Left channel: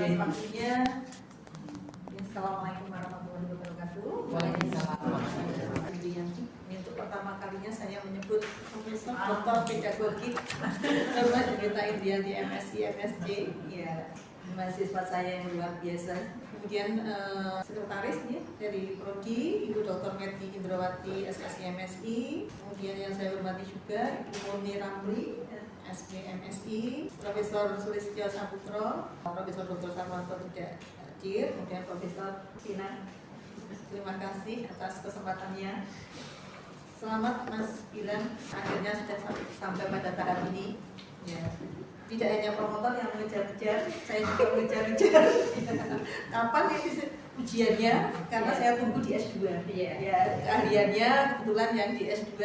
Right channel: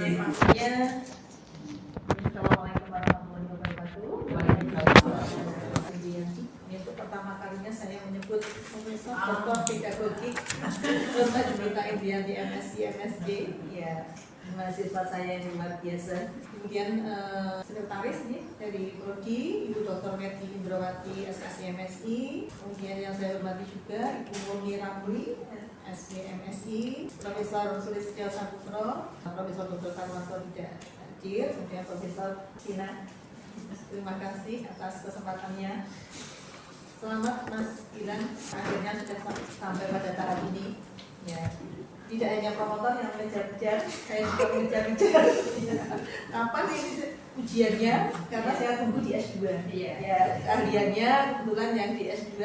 Pastinya, Assalamualaikum warahmatullahi wabarakatuh. Waalaikumsalam. Ini untuk pertama kalinya saya menyebut Profesor Doktor Pedagogik Dr. Jumita Indriyanti MSc MSc, ya, mahasiswa saya yang luar biasa. Kemudian sekretaris ya, dari Prodi Ibu Dr. Merti Indrawati SSc MSi. Kemudian yang saya hormati juga Ibu Murni Ramli SB MSi, Profesor Sulistyo Saputro, Profesor Dr. Tarwanto tidak hadir, kemudian Profesor Tina. Terima kasih atas kesempatannya. Selamat Mas Gilang, akhirnya sudah sampai pada tahap ini. Ya, tidak hanya promotor yang mengejar-kejar, saya juga mengejar-kejar. Kapan ini ujiannya? Karena saya tunggu di S2. Ya, keahliannya kebetulan yang di S2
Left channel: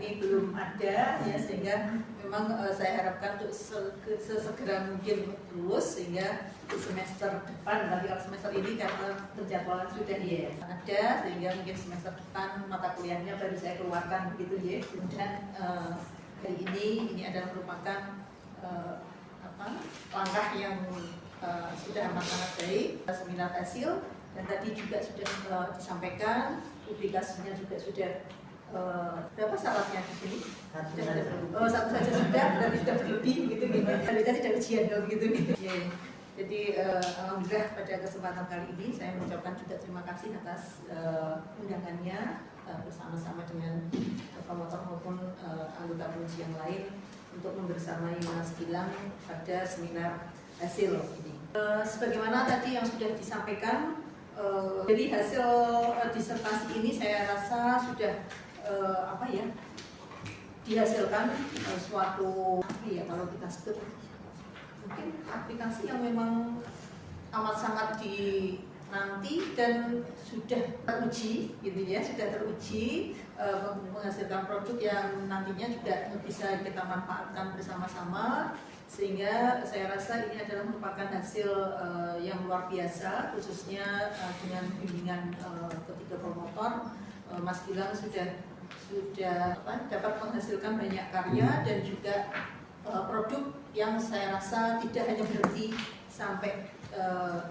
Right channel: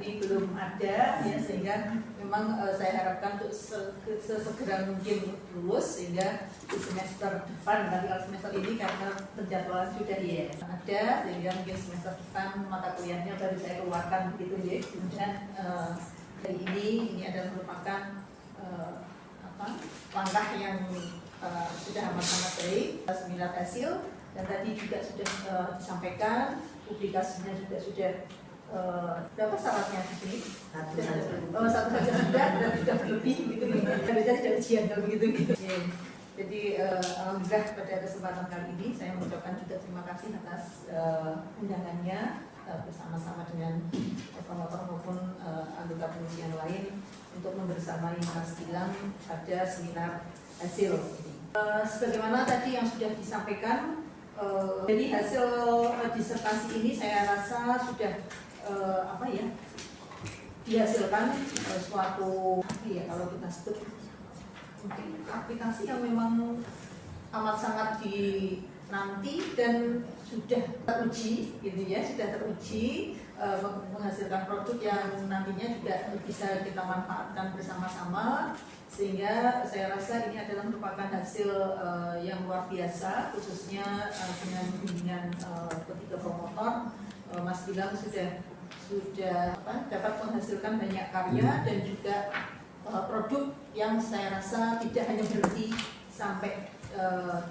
ini belum ada, ya, sehingga memang saya harapkan untuk sesegera mungkin lulus, sehingga di semester depan, nanti kalau semester ini karena penjadwalan sudah ada, sehingga mungkin semester depan mata kuliahnya baru saya keluarkan begitu ya. Kemudian hari ini adalah merupakan langkah yang sudah amat sangat baik, seminar hasil, dan tadi juga sudah disampaikan publikasinya juga sudah berapa syaratnya di sini? Satu saja sudah, dan sudah berlebih gitu. Harusnya tidak ujian kalau begitu. Jadi alhamdulillah pada kesempatan kali ini saya mengucapkan juga terima kasih atas undangannya bersama-sama dengan promotor maupun anggota pengujian lain untuk membersamai Mas Gilang pada seminar hasil ini. Sebagaimana tadi yang sudah disampaikan, jadi hasil disertasi ini saya rasa sudah dihasilkan suatu kalau kita sebut mungkin aplikasi yang memang amat sangat dinanti dan sudah teruji gitu ya, sudah teruji menghasilkan produk yang nantinya juga bisa kita manfaatkan bersama-sama, sehingga saya rasa ini adalah merupakan hasil yang luar biasa, khususnya dengan bimbingan ketiga promotor. Mas Gilang sudah dapat menghasilkan banyak karya dan juga produk yang saya rasa tidak hanya berhenti sampai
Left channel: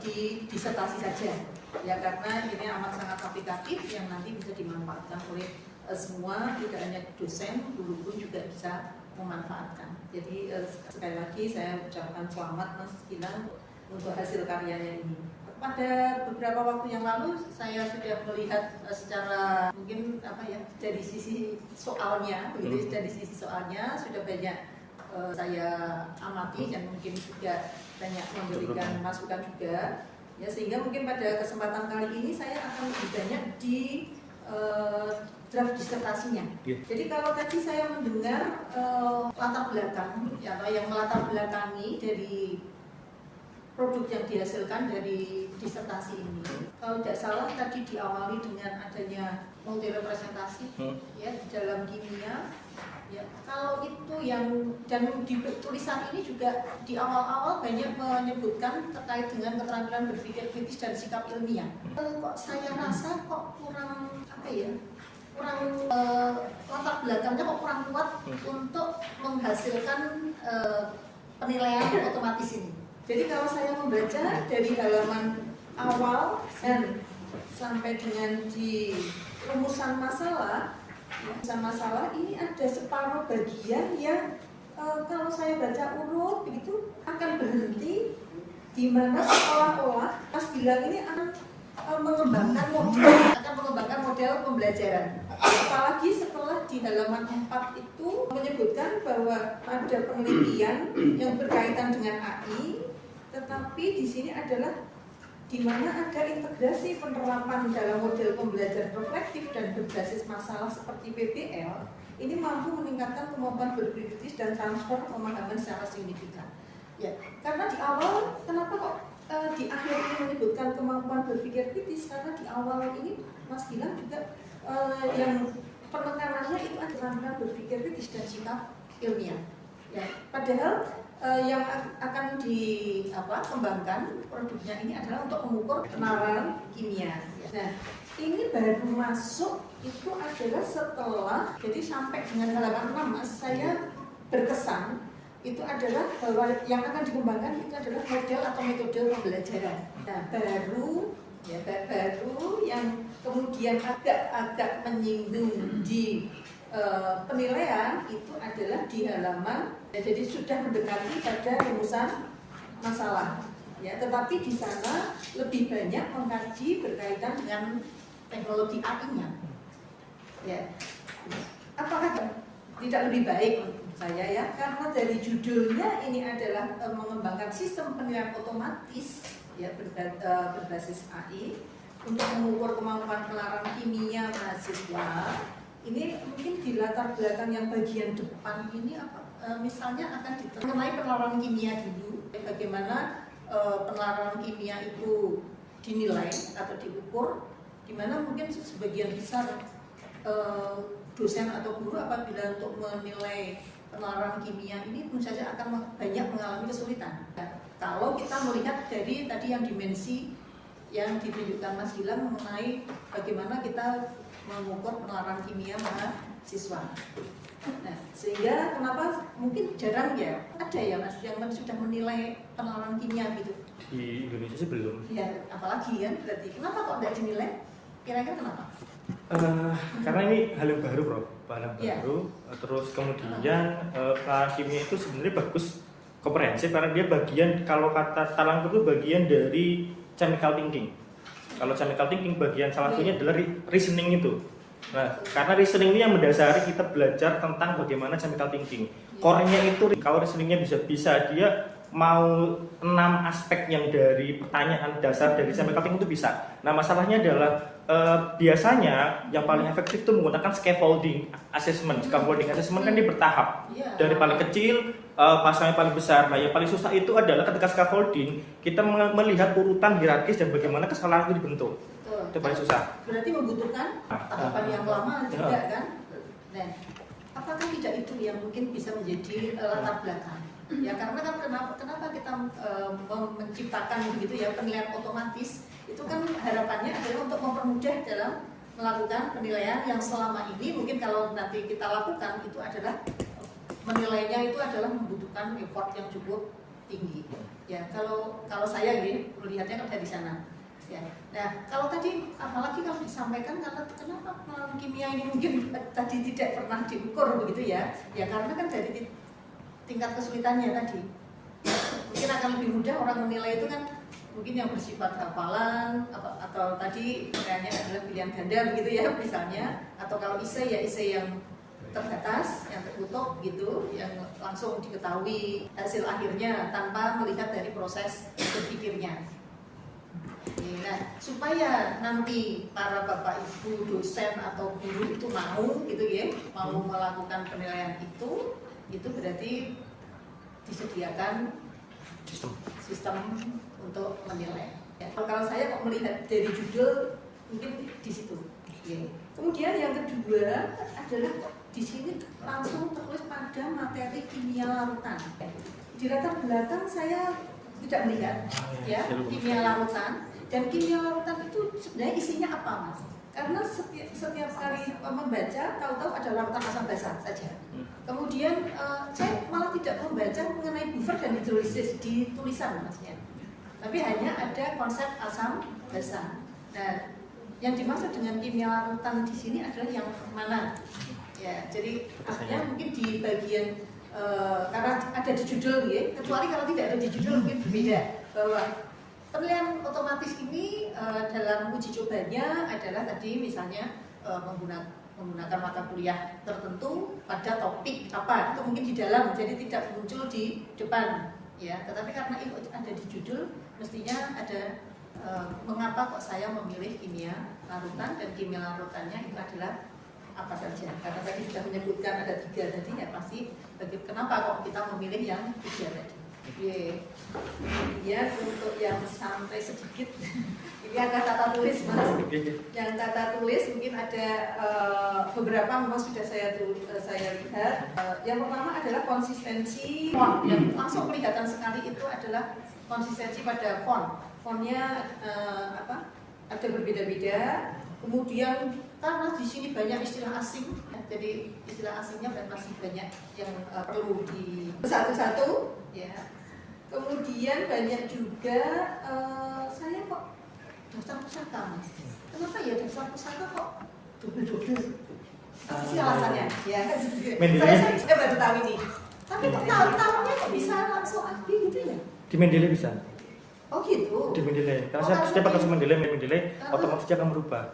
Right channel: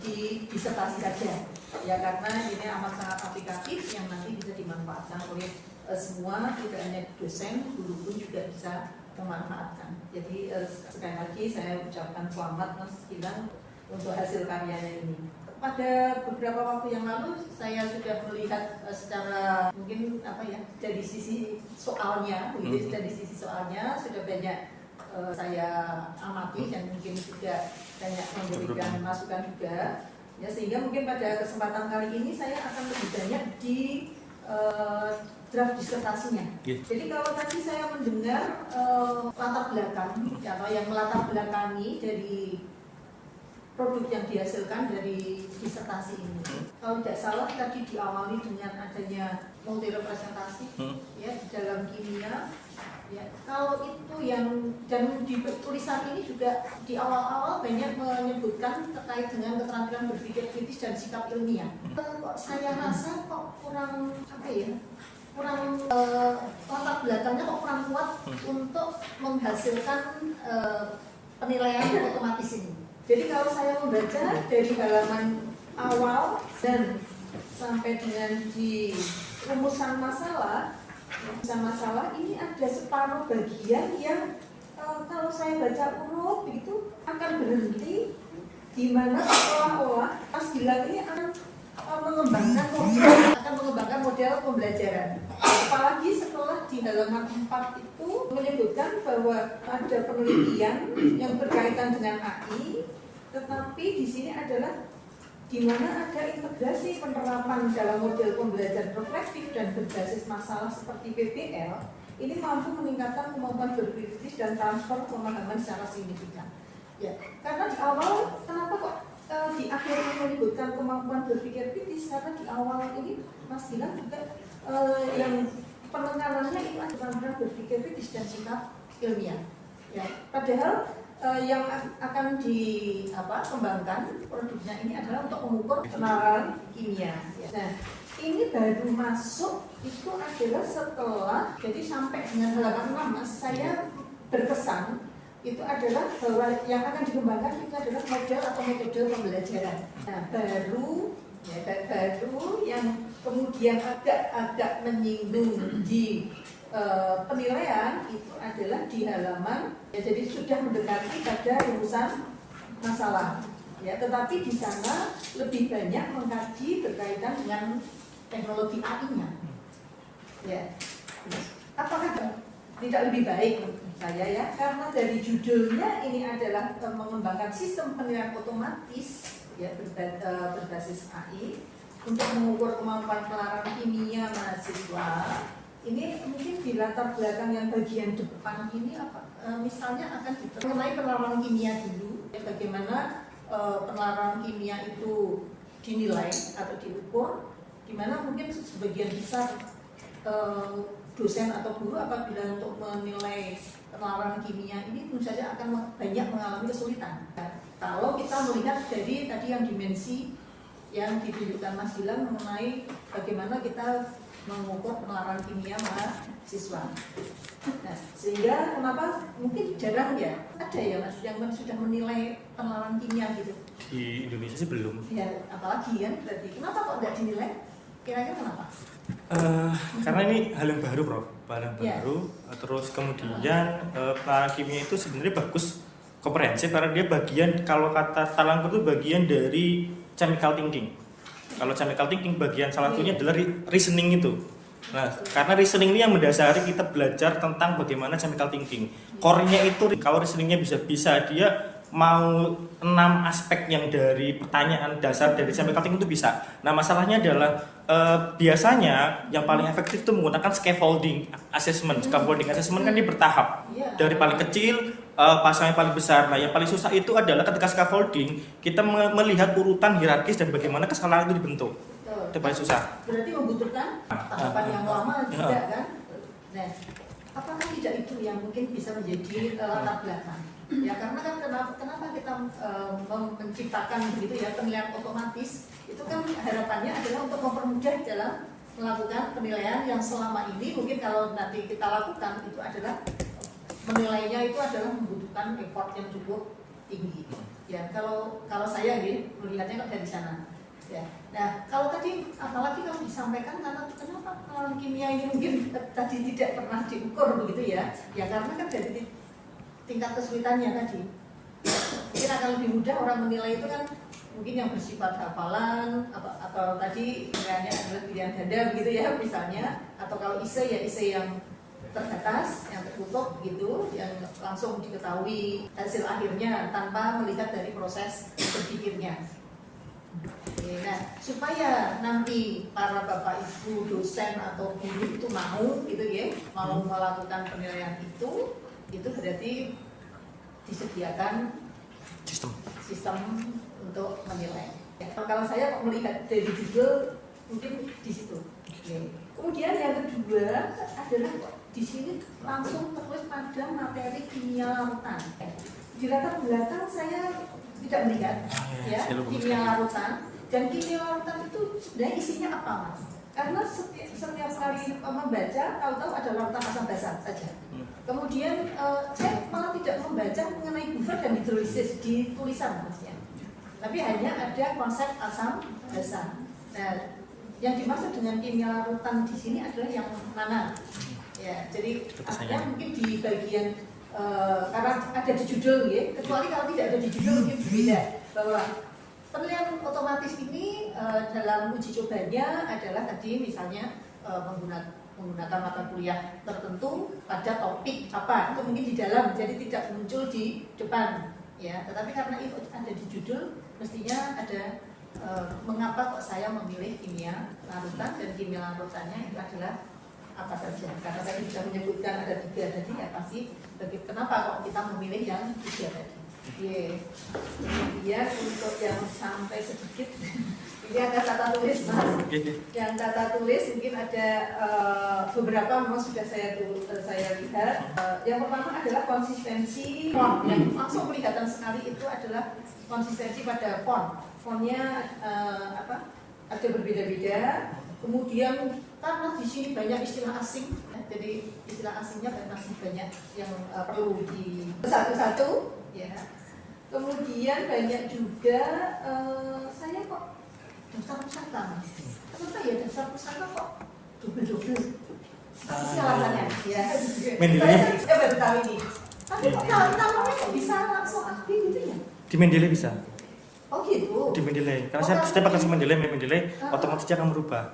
di disertasi saja, ya, karena ini amat sangat aplikatif yang nanti bisa dimanfaatkan oleh semua, tidak hanya dosen, guru pun juga bisa memanfaatkan. Jadi sekali lagi saya ucapkan selamat Mas Gilang untuk hasil karyanya ini. Pada beberapa waktu yang lalu saya sudah melihat secara mungkin dari sisi soalnya, dari sisi soalnya sudah banyak saya amati dan mungkin juga banyak memberikan masukan juga, ya, sehingga mungkin pada kesempatan kali ini saya akan lebih banyak di draft disertasinya. Jadi kalau tadi saya mendengar latar belakang atau yang melatar belakangi dari produk yang dihasilkan dari disertasi ini, kalau tidak salah tadi diawali dengan adanya multi representasi ya di dalam kimia. Ya, kalau itu yang dan di tulisan ini juga di awal-awal banyak menyebutkan terkait dengan keterampilan berpikir kritis dan sikap ilmiah. Kok saya rasa kok kurang kurang latar belakangnya kok kurang kuat untuk menghasilkan penilaian otomatis ini. Jadi kalau saya membaca dari halaman awal dan sampai dengan di rumusan masalah ini ada separuh bagian yang kalau saya baca urut begitu akan berhenti di mana seolah-olah Mas Gilang ini akan mengembangkan model pembelajaran. Apalagi setelah di halaman 4 itu menyebutkan bahwa ada penelitian yang berkaitan dengan AI, tetapi di sini adalah di mana ada integrasi penerapan dalam model pembelajaran reflektif dan berbasis masalah seperti PBL, ini mampu meningkatkan kemampuan berpikir kritis dan transfer pemahaman secara signifikan. Ya, karena di awal kenapa kok di akhir ini menyebutkan kemampuan berpikir kritis, karena di awal ini Mas Gilang juga yang penekanannya itu adalah berpikir kritis dan sikap ilmiah. Ya, padahal yang akan dikembangkan produknya ini adalah untuk mengukur penalaran kimia. Nah, ini baru masuk itu adalah setelah, jadi sampai dengan halaman 6 saya berkesan itu adalah bahwa yang akan dikembangkan itu adalah model atau metode pembelajaran. Nah, baru yang kemudian agak menyinggung di penilaian itu adalah di halaman, ya, jadi sudah mendekati pada rumusan masalah. Ya, tetapi di sana lebih banyak mengkaji berkaitan dengan teknologi AI-nya. Ya, apakah tidak lebih baik menurut saya ya? Karena dari judulnya ini adalah mengembangkan sistem penilaian otomatis ya berbasis AI untuk mengukur kemampuan penlarang kimia mahasiswa. Ini mungkin di latar belakang yang bagian depan ini apa? Misalnya akan mengenai penlarang kimia dulu, bagaimana penlarang kimia itu dinilai atau diukur, di mana mungkin sebagian besar dosen atau guru apabila untuk menilai penlarang kimia ini tentu saja akan banyak mengalami kesulitan. Nah, kalau kita melihat dari tadi yang dimensi yang ditunjukkan Mas Gilang mengenai bagaimana kita mengukur penlarang kimia mahasiswa. Nah, sehingga kenapa mungkin jarang ya ada ya Mas yang sudah menilai penlarang kimia gitu. Di Indonesia sih belum. Ya, apalagi kan berarti. Kenapa kok tidak dinilai? Kira-kira kenapa? Karena ini hal yang baru, Prof. Hal yang Ya. baru. Terus kemudian penlarang kimia itu sebenarnya bagus, komprehensif karena dia bagian, kalau kata Talang itu bagian dari chemical thinking. Kalau chemical thinking bagian salah satunya adalah reasoning itu. Nah, karena reasoning ini yang mendasari kita belajar tentang bagaimana chemical thinking. Core-nya itu, kalau reasoningnya bisa dia mau 6 aspek yang dari pertanyaan dasar dari chemical thinking itu bisa. Nah, masalahnya adalah biasanya yang paling efektif itu menggunakan scaffolding assessment. Scaffolding assessment kan dia bertahap. Dari paling kecil pasang yang paling besar. Nah, yang paling susah itu adalah ketika scaffolding kita melihat urutan hierarkis dan bagaimana kesalahan itu dibentuk. Itu paling susah. Berarti membutuhkan tahapan yang lama juga kan? Nah, apakah tidak itu yang mungkin bisa menjadi latar belakang? Ya karena kan kenapa kita menciptakan begitu ya penilaian otomatis itu kan harapannya adalah untuk mempermudah dalam melakukan penilaian yang selama ini mungkin kalau nanti kita lakukan itu adalah menilainya itu adalah membutuhkan effort yang cukup tinggi. Ya kalau saya gitu melihatnya kan dari sana. Ya. Nah kalau tadi apalagi kalau disampaikan karena kenapa penilaian kimia ini mungkin tadi tidak pernah diukur begitu ya? Ya karena kan dari tingkat kesulitannya tadi mungkin akan lebih mudah orang menilai itu kan mungkin yang bersifat hafalan atau tadi misalnya adalah pilihan ganda begitu ya misalnya, atau kalau esai ya esai yang terbatas yang tertutup gitu yang langsung diketahui hasil akhirnya tanpa melihat dari proses berpikirnya. Nah supaya nanti para bapak ibu dosen atau guru itu mau gitu ya mau melakukan penilaian itu berarti disediakan sistem untuk menilai. Ya, kalau saya melihat dari judul mungkin di situ. Okay. Kemudian yang kedua adalah di sini langsung tertulis pada materi kimia larutan. Di latar belakang saya tidak melihat ya kimia larutan, dan kimia larutan itu sebenarnya isinya apa Mas? Karena setiap kali membaca, tahu-tahu ada larutan asam basa saja. Kemudian saya malah tidak membaca mengenai buffer dan hidrolisis di tulisan Mas ya. Tapi hanya ada konsep asam basa. Nah, yang dimaksud dengan kimia larutan di sini adalah yang mana? Ya, jadi artinya mungkin di bagian karena ada di judul ya, kecuali kalau tidak ada di judul mungkin berbeda bahwa penilaian otomatis ini dalam uji cobanya adalah tadi misalnya menggunakan mata kuliah tertentu pada topik apa itu mungkin di dalam jadi tidak muncul di depan ya, tetapi karena itu ada di judul mestinya ada mengapa kok saya memilih kimia larutan dan kimia larutannya itu adalah apa saja, karena tadi sudah menyebutkan ada 3 tadi ya pasti kenapa kok kita memilih yang 3 tadi. Kemudian untuk yang sampai sedikit ini agak tata tulis Mas. Yang tata tulis mungkin ada beberapa memang sudah saya lihat. Yang pertama adalah konsistensi font yang langsung kelihatan sekali itu adalah konsistensi pada font. Fontnya ada berbeda-beda. Kemudian karena di sini banyak istilah asing, ya, jadi istilah asingnya dan masih banyak yang perlu di satu-satu, ya. Kemudian banyak juga saya kok daftar pusaka, Mas. Kenapa ya daftar pusaka kok double-double? Apa sih alasannya? Ya, saya baru tahu ini. Tapi kok namanya kok bisa langsung aktif gitu ya? Di Mendeley bisa. Oh gitu. Di Mendeley. Karena saya pakai sistem Mendeley, otomatis dia akan merubah.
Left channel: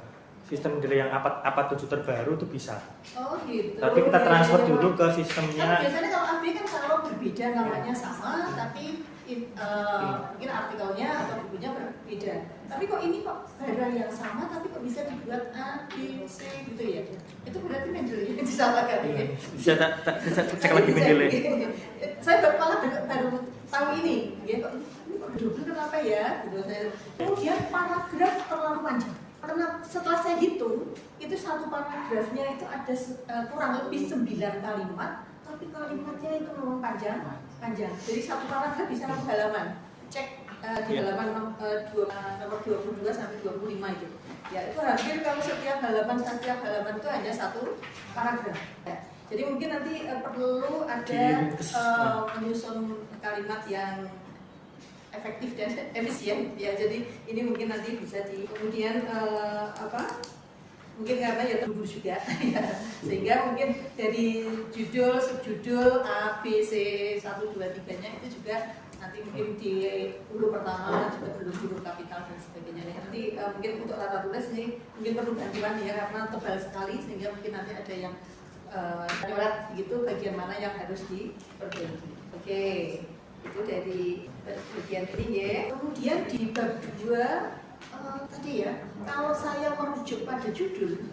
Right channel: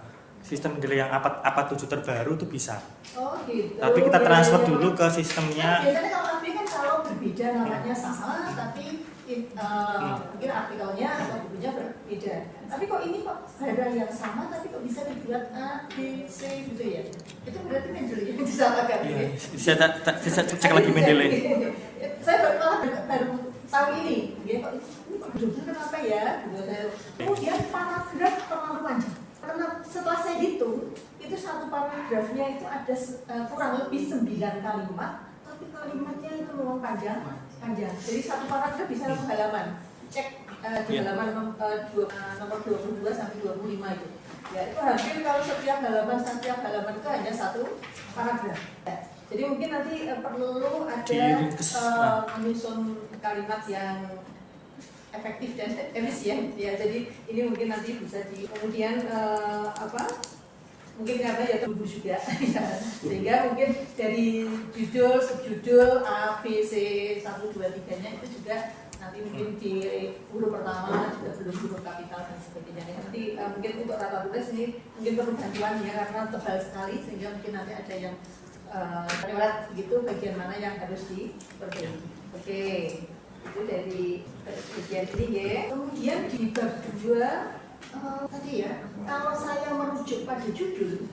Sistem Mendeley yang apa 7 terbaru itu bisa. Oh gitu. Tapi kita transfer dulu ke sistemnya. Kan biasanya kalau AB kan kalau berbeda namanya sama, tapi mungkin artikelnya atau bukunya berbeda. Tapi kok ini kok barang yang sama, tapi kok bisa dibuat A, B, C gitu ya? Itu berarti Mendeley yang disalahkan. Iya, bisa cek lagi Mendeley. Saya baru tahu ini. Ya, kok ini kok double kenapa ya? Kemudian paragraf terlalu panjang. Karena setelah saya hitung, itu satu paragrafnya itu ada kurang lebih 9 kalimat, tapi kalimatnya itu memang panjang. Jadi satu paragraf bisa 1 halaman. Cek di halaman nomor 22 sampai 25 itu. Ya, itu hampir kalau setiap halaman itu hanya 1 paragraf. Ya. Jadi mungkin nanti perlu ada menyusun kalimat yang efektif dan efisien ya. Jadi ini mungkin nanti bisa Hmm. kemudian mungkin karena ya tunggu juga ya. Sehingga mungkin dari judul, subjudul A, B, C 1, 2, 3-nya itu juga nanti mungkin di huruf pertama juga belum huruf kapital dan sebagainya. Nanti mungkin untuk tata tulis ini mungkin perlu bantuan ya, karena tebal sekali sehingga mungkin nanti ada yang lewat gitu bagian mana yang harus diperbaiki. Oke. Itu dari bagian ini ya. Kemudian di bab 2 tadi ya, kalau saya merujuk pada judul,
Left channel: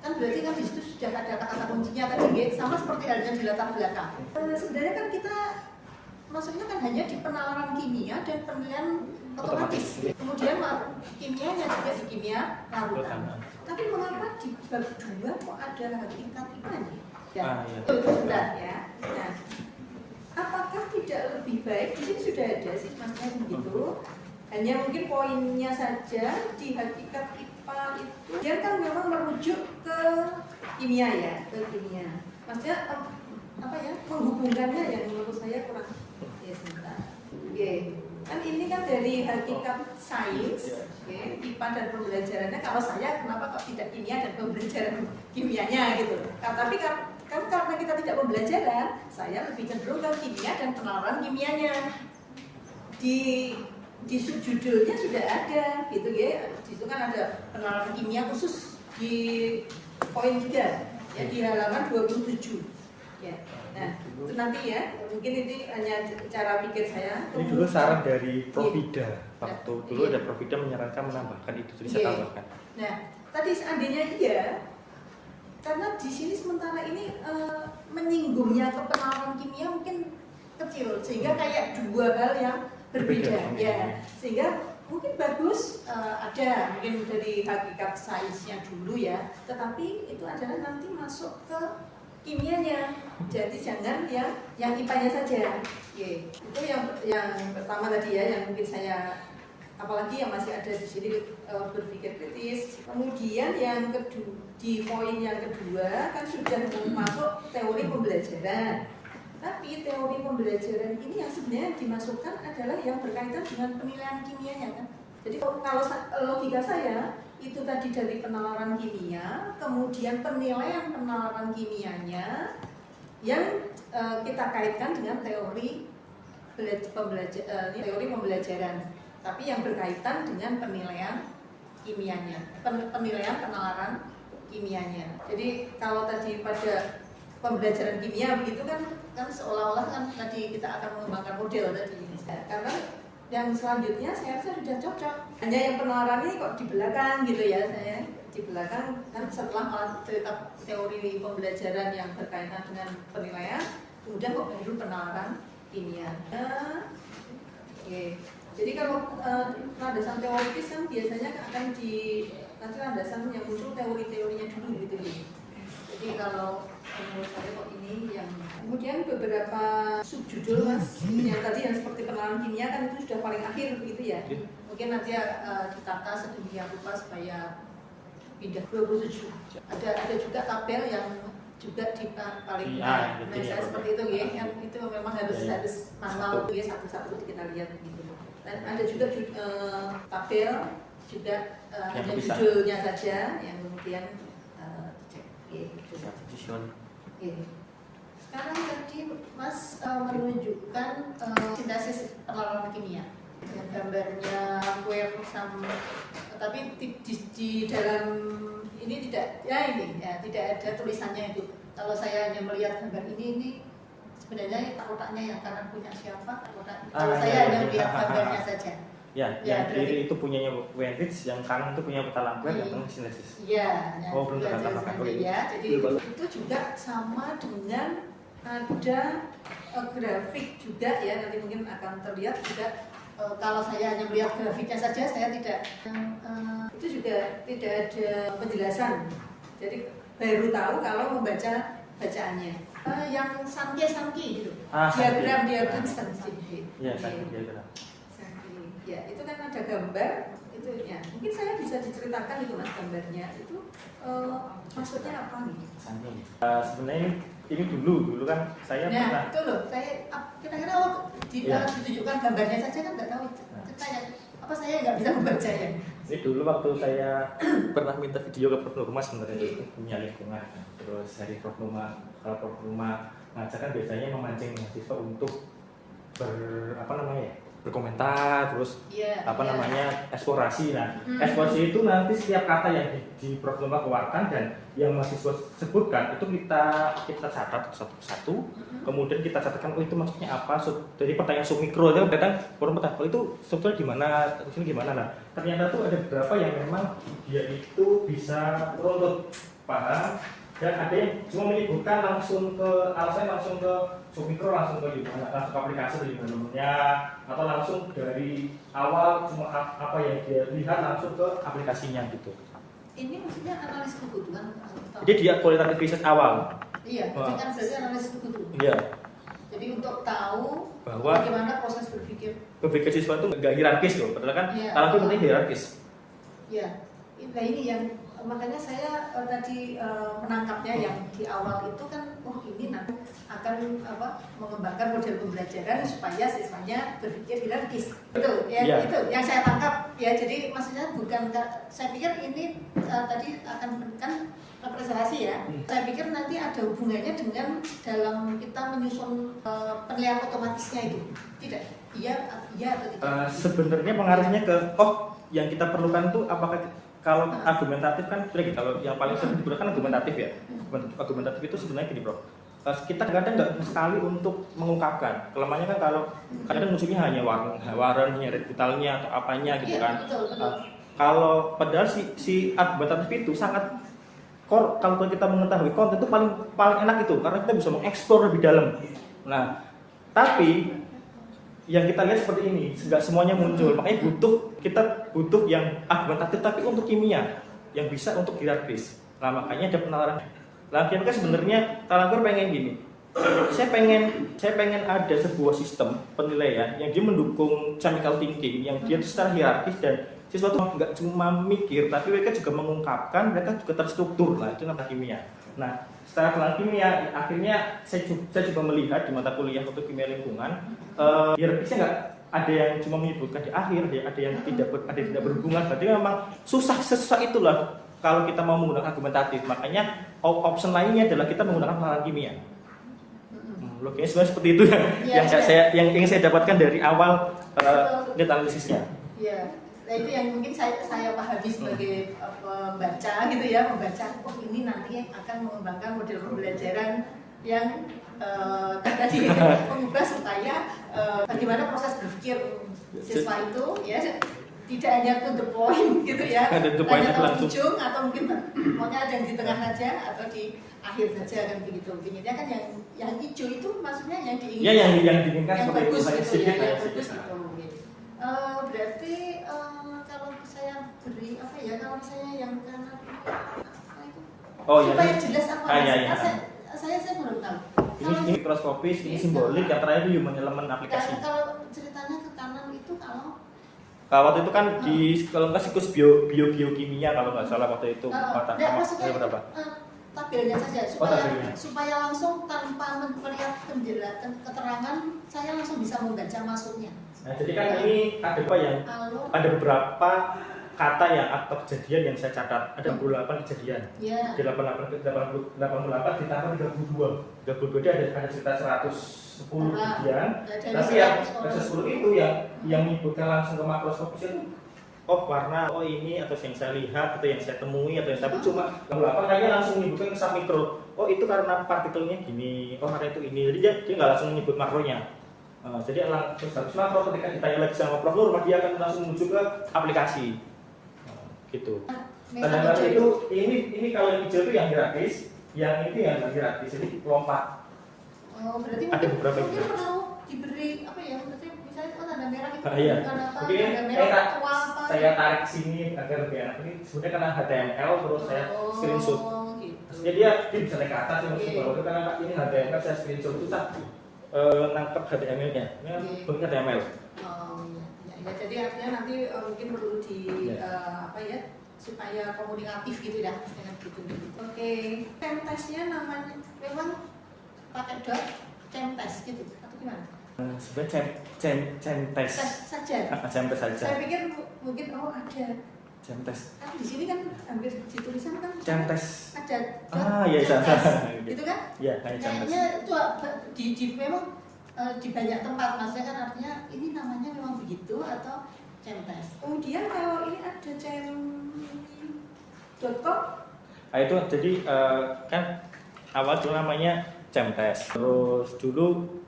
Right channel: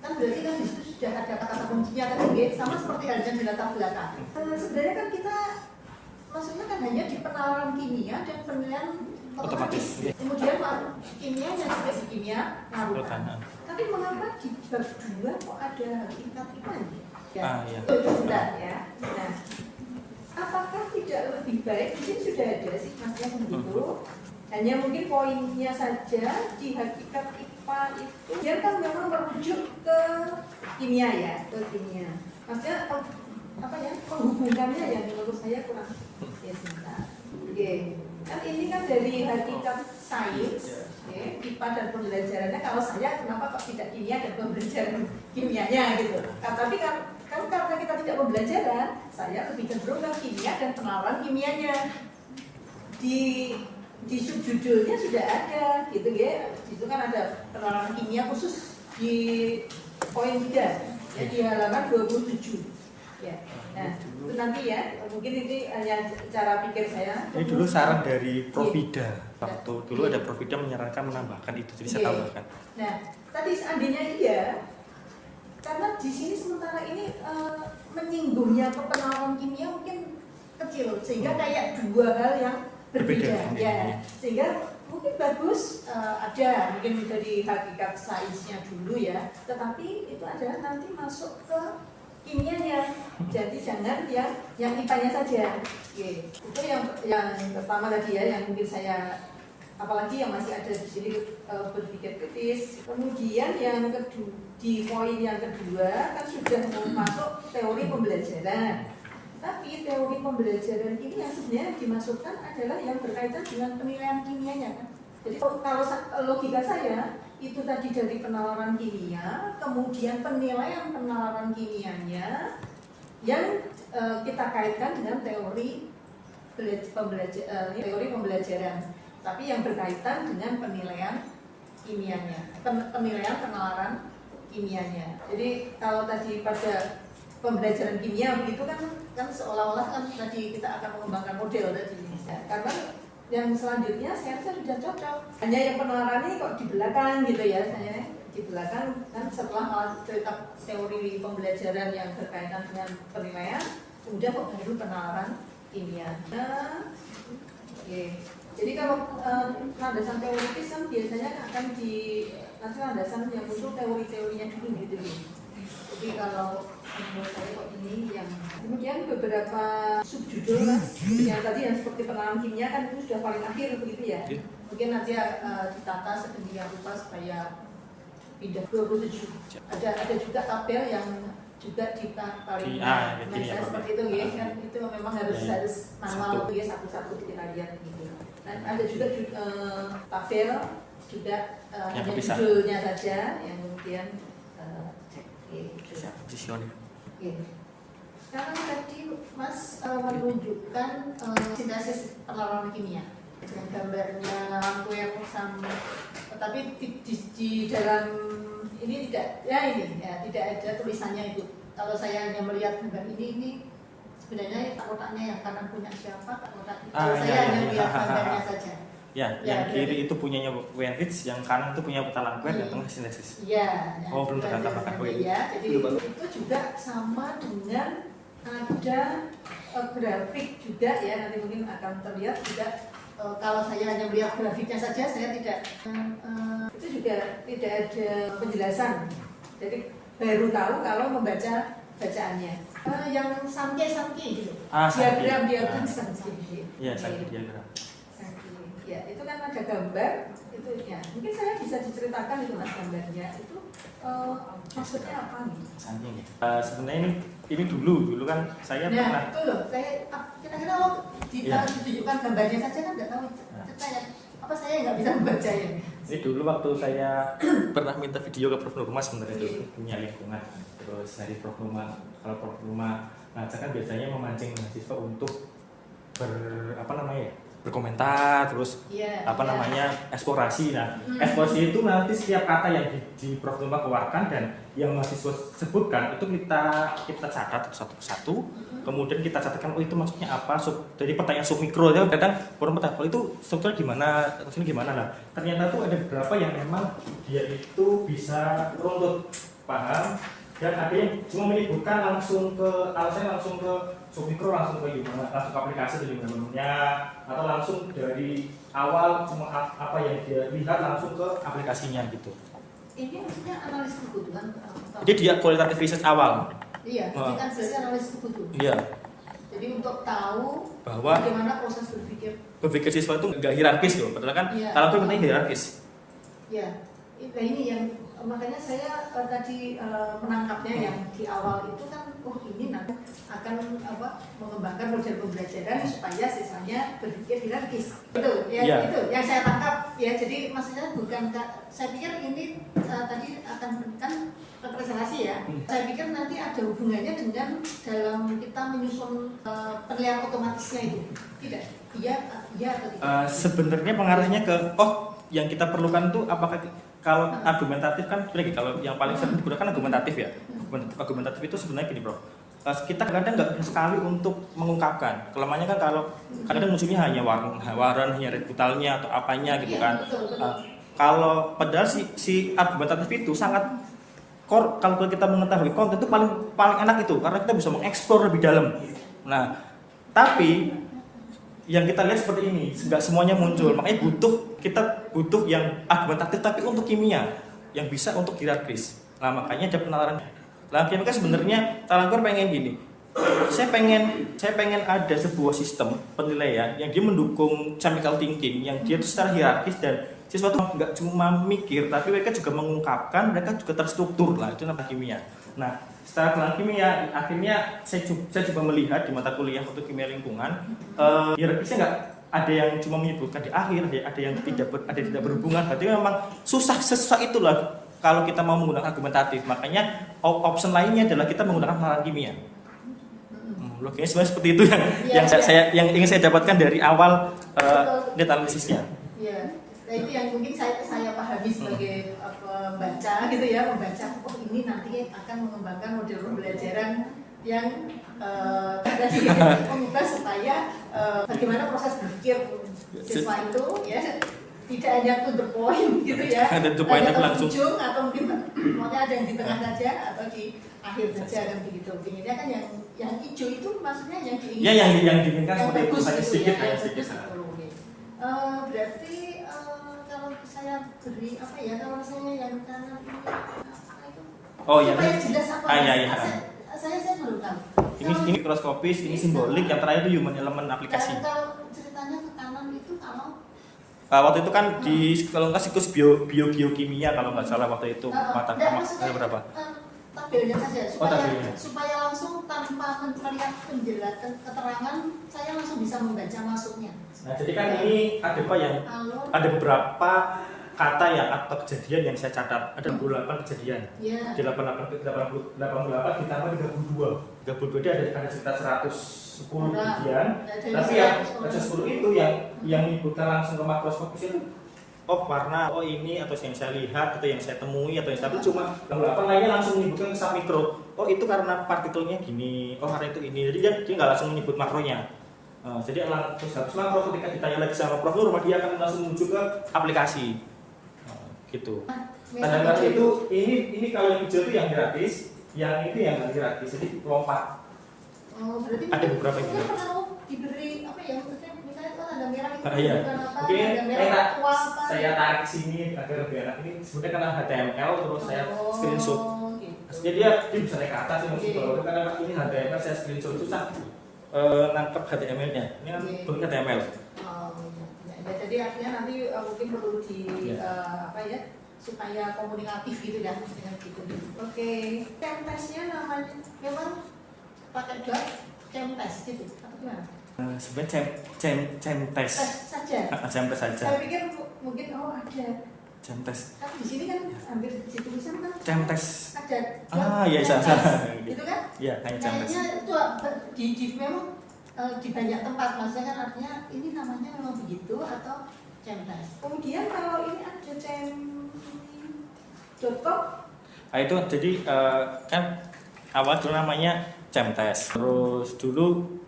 kan berarti kan di situ sudah ada kata-kata kuncinya tadi ya, sama seperti halnya di latar belakang. Sebenarnya kan kita maksudnya kan hanya di penalaran kimia dan penilaian otomatis. Kemudian kimianya juga di kimia larutan. Tapi mengapa di bab 2 kok ada hakikat IPA-nya? Ya, itu sudah ya. Nah, apakah tidak lebih baik, di sini sudah ada sih maksudnya begitu, hanya mungkin poinnya saja di hakikat IPA itu dia kan memang merujuk ke kimia ya, ke kimia. Maksudnya apa ya, menghubungkannya yang menurut saya kurang ya sebentar. Oke, kan ini kan dari hakikat sains, IPA dan pembelajarannya. Kalau saya kenapa kok tidak kimia dan pembelajaran kimianya gitu? Tapi kan karena kita tidak pembelajaran, saya lebih cenderung ke kimia dan penalaran kimianya. Di subjudulnya sudah ada gitu ya. Di situ kan ada penalaran kimia khusus di poin 3 ya, di halaman 27 ya. Nah, itu nanti ya, mungkin ini hanya cara pikir saya. Ini dulu saran dari Profida. Waktu dulu ada Profida menyarankan menambahkan itu, jadi saya tambahkan. Nah, tadi seandainya iya, karena di sini sementara ini menyinggungnya atau penalaran kimia mungkin kecil, sehingga kayak 2 hal yang berbeda ya. Sehingga mungkin bagus ada mungkin dari hakikat sainsnya dulu ya, tetapi itu adalah nanti masuk ke kimianya. Jadi jangan yang IPA-nya saja. Oke. Itu yang pertama tadi ya, yang mungkin saya, apalagi yang masih ada di sini berpikir kritis. Kemudian yang kedua, di poin yang kedua kan sudah masuk teori pembelajaran. Tapi teori pembelajaran ini yang sebenarnya dimasukkan adalah yang berkaitan dengan penilaian kimianya kan. Jadi kalau logika saya itu tadi dari penalaran kimia, kemudian penilaian penalaran kimianya yang kita kaitkan dengan teori pembelajaran, tapi yang berkaitan dengan penilaian kimianya, penilaian penalaran kimianya. Jadi kalau tadi pada pembelajaran kimia begitu kan seolah-olah kan tadi kita akan mengembangkan model tadi. Karena yang selanjutnya saya rasa sudah cocok. Hanya yang penalarannya kok di belakang gitu ya, saya di belakang kan setelah cerita teori pembelajaran yang berkaitan dengan penilaian, kemudian kok baru penalaran kimia. Jadi kalau landasan teoritis kan biasanya akan nanti landasan yang muncul teori-teorinya dulu gitu. Jadi kalau menurut saya kok ini yang kemudian beberapa subjudul mas yang tadi yang seperti penalaran kimia kan itu sudah paling akhir begitu ya. Mungkin nanti ditata sedemikian rupa supaya pindah 27. Ada juga tabel yang juga di paling nah saya seperti itu ya, kan itu memang harus manual ya, satu-satu kita lihat gitu. Dan ada juga tabel juga hanya judulnya saja yang kemudian cek gitu. Sekarang tadi Mas menunjukkan sintesis perlawanan kimia dengan gambarnya kue sama, tapi di dalam ini tidak ada tulisannya itu. Kalau saya hanya melihat gambar ini sebenarnya kotaknya yang kanan punya siapa, kalau saya hanya melihat gambarnya saja. Ya, yang kiri itu punyanya Wendrich, yang kanan itu punya Petalanguer, yang tengah sintesis. Iya, belum terkata ya. Jadi itu juga sama dengan ada grafik juga ya, nanti mungkin akan terlihat juga. Kalau saya hanya melihat grafiknya saja, saya tidak itu juga tidak ada penjelasan. Jadi baru tahu kalau membaca bacaannya. Yang samke gitu, diagram samke. Iya, diagram. Ya, itu kan ada gambar itu ya. Mungkin saya bisa diceritakan itu Mas gambarnya itu maksudnya apa nih? Sebenarnya ini dulu kan saya itu loh, saya kira-kira ditunjukkan gambarnya saja kan nggak tahu ceritanya apa, saya nggak bisa membaca ya. Ini dulu waktu saya pernah minta video ke Prof Nurma sebenarnya itu punya lingkungan. Terus dari Prof Nurma, kalau Prof Nurma ngajar kan biasanya memancing mahasiswa untuk berkomentar, terus eksplorasi. Nah, eksplorasi itu nanti setiap kata yang di Prof Nurma keluarkan dan yang mahasiswa sebutkan itu kita catat satu-satu. Kemudian kita catatkan itu maksudnya apa. Jadi pertanyaan submikro itu kan kalau itu strukturnya gimana lah. Ternyata tuh ada beberapa yang memang dia itu bisa runtut paham, dan ada yang cuma menyebutkan langsung ke submikro, langsung ke gimana, langsung ke aplikasi dari mana, atau langsung dari awal cuma apa yang dia lihat langsung ke aplikasinya gitu. Ini maksudnya analis kebutuhan. Jadi dia kualitatif research awal. Iya, jadi kan berarti analis kebutuhan. Iya. Jadi untuk tahu bahwa bagaimana proses berpikir siswa itu nggak hierarkis loh, padahal kan kalau itu penting hierarkis. Iya. Nah ini yang makanya saya tadi menangkapnya yang di awal itu kan ini nanti akan mengembangkan model pembelajaran supaya siswanya berpikir hierarkis. Itu yang saya tangkap ya. Jadi maksudnya bukan, saya pikir ini tadi akan memberikan representasi ya. Saya pikir nanti ada hubungannya dengan dalam kita menyusun penilaian otomatisnya itu. Tidak? Iya atau tidak? Sebenarnya mengarahnya ke yang kita perlukan tuh apakah kalau argumentatif kan kalau yang paling sering digunakan argumentatif ya. Argumentatif itu sebenarnya gini Prof, kita kadang nggak sekali untuk mengungkapkan kelemahannya kan. Kalau kadang musuhnya hanya waran, hanya rebutalnya atau apanya gitu kan. Kalau padahal si argumentatif itu sangat core. Kalau kita mengetahui konten itu paling enak itu, karena kita bisa mengeksplor lebih dalam. Nah, tapi yang kita lihat seperti ini, nggak semuanya muncul. Makanya kita butuh yang argumentatif tapi untuk kimia, yang bisa untuk hierarkis. Nah, makanya ada penalaran. Nah, kimia sebenarnya Petalanguer pengen gini. Saya pengen ada sebuah sistem penilaian yang dia mendukung chemical thinking, yang dia secara hierarkis dan siswa tuh nggak cuma mikir, tapi mereka juga mengungkapkan, mereka juga terstruktur lah. Itu namanya kimia. Nah, setelah kenal kimia, akhirnya saya coba melihat di mata kuliah untuk kimia lingkungan, hierarkisnya nggak ada yang cuma menyebutkan di akhir, ada yang tidak berhubungan. Berarti memang susah itulah kalau kita mau menggunakan argumentatif. Makanya option lainnya adalah kita menggunakan penalaran kimia. Logiknya sebenarnya seperti itu yang ingin saya dapatkan dari awal data analisisnya. Iya. Nah itu yang mungkin saya pahami sebagai pembaca gitu ya, membaca ini nanti akan mengembangkan model pembelajaran yang tadi mengubah supaya bagaimana proses berpikir siswa itu ya tidak hanya to the point gitu ya, hanya ke ujung atau mungkin ada yang di tengah saja atau di akhir saja kan begitu. Intinya kan yang hijau itu maksudnya yang diinginkan, yang diinginkan yang bagus gitu ya, yang bagus gitu. Berarti kalau saya beri kalau misalnya yang kanan itu supaya jelas apa saya baru tahu. Ini mikroskopis, ini simbolik, yang terakhir itu human element aplikasi. Kalau ceritanya ke kanan itu kalau Waktu itu kan di kalau nggak siklus biokimia kalau nggak salah waktu itu mata maksudnya berapa? Tabelnya saja tabelnya. supaya langsung tanpa melihat penjelasan keterangan saya langsung bisa membaca masuknya. Nah, jadi kan ini ada apa yang ada beberapa kata yang apa kejadian yang saya catat. Ada 28 kejadian. Iya. 88 ditambah 32 dia ada sekitar 110 kejadian. Tapi yang 110 itu yang menyebutkan langsung ke makroskopis itu warna, ini atau yang saya lihat atau yang saya temui atau yang tapi cuma apa lainnya langsung menyebutkan ke submikro. Itu karena partikelnya gini, karena itu ini. Jadi dia nggak langsung menyebut makronya. Jadi terus habis makro ketika ditanya lagi sama Prof Nur, dia akan langsung menuju ke aplikasi. Gitu. Tanda merah itu ini kalau yang hijau itu yang gratis, yang itu yang nggak gratis. Jadi lompat. Berarti ada beberapa yang perlu diberi apa ya? Misalnya tanda merah itu iya. bukan apa? Mungkin tanda merah tua apa? Saya tarik sini agar lebih enak. Ini sebenarnya karena HTML terus saya screenshot. Gitu. Jadi dia bisa naik ke atas sih maksud bahwa itu karena ini HTML saya screenshot susah nangkep HTML-nya. Ini kan bentuknya HTML. Ya, jadi artinya nanti mungkin perlu apa ya supaya komunikatif gitu ya dengan gitu. Oke, testnya namanya memang pakai test gitu atau gimana? Sebenarnya tes saja. Tes saja. Saya pikir mungkin ada tes. Tapi di sini kan hampir di tulisan kan tes. ada. Iya salah. Gitu kan? Iya, hanya tes. Kayaknya itu di memang di banyak tempat, maksudnya kan artinya ini namanya memang begitu atau tes. Kemudian kalau ini ada cem.com. Itu jadi kan awal dulu namanya tes. Terus dulu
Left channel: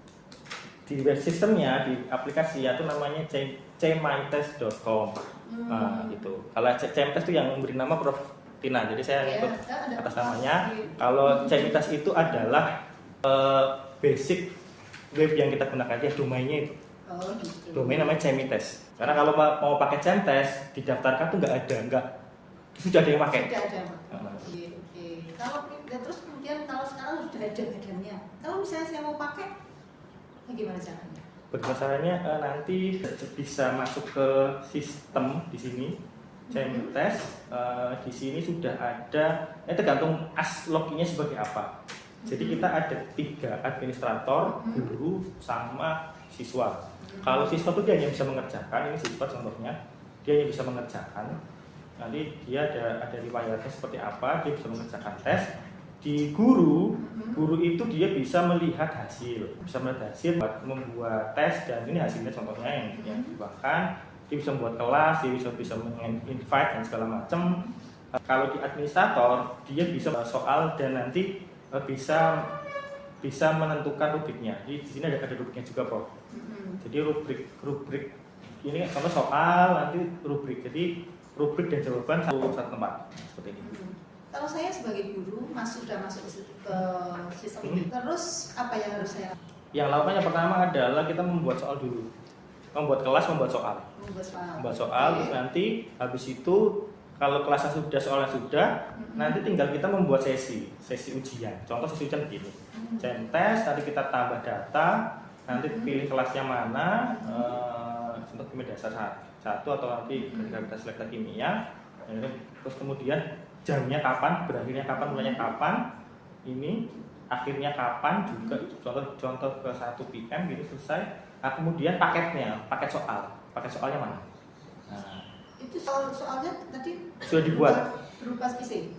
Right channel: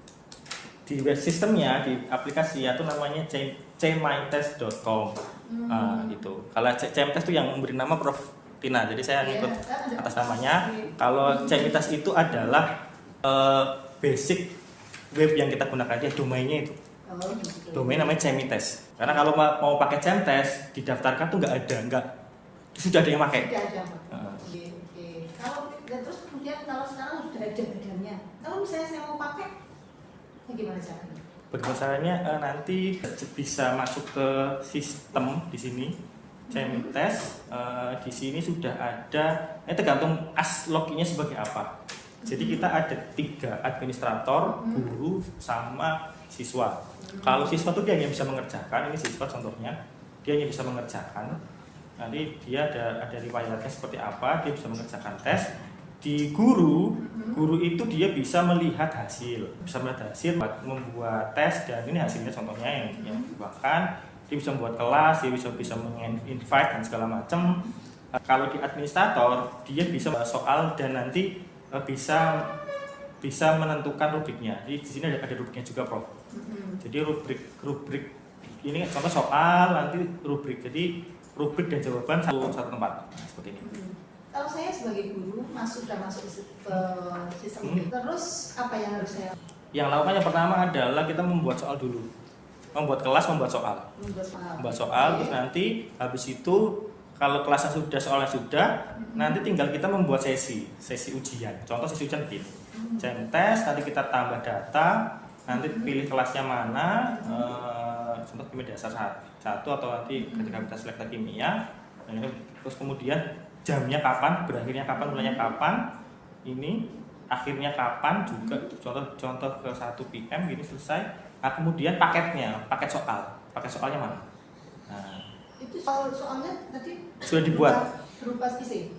di web sistemnya di aplikasi itu namanya cmytest.com. Gitu. Kalau cmtest itu yang memberi nama Prof Tina, jadi saya ikut atas namanya. Kalau cmtest itu adalah basic web yang kita gunakan, dia domainnya itu. Gitu. Domain namanya cmtest. Karena kalau mau pakai cmtest didaftarkan tuh sudah ada yang pakai. Sudah ada. Oke. Kalau terus kemudian kalau sekarang sudah ada badannya, kalau misalnya saya mau pakai, bagaimana caranya? Berdasarkannya nanti bisa masuk ke sistem di sini cmtest. Di sini sudah ada. Ini tergantung login-nya sebagai apa. Jadi kita ada 3 administrator, guru, sama siswa. Kalau siswa itu dia hanya bisa mengerjakan, ini siswa contohnya, dia hanya bisa mengerjakan. Nanti dia ada riwayatnya seperti apa, dia bisa mengerjakan tes. Di guru itu dia bisa melihat hasil, buat membuat tes dan ini hasilnya contohnya yang bahkan dia bisa membuat kelas, dia bisa invite dan segala macam. Kalau di administrator dia bisa soal dan nanti bisa menentukan rubriknya. Jadi di sini ada rubriknya juga, Prof. Jadi rubrik ini contoh soal, nanti rubrik. Jadi rubrik dan jawaban satu tempat seperti ini. Kalau saya sebagai guru sudah masuk ke sistem ini, terus apa yang harus saya? Yang lakukan yang pertama adalah kita membuat soal dulu, membuat kelas, membuat soal. Terus nanti habis itu kalau kelasnya sudah, soalnya sudah, nanti tinggal kita membuat sesi ujian. Contoh sesi ujian begini, tes, nanti kita tambah data, nanti pilih kelasnya mana, contoh kimia dasar 1 atau nanti ketika kita selekta kimia, terus kemudian jamnya kapan, berakhirnya kapan, mulainya kapan, ini akhirnya kapan juga, contoh ke 1 PM gini selesai. Nah, kemudian paket soalnya mana? Nah, itu soalnya tadi sudah dibuat berupa isi.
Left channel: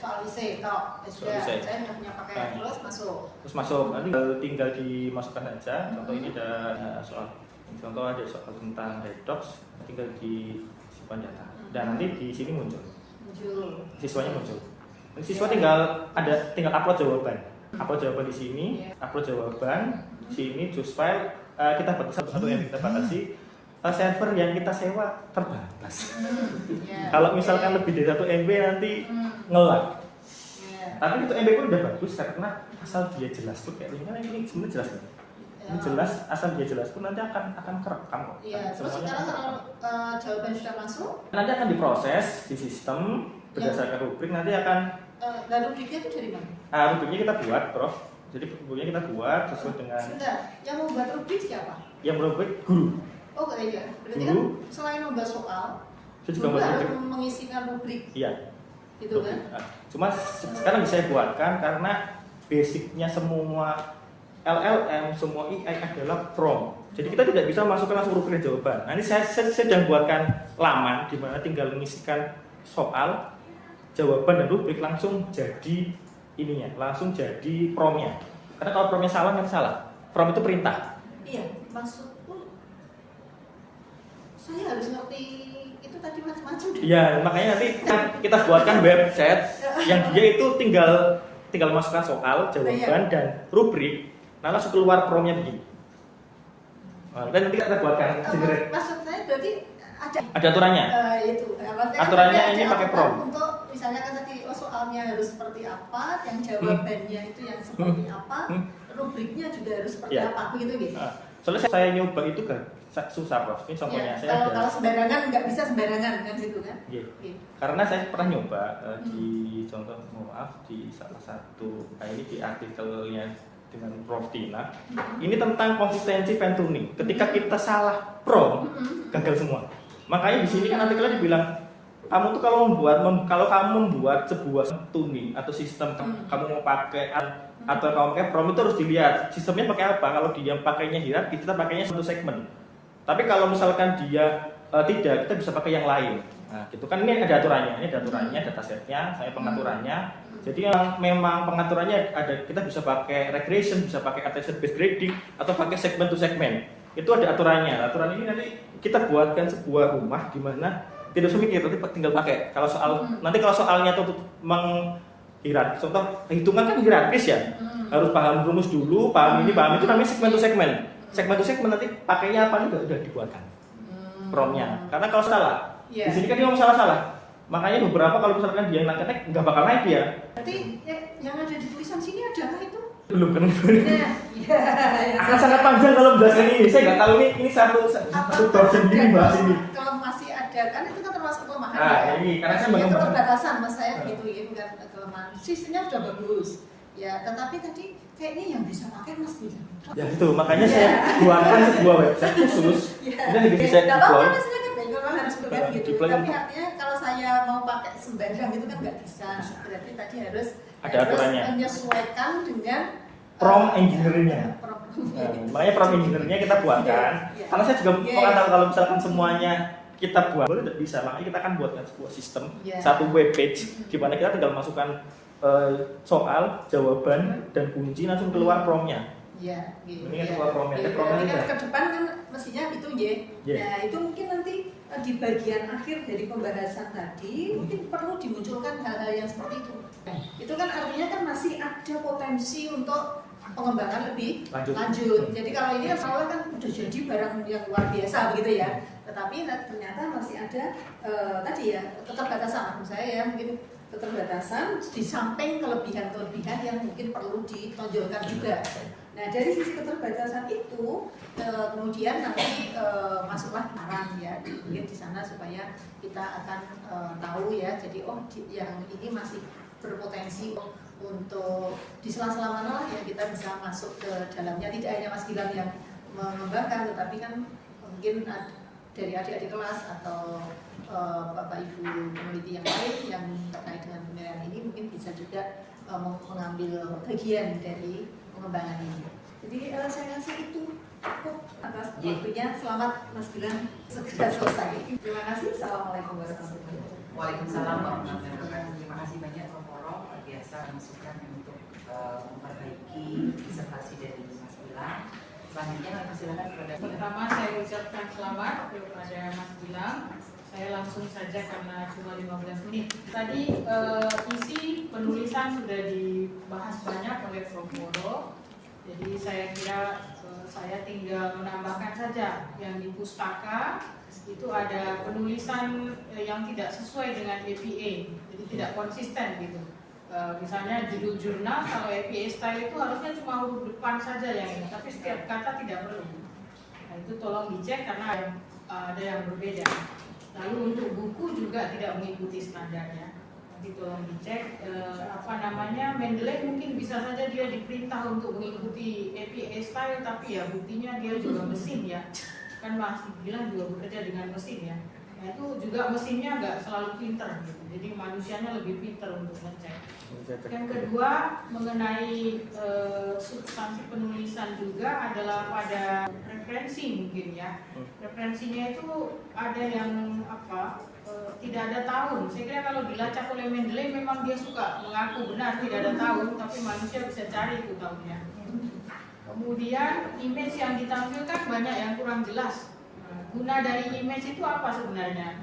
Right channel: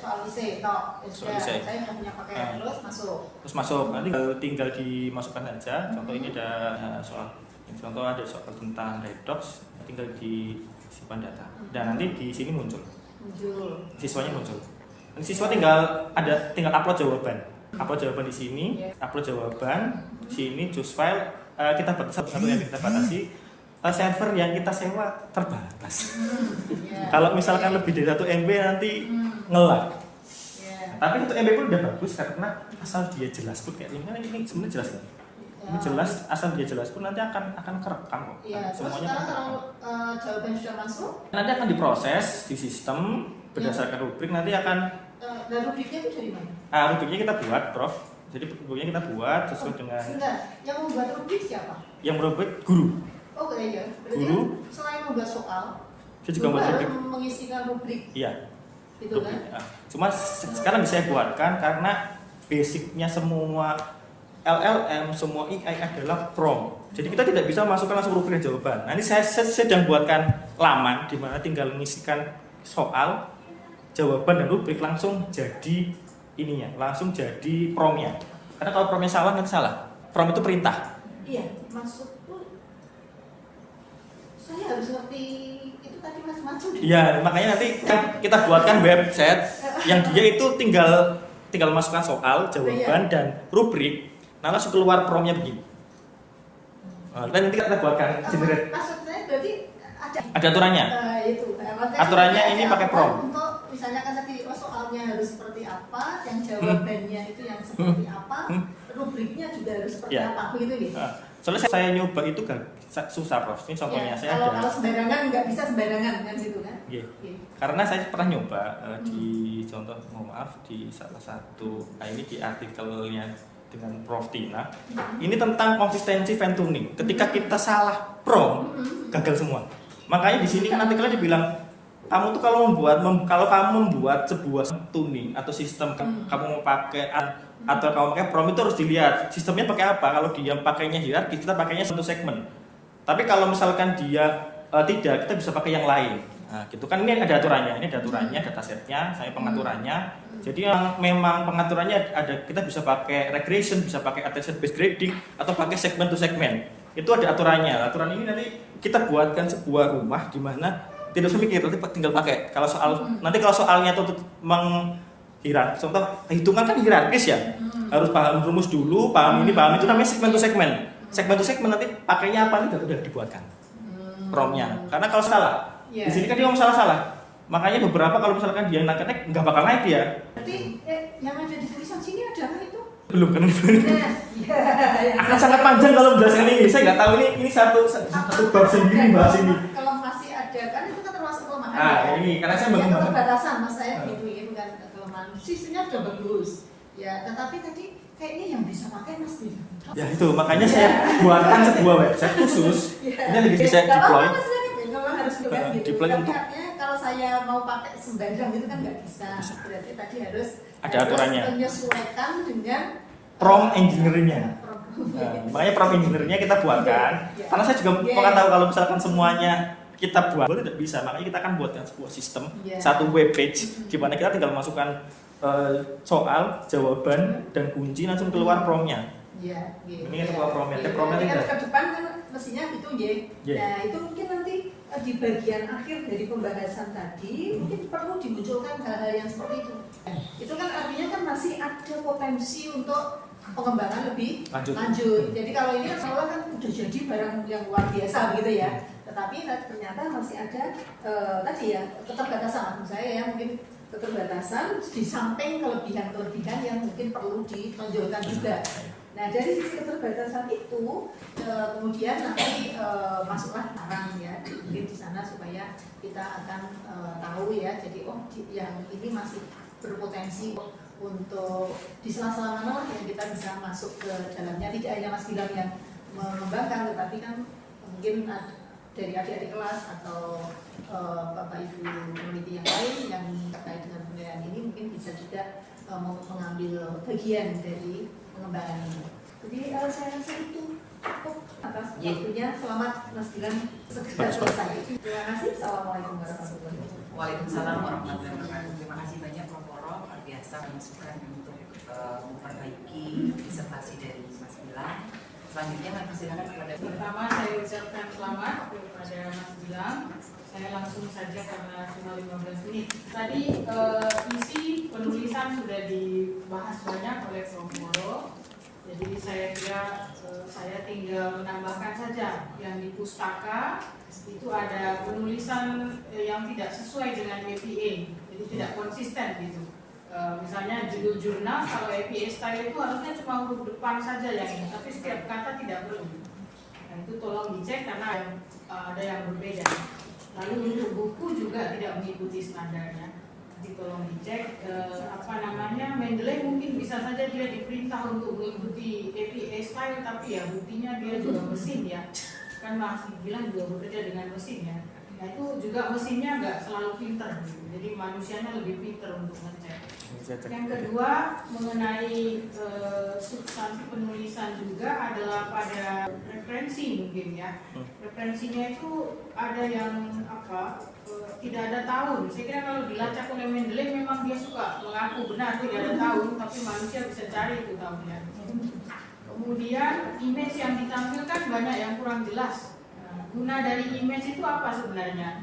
Soal isi toh. Saya punya paket terus masuk. Nanti tinggal dimasukkan aja. Contoh ini ada soal tentang redox, tinggal disimpan data. Dan nanti di sini muncul. Siswanya muncul. Nanti siswa tinggal upload jawaban. Upload jawaban di sini, upload jawaban. Di sini choose file. Kita batasi server yang kita sewa terbatas. Kalau misalkan lebih dari 1 MB nanti nge-lag. Tapi itu MB pun udah bagus karena asal dia jelas tuh kayak ini sebenarnya jelas kan? Ini jelas, asal dia jelas pun nanti akan kerekam. Iya, terus sekarang kalau jawaban sudah masuk, nanti akan diproses di sistem berdasarkan rubrik, nanti akan. Dan rubriknya itu dari mana? Rubriknya kita buat, Prof. Jadi rubriknya kita buat sesuai dengan. Sebentar, yang membuat rubrik siapa? Yang rubrik guru. Oh iya, berarti kan selain membuat soal, saya juga harus mengisikan rubrik. Iya. Gitu kan? Cuma sekarang bisa saya buatkan karena basicnya semua LLM, semua AI adalah prompt. Jadi kita tidak bisa masukkan langsung rubrik jawaban. Nah ini saya sedang buatkan laman di mana tinggal mengisikan soal, jawaban dan rubrik langsung jadi ininya, langsung jadi promptnya. Karena kalau promptnya salah nanti salah. Prompt itu perintah. Iya, maksudku saya harus ngerti itu tadi macam-macam. Iya, makanya nanti kita buatkan website yang dia itu tinggal masukkan soal, jawaban dan rubrik, nah langsung keluar promptnya begini. Dan nanti kita buatkan generate. Maksud saya berarti ada aturannya. Aturannya ini pakai prompt. Untuk misalnya kan tadi soalnya harus seperti apa, yang jawabannya itu yang seperti apa, rubriknya juga harus seperti apa, begitu nih. Soalnya saya nyoba itu kan susah, Prof. Ini contohnya saya kalau sembarangan nggak bisa sembarangan kan situ kan. Iya. Karena saya pernah nyoba di contoh, maaf, di salah satu ini di artikelnya dengan Prof Tina. Ini tentang konsistensi fine tuning. Ketika kita salah prompt, gagal semua. Makanya di sini kan artikelnya dibilang kamu tuh kalau kamu membuat sebuah tuning atau sistem kamu mau pakai atau kamu pakai prompt itu harus dilihat sistemnya pakai apa. Kalau dia pakainya hierarki, kita pakainya satu segmen. Tapi kalau misalkan dia tidak, kita bisa pakai yang lain. Nah, gitu kan ini ada aturannya. Ini ada aturannya, datasetnya, saya pengaturannya. Jadi memang pengaturannya ada, kita bisa pakai regression, bisa pakai attention based grading atau pakai segment to segment. Itu ada aturannya. Aturan ini nanti kita buatkan sebuah rumah di mana tidak usah mikir, nanti tinggal pakai. Kalau nanti kalau soalnya itu hierarkis, contoh hitungan kan hierarkis ya. Harus paham rumus dulu, paham ini, paham itu, namanya segmen to segmen. Segmen to segmen nanti pakainya apa nih sudah dibuatkan promptnya. Karena kalau salah, di sini kan dia ngomong salah. Makanya beberapa kalau misalkan dia nangkatnya nggak bakal naik dia. Berarti yang ada di tulisan sini adalah itu? Belum kan? Akan sangat panjang kalau bahas ini. Saya nggak tahu ini satu bab sendiri bahas ini. Kalau masih ada kan itu kan termasuk kelemahan. Ini karena saya belum keterbatasan mas saya gitu ya, bukan kelemahan. Sistemnya sudah bagus. Ya, tetapi tadi kayaknya yang bisa pakai mas bilang. Ya itu makanya saya buatkan sebuah website khusus. Ini bisa deploy. Gitu. Tapi artinya kalau saya mau pakai sembarang itu kan nggak bisa. Berarti tadi harus menyesuaikan dengan prompt engineering-nya. Makanya prompt engineering-nya kita buatkan. Karena saya juga mau tahu kalau misalkan semuanya kita buat, tidak bisa. Makanya kita akan buatkan sebuah sistem, satu web page, di mana kita tinggal masukkan soal, jawaban, dan kunci langsung keluar prompt-nya. Ini keluar prompt-nya. Prompt-nya ke depan kan mestinya gitu ya. Nah itu mungkin nanti di bagian akhir dari pembahasan tadi mungkin perlu dimunculkan hal-hal yang seperti itu. Itu kan artinya kan masih ada potensi untuk pengembangan lebih lanjut. Jadi kalau ini kan soalnya kan udah jadi barang yang luar biasa begitu ya. Tetapi ternyata masih ada tadi ya keterbatasan menurut saya ya, mungkin keterbatasan di samping kelebihan-kelebihan yang mungkin perlu ditonjolkan juga. Nah dari sisi keterbatasan itu kemudian nanti masuklah saran ya mungkin di sana supaya kita akan tahu ya, jadi yang ini masih berpotensi untuk di sela-sela mana lah yang kita bisa masuk ke dalamnya. Tidak hanya Mas Gilang yang mengembangkan, tetapi kan mungkin dari adik-adik kelas atau Bapak Ibu peneliti yang lain yang terkait dengan penilaian ini mungkin bisa juga mengambil bagian dari pengembangan ini. Jadi saya rasa itu cukup atas waktunya. Selamat Mas Gilang segera selesai. Terima kasih. Assalamualaikum warahmatullahi wabarakatuh. Waalaikumsalam warahmatullahi wabarakatuh. Terima kasih banyak Prof. Poro, luar biasa masukan untuk memperbaiki disertasi dari Mas Gilang. Selanjutnya kami persilakan kepada pertama saya ucapkan selamat kepada Mas Gilang. Saya langsung saja karena cuma 15 menit. Tadi isi penulisan sudah dibahas banyak oleh Prof. Poro. Jadi saya kira saya tinggal menambahkan saja yang di pustaka itu ada penulisan yang tidak sesuai dengan APA, jadi tidak konsisten gitu. Misalnya judul jurnal, kalau APA style itu harusnya cuma huruf depan saja yang ini, tapi setiap kata tidak perlu. Nah itu tolong dicek karena ada yang berbeda. Lalu untuk buku juga tidak mengikuti standarnya. Nanti tolong dicek Mendeley mungkin bisa saja dia diperintah untuk mengikuti APA style, tapi ya buktinya dia juga mesin ya. kan Mas bilang juga bekerja dengan mesin ya. Nah itu juga mesinnya nggak selalu pinter gitu. Jadi manusianya lebih pinter untuk ngecek. Yang kedua mengenai substansi penulisan juga adalah pada referensi mungkin ya. Referensinya itu ada yang tidak ada tahun. Saya kira kalau dilacak oleh Mendeley memang dia suka mengaku benar tidak ada tahun, tapi manusia bisa cari itu tahunnya. Kemudian image yang ditampilkan banyak yang kurang jelas. Guna dari image itu apa sebenarnya?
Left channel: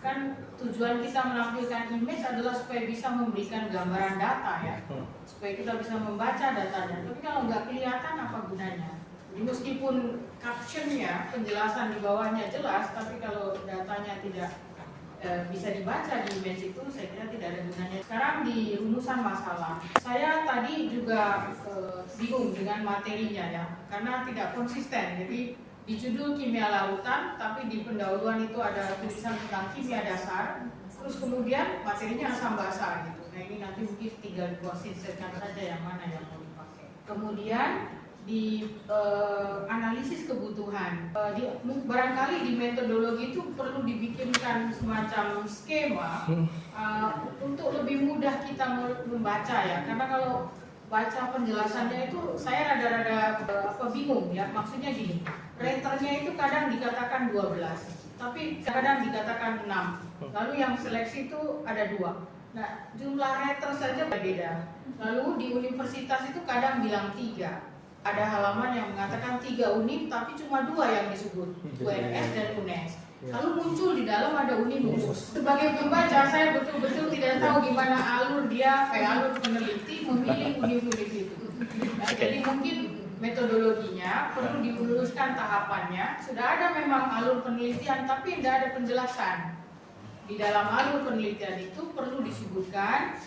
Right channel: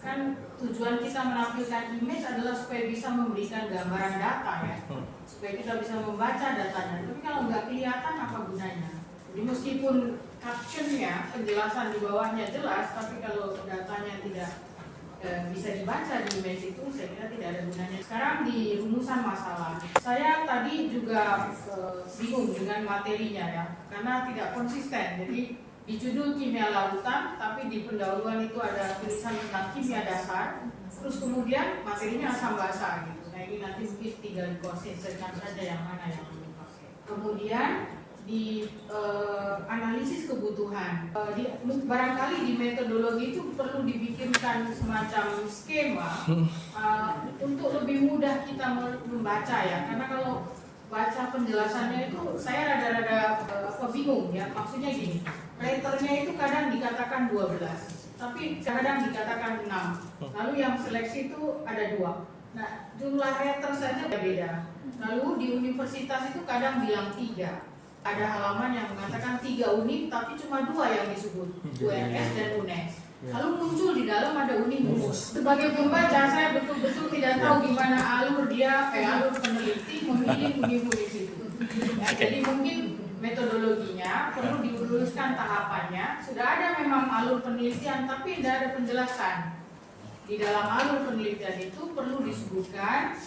Kan tujuan kita menampilkan image adalah supaya bisa memberikan gambaran data ya, supaya kita bisa membaca datanya. Tapi kalau nggak kelihatan apa gunanya? Jadi meskipun captionnya, penjelasan di bawahnya jelas, tapi kalau datanya tidak bisa dibaca di image itu, saya kira tidak ada gunanya. Sekarang di rumusan masalah, saya tadi juga bingung dengan materinya ya, karena tidak konsisten. Jadi di judul kimia larutan, tapi di pendahuluan itu ada tulisan tentang kimia dasar, terus kemudian materinya asam basa gitu. Nah ini nanti mungkin tinggal dikonsistenkan saja yang mana yang mau dipakai. Kemudian di analisis kebutuhan, barangkali di metodologi itu perlu dibikinkan semacam skema untuk lebih mudah kita membaca ya, karena kalau baca penjelasannya itu saya rada-rada bingung ya. Maksudnya gini, raternya itu kadang dikatakan 12, tapi kadang dikatakan 6. Lalu yang seleksi itu ada 2. Nah, jumlah rater saja berbeda. Lalu di universitas itu kadang bilang 3. Ada halaman yang mengatakan 3 unit, tapi cuma 2 yang disebut, UNS dan UNES. Lalu muncul di dalam ada Unimus. Sebagai pembaca saya betul-betul tidak tahu gimana alur peneliti memilih unit-unit itu. Nah, jadi mungkin metodologinya perlu diluruskan tahapannya. Sudah ada memang alur penelitian, tapi tidak ada penjelasan. Di dalam alur penelitian itu perlu disebutkan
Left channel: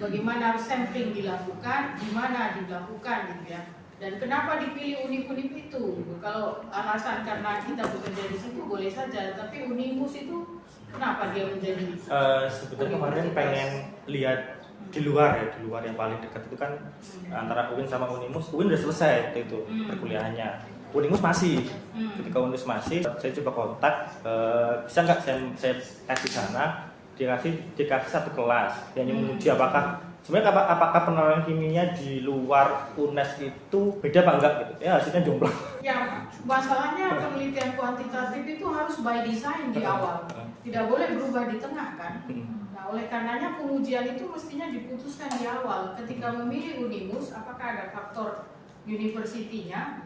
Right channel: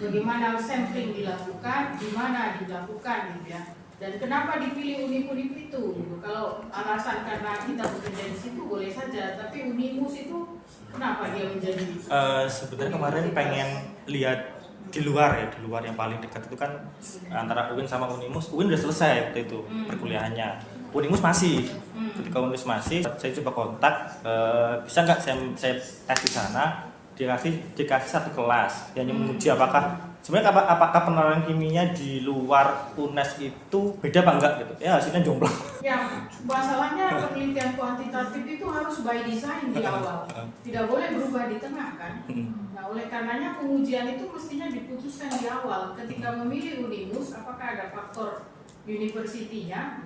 bagaimana sampling dilakukan, di mana dilakukan gitu ya. Dan kenapa dipilih univ-univ itu? Gitu. Kalau alasan karena kita bekerja di situ boleh saja, tapi Unimus itu kenapa dia menjadi? Sebetulnya kemarin pengen lihat di luar ya, di luar yang paling dekat itu kan antara UIN sama Unimus. UIN udah selesai waktu itu perkuliahannya. Unimus masih. Ketika Unimus masih, saya coba kontak, bisa nggak saya tes di sana? Dikasih satu kelas yang menguji apakah sebenarnya apakah pengenalan kimianya di luar UNES itu beda apa enggak gitu. Ya hasilnya jomplang. Ya, masalahnya penelitian kuantitatif itu harus by design di awal. Tidak boleh berubah di tengah kan. Nah, oleh karenanya pengujian itu mestinya diputuskan di awal. Ketika memilih Unimus, apakah ada faktor universitinya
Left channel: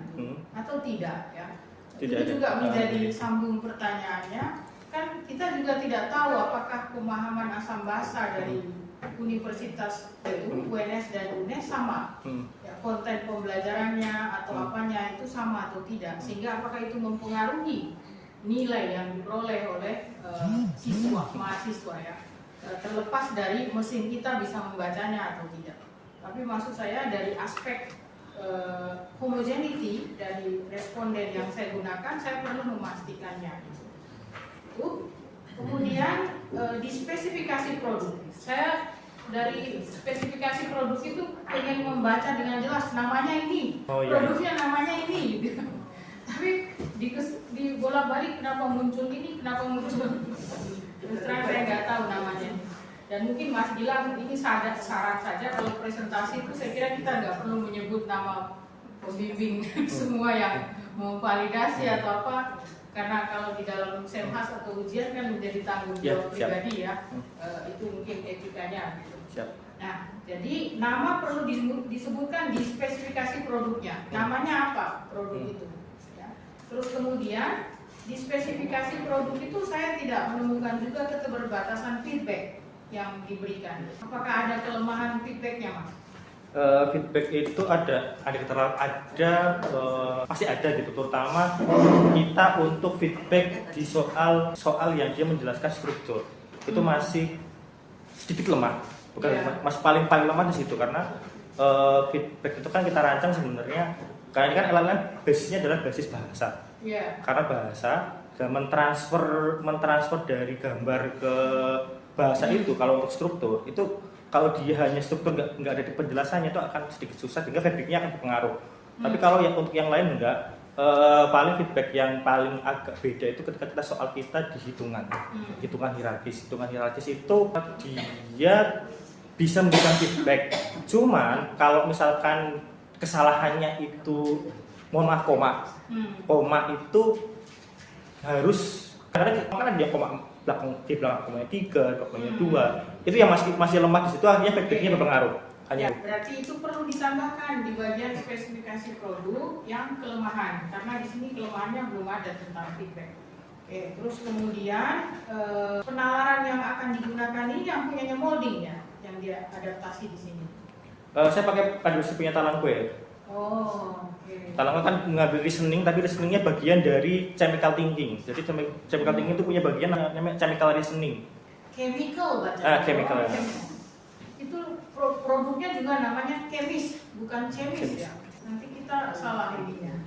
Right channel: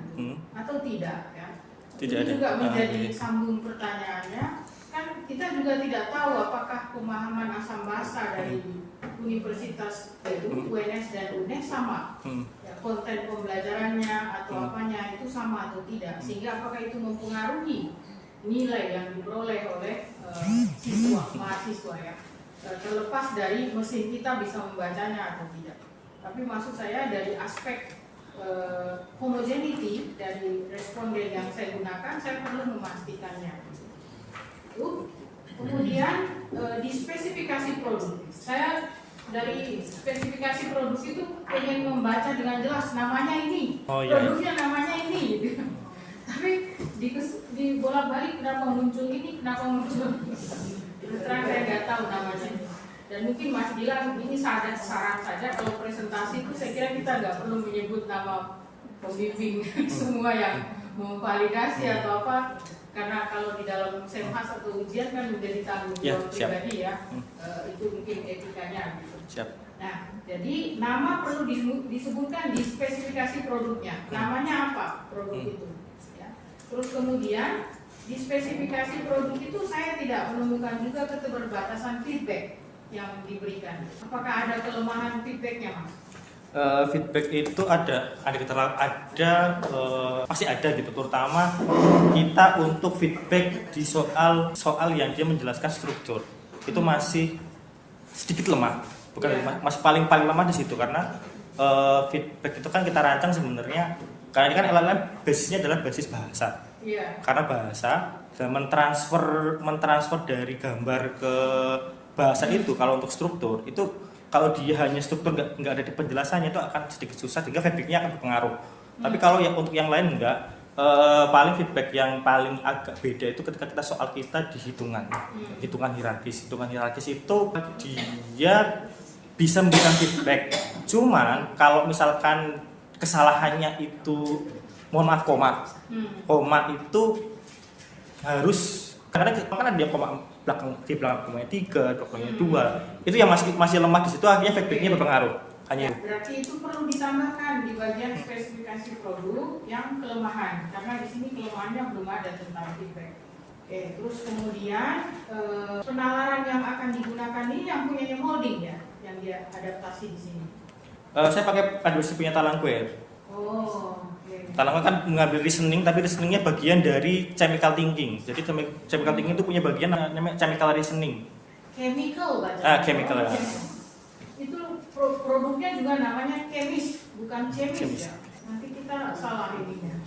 atau tidak ya. Tidak Ini juga ada. menjadi sambung pertanyaannya. Kan kita juga tidak tahu apakah pemahaman asam basa dari universitas itu UNS dan UNES sama ya, konten pembelajarannya atau apanya itu sama atau tidak, sehingga apakah itu mempengaruhi nilai yang diperoleh oleh mahasiswa ya, terlepas dari mesin kita bisa membacanya atau tidak. Tapi maksud saya dari aspek homogeneity dari responden yang saya gunakan, saya perlu memastikannya. Kemudian di spesifikasi produk, saya dari spesifikasi produk itu pengen membaca dengan jelas namanya ini, produknya namanya ini gitu. Tapi di bolak-balik kenapa muncul ini, kenapa muncul terus terang saya nggak tahu namanya. Dan mungkin Mas bilang ini syarat saja, kalau presentasi itu saya kira kita nggak perlu menyebut nama pembimbing semua yang memvalidasi atau apa. Karena kalau di dalam senhas atau ujian kan menjadi tanggung jawab pribadi ya, itu mungkin etikanya gitu. Nah, jadi nama perlu disebutkan di spesifikasi produknya. Namanya apa produk itu? Ya. Terus kemudian di spesifikasi produk itu saya tidak menemukan juga keterbatasan feedback yang diberikan. Apakah ada kelemahan feedbacknya, Mas? Feedback itu pasti ada gitu, terutama kita untuk feedback di soal yang dia menjelaskan struktur itu masih sedikit lemah, masih paling lemah di situ, karena feedback itu kan kita rancang sebenarnya karena ini kan LLM basisnya adalah basis bahasa, karena bahasa dan mentransfer dari gambar ke bahasa itu. Kalau untuk struktur itu, kalau dia hanya struktur nggak ada di penjelasannya, itu akan sedikit susah sehingga feedbacknya akan berpengaruh. Tapi kalau yang untuk yang lain enggak, paling feedback yang paling agak beda itu ketika kita soal kita di hitungan hierarkis. Hitungan hierarkis itu dia bisa memberikan feedback. Cuman kalau misalkan kesalahannya itu, mohon maaf, koma itu harus karena dia koma di belakang komanya 3, komanya 2, itu yang masih lemah di situ, akhirnya feedbacknya berpengaruh. Ya, berarti itu perlu ditambahkan di bagian spesifikasi produk yang kelemahan, karena di sini kelemahannya belum ada tentang feedback. Oke, terus kemudian penalaran yang akan digunakan ini yang punyanya molding ya, yang dia adaptasi di sini. Saya pakai adaptasi punya Talangware. Oh, oke. Talangware kan mengambil reasoning, tapi reasoningnya bagian dari chemical thinking. Jadi chemical thinking itu punya bagian namanya chemical reasoning. Chemical baca. Chemical. Itu produknya juga namanya kemis, bukan chemis ya. Nanti kita salah ininya.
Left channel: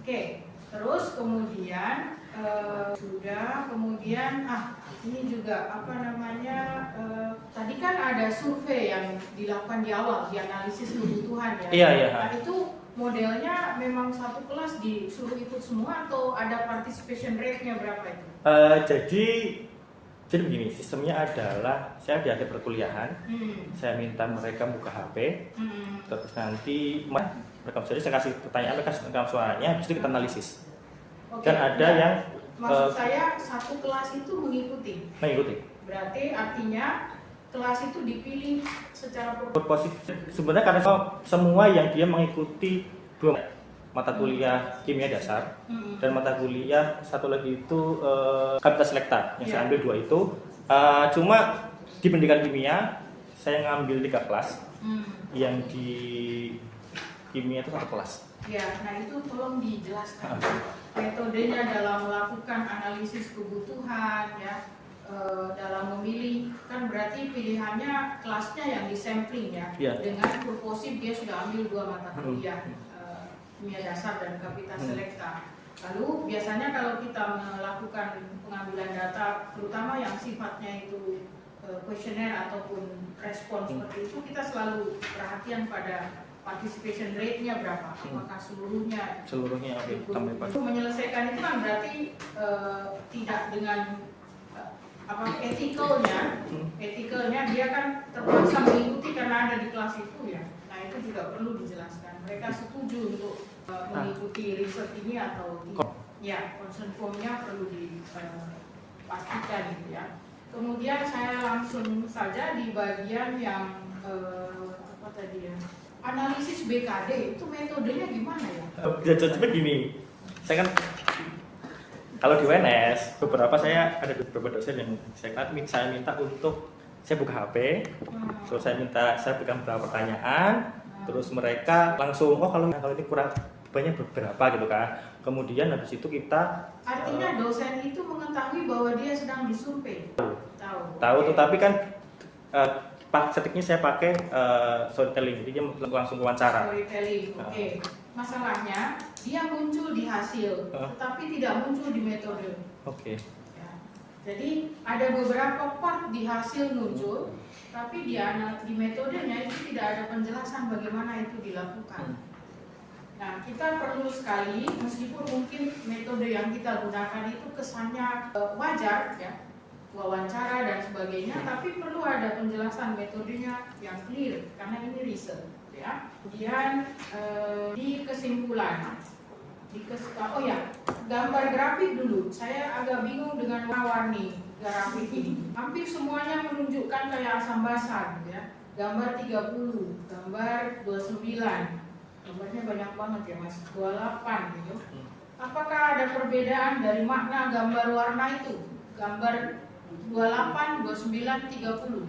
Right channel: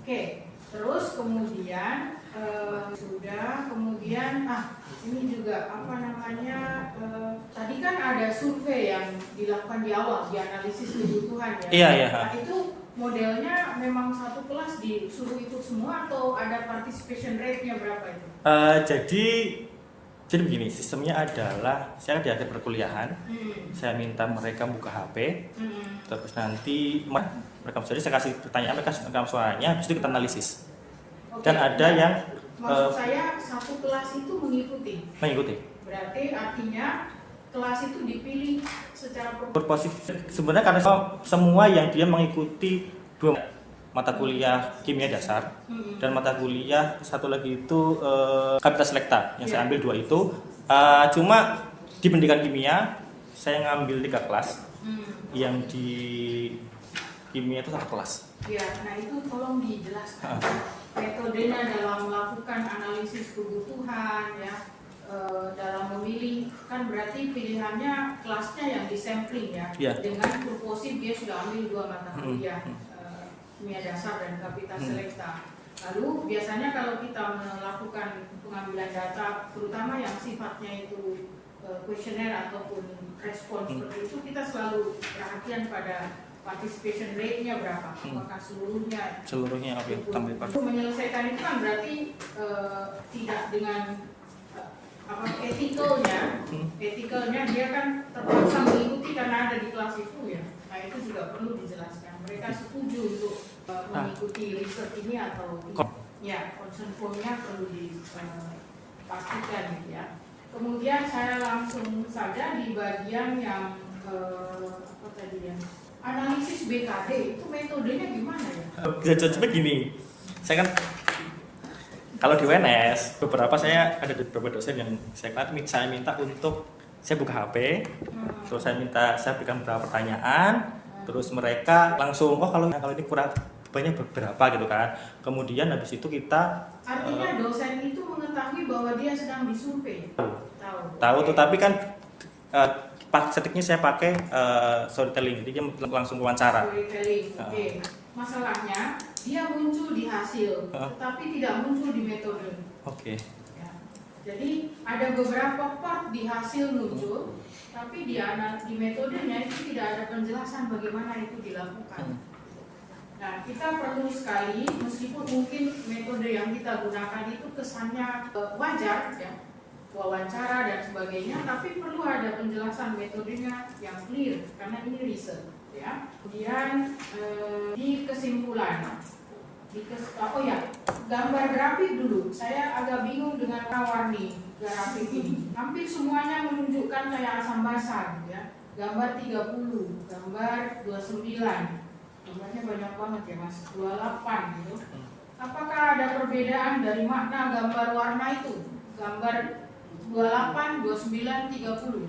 Oke, terus kemudian kemudian ini juga apa namanya, tadi kan ada survei yang dilakukan di awal, di analisis kebutuhan ya. Iya. Nah, itu modelnya memang satu kelas disuruh ikut semua atau ada participation rate-nya berapa itu? Jadi begini, sistemnya adalah saya di akhir perkuliahan, saya minta mereka buka HP, terus nanti mereka saya kasih pertanyaan, mereka rekam suaranya, habis itu kita analisis. Oke, Dan ada yang maksud saya satu kelas itu mengikuti. Berarti artinya kelas itu dipilih secara berposisi. Sebenarnya karena semua yang dia mengikuti 2 mata kuliah kimia dasar dan mata kuliah satu lagi itu kapita selekta yang saya ambil 2 itu. Cuma di pendidikan kimia saya ngambil 3 kelas, yang di kimia itu 1 kelas. Ya, nah itu tolong dijelaskan metodenya dalam melakukan analisis kebutuhan ya, dalam memilih, kan berarti pilihannya kelasnya yang disampling ya, dengan purposif dia sudah ambil 2 mata kuliah, kimia dasar dan kapita selekta. Lalu biasanya kalau kita melakukan pengambilan data, terutama yang sifatnya itu kuesioner ataupun respon seperti itu, kita selalu perhatian pada participation rate-nya berapa, apakah seluruhnya untuk menyelesaikan itu kan berarti tidak dengan etikalnya dia kan terpaksa mengikuti karena ada di kelas itu ya. Nah itu juga perlu dijelaskan, mereka setuju untuk mengikuti riset ini atau ya, concern form-nya perlu dipastikan gitu ya. Kemudian saya langsung saja di bagian yang apa tadi ya, analisis BKD, itu metodenya gimana ya? Jadi gini, saya kan kalau di UNS beberapa saya ada beberapa dosen yang saya minta untuk saya buka HP, terus saya berikan beberapa pertanyaan, terus mereka langsung kalau ini kurang banyak berapa gitu kan. Kemudian habis itu kita artinya dosen itu mengetahui bahwa dia sedang disurvei. Tahu, tetapi kan setiknya saya pakai storytelling, jadi dia langsung wawancara. Storytelling, oke. Masalahnya dia muncul di hasil, tetapi tidak muncul di metode. Oke. Ya. Jadi ada beberapa part di hasil muncul, tapi di metodenya itu tidak ada penjelasan bagaimana itu dilakukan. Nah, kita perlu sekali, meskipun mungkin metode yang kita gunakan itu kesannya wajar ya, wawancara dan sebagainya, tapi perlu ada penjelasan metodenya yang clear karena ini riset ya. Kemudian di kesimpulan gambar grafik dulu, saya agak bingung dengan warni grafik ini. Hampir semuanya menunjukkan kayak asam basa ya. Gambar 30, gambar 29, gambarnya banyak banget ya Mas, 28 gitu. Apakah ada perbedaan dari makna gambar warna itu? Gambar 28, 29, 30.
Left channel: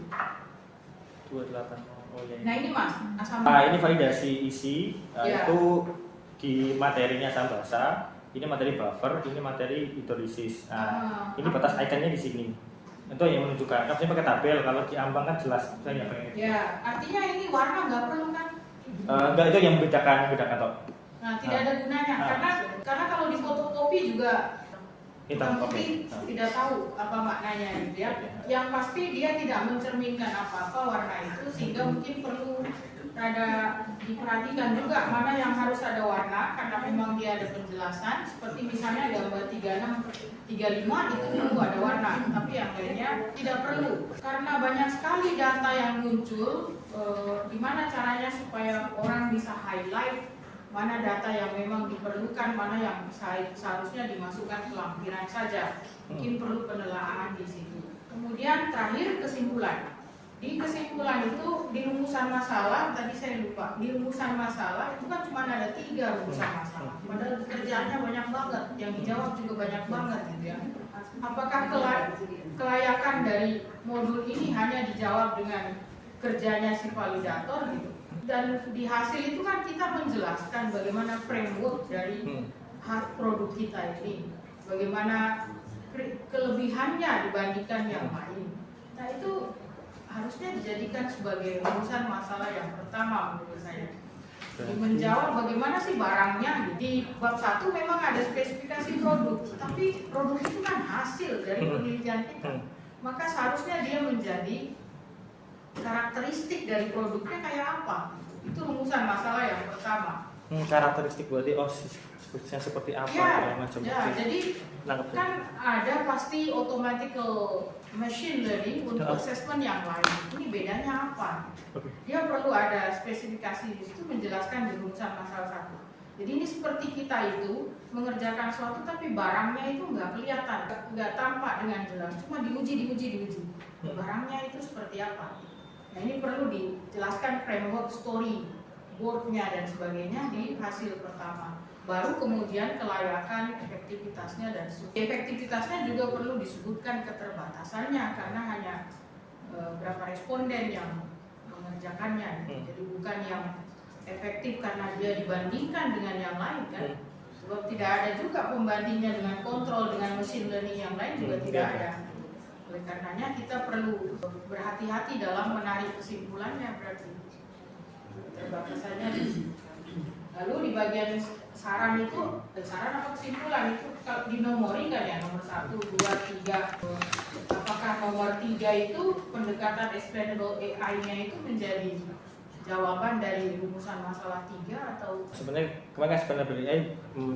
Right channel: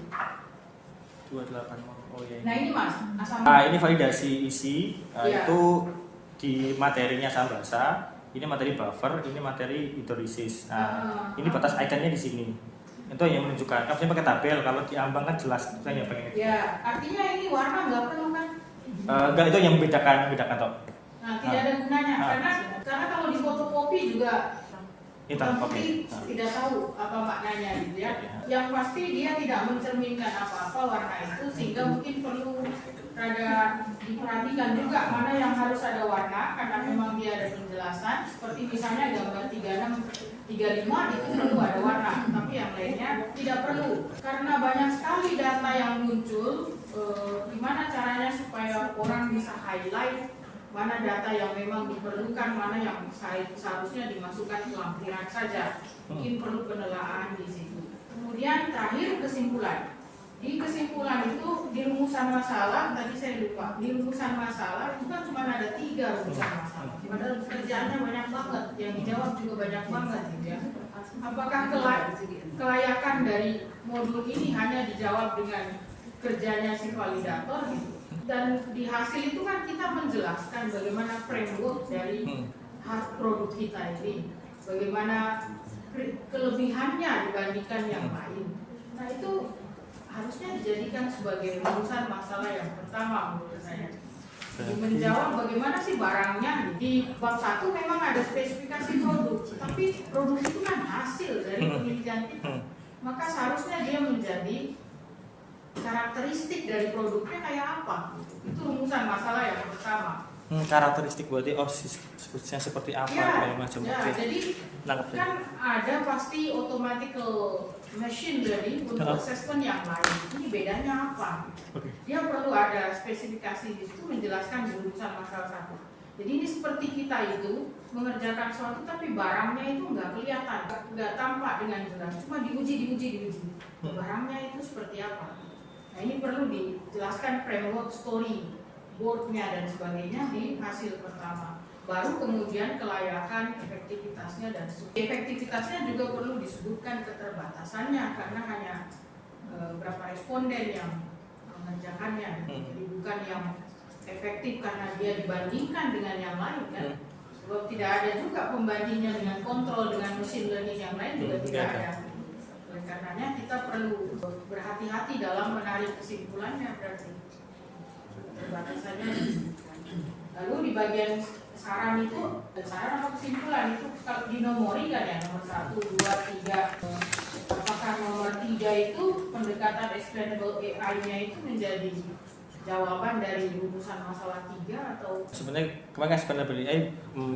28. Oh, ya. Nah ini Mas, asam ini validasi isi itu di materinya asam basa, ini materi buffer, ini materi hidrolisis. Nah, ini batas ikonnya di sini. Itu yang menunjukkan. Saya pakai tabel, kalau di ambang kan jelas. Saya nggak pengen. Ya, artinya ini warna nggak perlu kan? Enggak, itu yang bedakan toh. Nah, tidak ada gunanya karena kalau di fotokopi juga hitam putih tidak tahu apa maknanya gitu ya. Yang pasti dia tidak mencerminkan apa-apa warna itu, sehingga mungkin perlu rada diperhatikan juga mana yang harus ada warna, karena memang dia ada penjelasan. Seperti misalnya gambar 36, 35 itu perlu ada warna, tapi yang lainnya tidak perlu. Karena banyak sekali data yang muncul, gimana caranya supaya orang bisa highlight mana data yang memang diperlukan, mana yang seharusnya dimasukkan ke lampiran saja. Mungkin perlu penelaahan di situ. Kemudian terakhir kesimpulan. Di kesimpulan itu di rumusan masalah, tadi saya lupa, di rumusan masalah itu kan cuma ada 3 rumusan masalah. Padahal kerjaannya banyak banget, yang dijawab juga banyak banget gitu ya. Apakah kelayakan dari modul ini hanya dijawab dengan kerjanya si validator gitu? Dan di hasil itu kan kita menjelaskan bagaimana framework dari produk kita ini, bagaimana kelebihannya dibandingkan yang lain. Nah itu harusnya dijadikan sebagai rumusan masalah yang pertama menurut saya. Menjawab bagaimana sih barangnya. Di bab 1 memang ada spesifikasi produk, tapi produk itu kan hasil dari penelitian kita. Maka seharusnya dia menjadi karakteristik dari produknya kayak apa. Itu rumusan masalah yang pertama. Karakteristik berarti sebutnya seperti apa Ya, macam jadi kan ada pasti automatical machine learning untuk assessment yang lain. Ini bedanya apa? Dia perlu ada spesifikasi di situ menjelaskan di rumusan masalah 1. Jadi ini seperti kita itu mengerjakan sesuatu tapi barangnya itu nggak kelihatan, nggak tampak dengan jelas, cuma diuji. Barangnya itu seperti apa? Nah ini perlu dijelaskan framework story boardnya dan sebagainya di hasil pertama. Baru kemudian kelayakan, efektivitasnya dan efektivitasnya juga perlu disebutkan keterbatasannya karena hanya berapa responden yang mengerjakannya. Jadi bukan yang efektif karena dia dibandingkan dengan yang lain kan. Sebab tidak ada juga pembandingnya dengan kontrol dengan machine learning yang lain juga tidak ada. Oleh karenanya kita perlu berhati-hati dalam menarik kesimpulannya berarti. Terbatasannya. Lalu di bagian saran itu, saran apa kesimpulan itu kalau dinomori kan ya, nomor 1, 2, 3. Apakah nomor 3 itu pendekatan explainable AI-nya itu menjadi jawaban dari rumusan masalah 3 atau? Sebenarnya kemarin explainable AI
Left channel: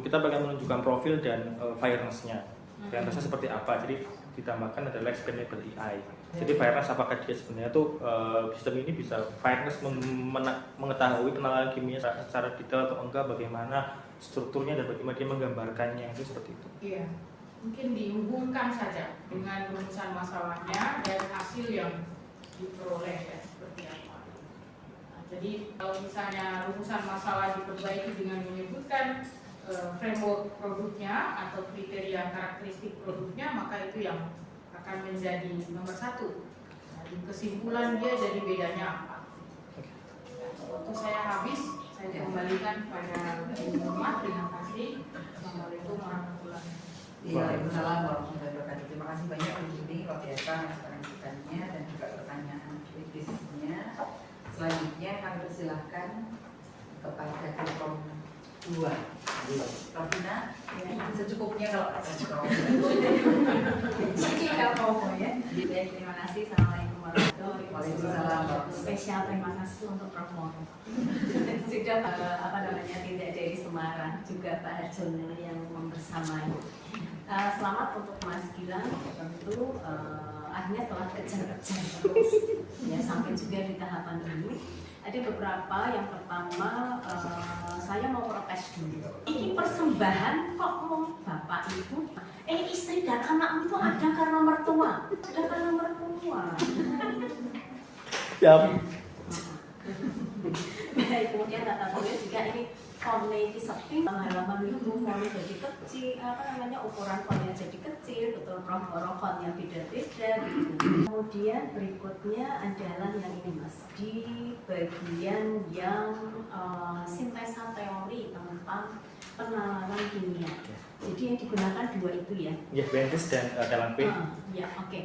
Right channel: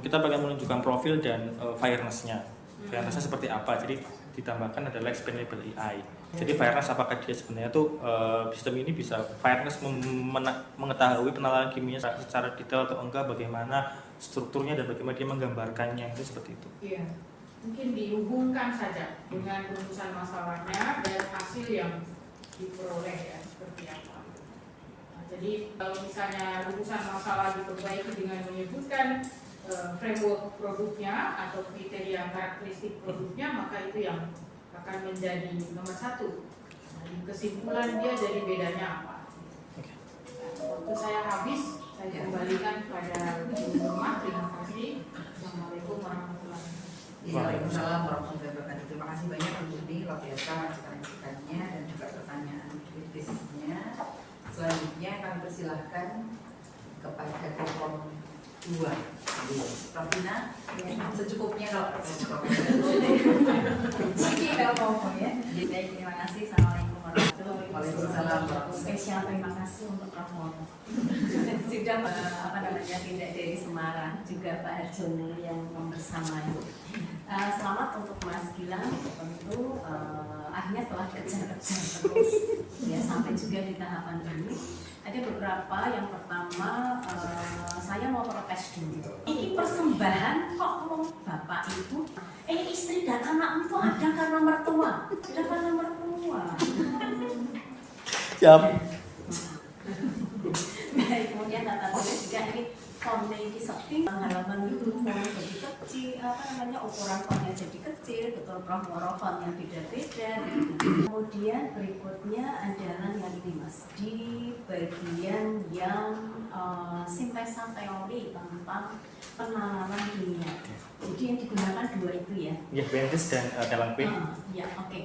kita bagian menunjukkan profil dan fairness-nya. Fairness-nya seperti apa? Jadi ditambahkan adalah explainable AI. Jadi fairness apakah dia sebenarnya tuh sistem ini bisa fairness mengetahui penalaran kimia secara detail atau enggak, bagaimana strukturnya dan bagaimana dia menggambarkannya, itu seperti itu. Iya, mungkin dihubungkan saja dengan rumusan masalahnya dan hasil yang diperoleh ya seperti apa. Nah, jadi kalau misalnya rumusan masalah diperbaiki dengan menyebutkan framework produknya atau kriteria karakteristik produknya, maka itu yang akan menjadi nomor 1. Nah, di kesimpulan dia jadi bedanya apa. Waktu saya habis, saya kembalikan kepada ibu rumah. Terima kasih. Assalamualaikum warahmatullahi wabarakatuh. Waalaikumsalam warahmatullahi wabarakatuh. Terima kasih banyak Ibu Udi, luar biasa masukan-masukannya dan juga pertanyaan kritisnya. Selanjutnya kami persilahkan kepada Kekom 2. Prof. Dina, secukupnya kalau ya. Baik, terima kasih. Assalamualaikum warahmatullahi Waalaikumsalam. Spesial terima kasih untuk Prof. Mono. Sudah tidak dari Semarang, juga Pak Harjono yang membersamai. Selamat untuk Mas Gilang, tentu akhirnya telah kejar-kejar terus ya sampai juga di tahapan ini. Ada beberapa, yang pertama saya mau protes dulu. Ini persembahan kok bapak itu, istri dan anak itu ada karena mertua, ada karena mertua. Siap. Nah, kemudian kata beliau juga ini fontnya ini sepi, halaman itu fontnya jadi kecil, ukuran fontnya jadi kecil, betul Prof. Fontnya beda-beda. Kemudian berikutnya adalah yang ini Mas, di bagian yang sintesa teori tentang penalaran kimia. Jadi yang digunakan 2 itu ya? Ya, Bentis dan dalam P. Ya, oke.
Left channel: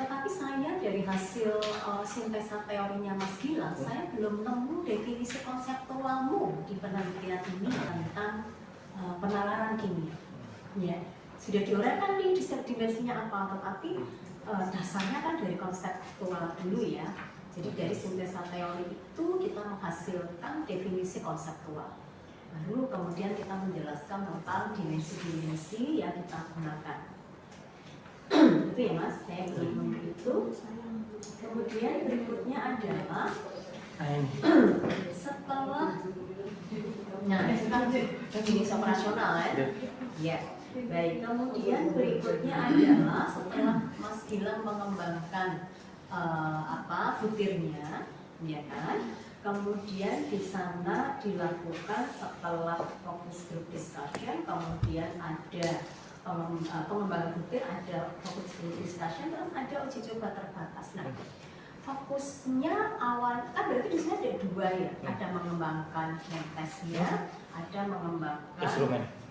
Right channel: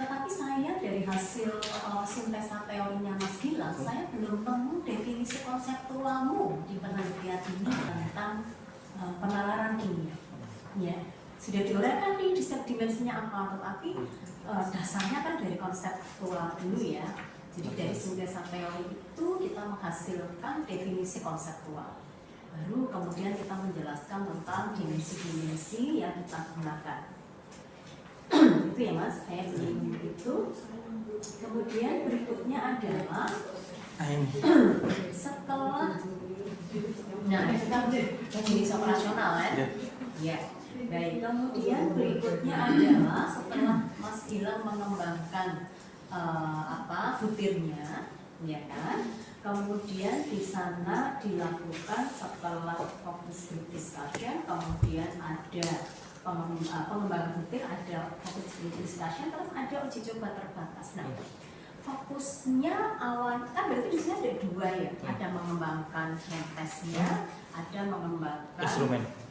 Tetapi saya dari hasil sintesa teorinya Mas Gilang, saya belum nemu definisi konseptualmu di penelitian ini tentang penalaran kimia. Ya, sudah diuraikan nih dimensinya apa, tetapi dasarnya kan dari konseptual dulu ya. Jadi dari sintesa teori itu kita menghasilkan definisi konseptual. Baru kemudian kita menjelaskan tentang dimensi-dimensi yang kita gunakan. Itu ya Mas, saya belum itu. Kemudian berikutnya adalah setelah kita definisi operasional kan? Ya. Baik, kemudian berikutnya adalah setelah Mas Gilang mengembangkan butirnya, ya kan? Kemudian di sana dilakukan setelah focus group discussion, kemudian ada pengembangan butir, ada focus group discussion, terus ada uji coba terbatas. Nah, fokusnya awal kan berarti di sini ada dua ya, ada mengembangkan tesnya, ada mengembangkan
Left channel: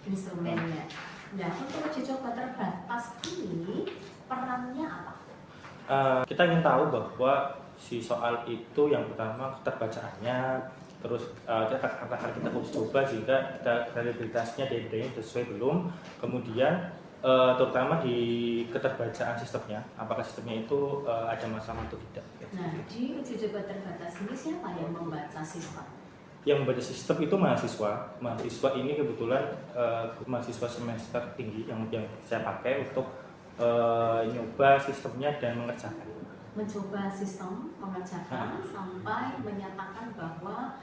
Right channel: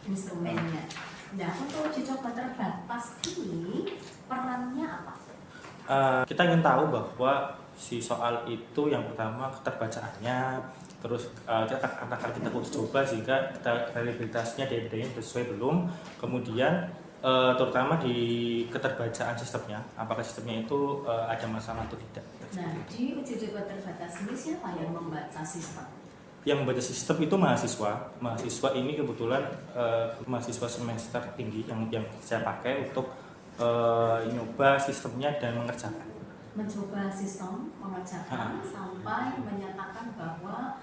instrumennya. Nah, untuk uji coba terbatas ini perannya apa? Kita ingin tahu bahwa si soal itu yang pertama keterbacaannya, terus kita uji coba sehingga kita kredibilitasnya daya-dayanya sesuai belum, kemudian terutama di keterbacaan sistemnya, apakah sistemnya itu ada masalah atau tidak. Nah, di uji coba terbatas ini siapa yang membaca sistem? Yang membaca sistem itu mahasiswa ini kebetulan mahasiswa semester tinggi yang saya pakai untuk nyoba sistemnya dan mencoba sistem, mengerjakan sampai menyatakan bahwa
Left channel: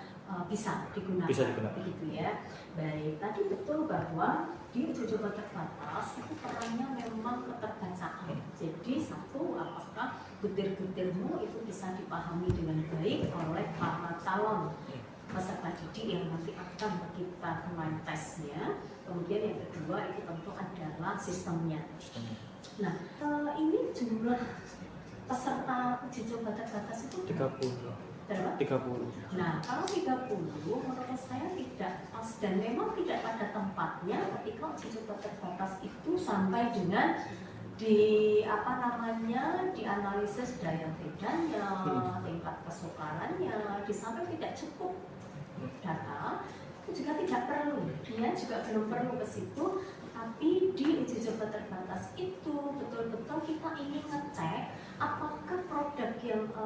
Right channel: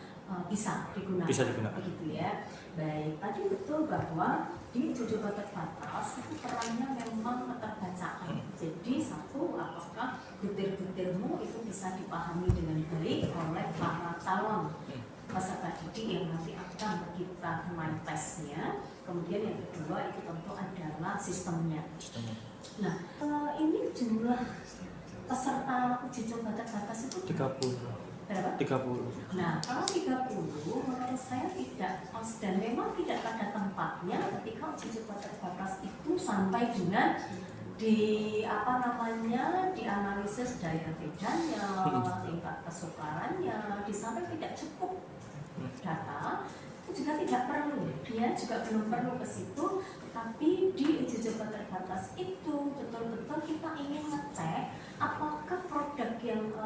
bisa digunakan. Begitu ya. Baik, tadi betul bahwa di uji coba terbatas itu perannya memang keterbacaan. Jadi satu, apakah butir-butirmu itu bisa dipahami dengan baik oleh para calon peserta didik yang nanti akan kita kenal tesnya. Kemudian yang kedua itu tentu adalah sistemnya. Nah, ini jumlah peserta uji coba terbatas itu 30. berapa? 30. Nah, kalau 30 menurut saya tidak pas dan memang tidak pada tempatnya ketika uji coba terbatas itu sampai dengan dianalisis daya bedanya, tingkat kesukarannya, di samping tidak cukup data itu juga tidak perlu, dia juga belum perlu ke situ. Tapi di uji coba terbatas itu betul-betul kita ingin ngecek apakah prototipe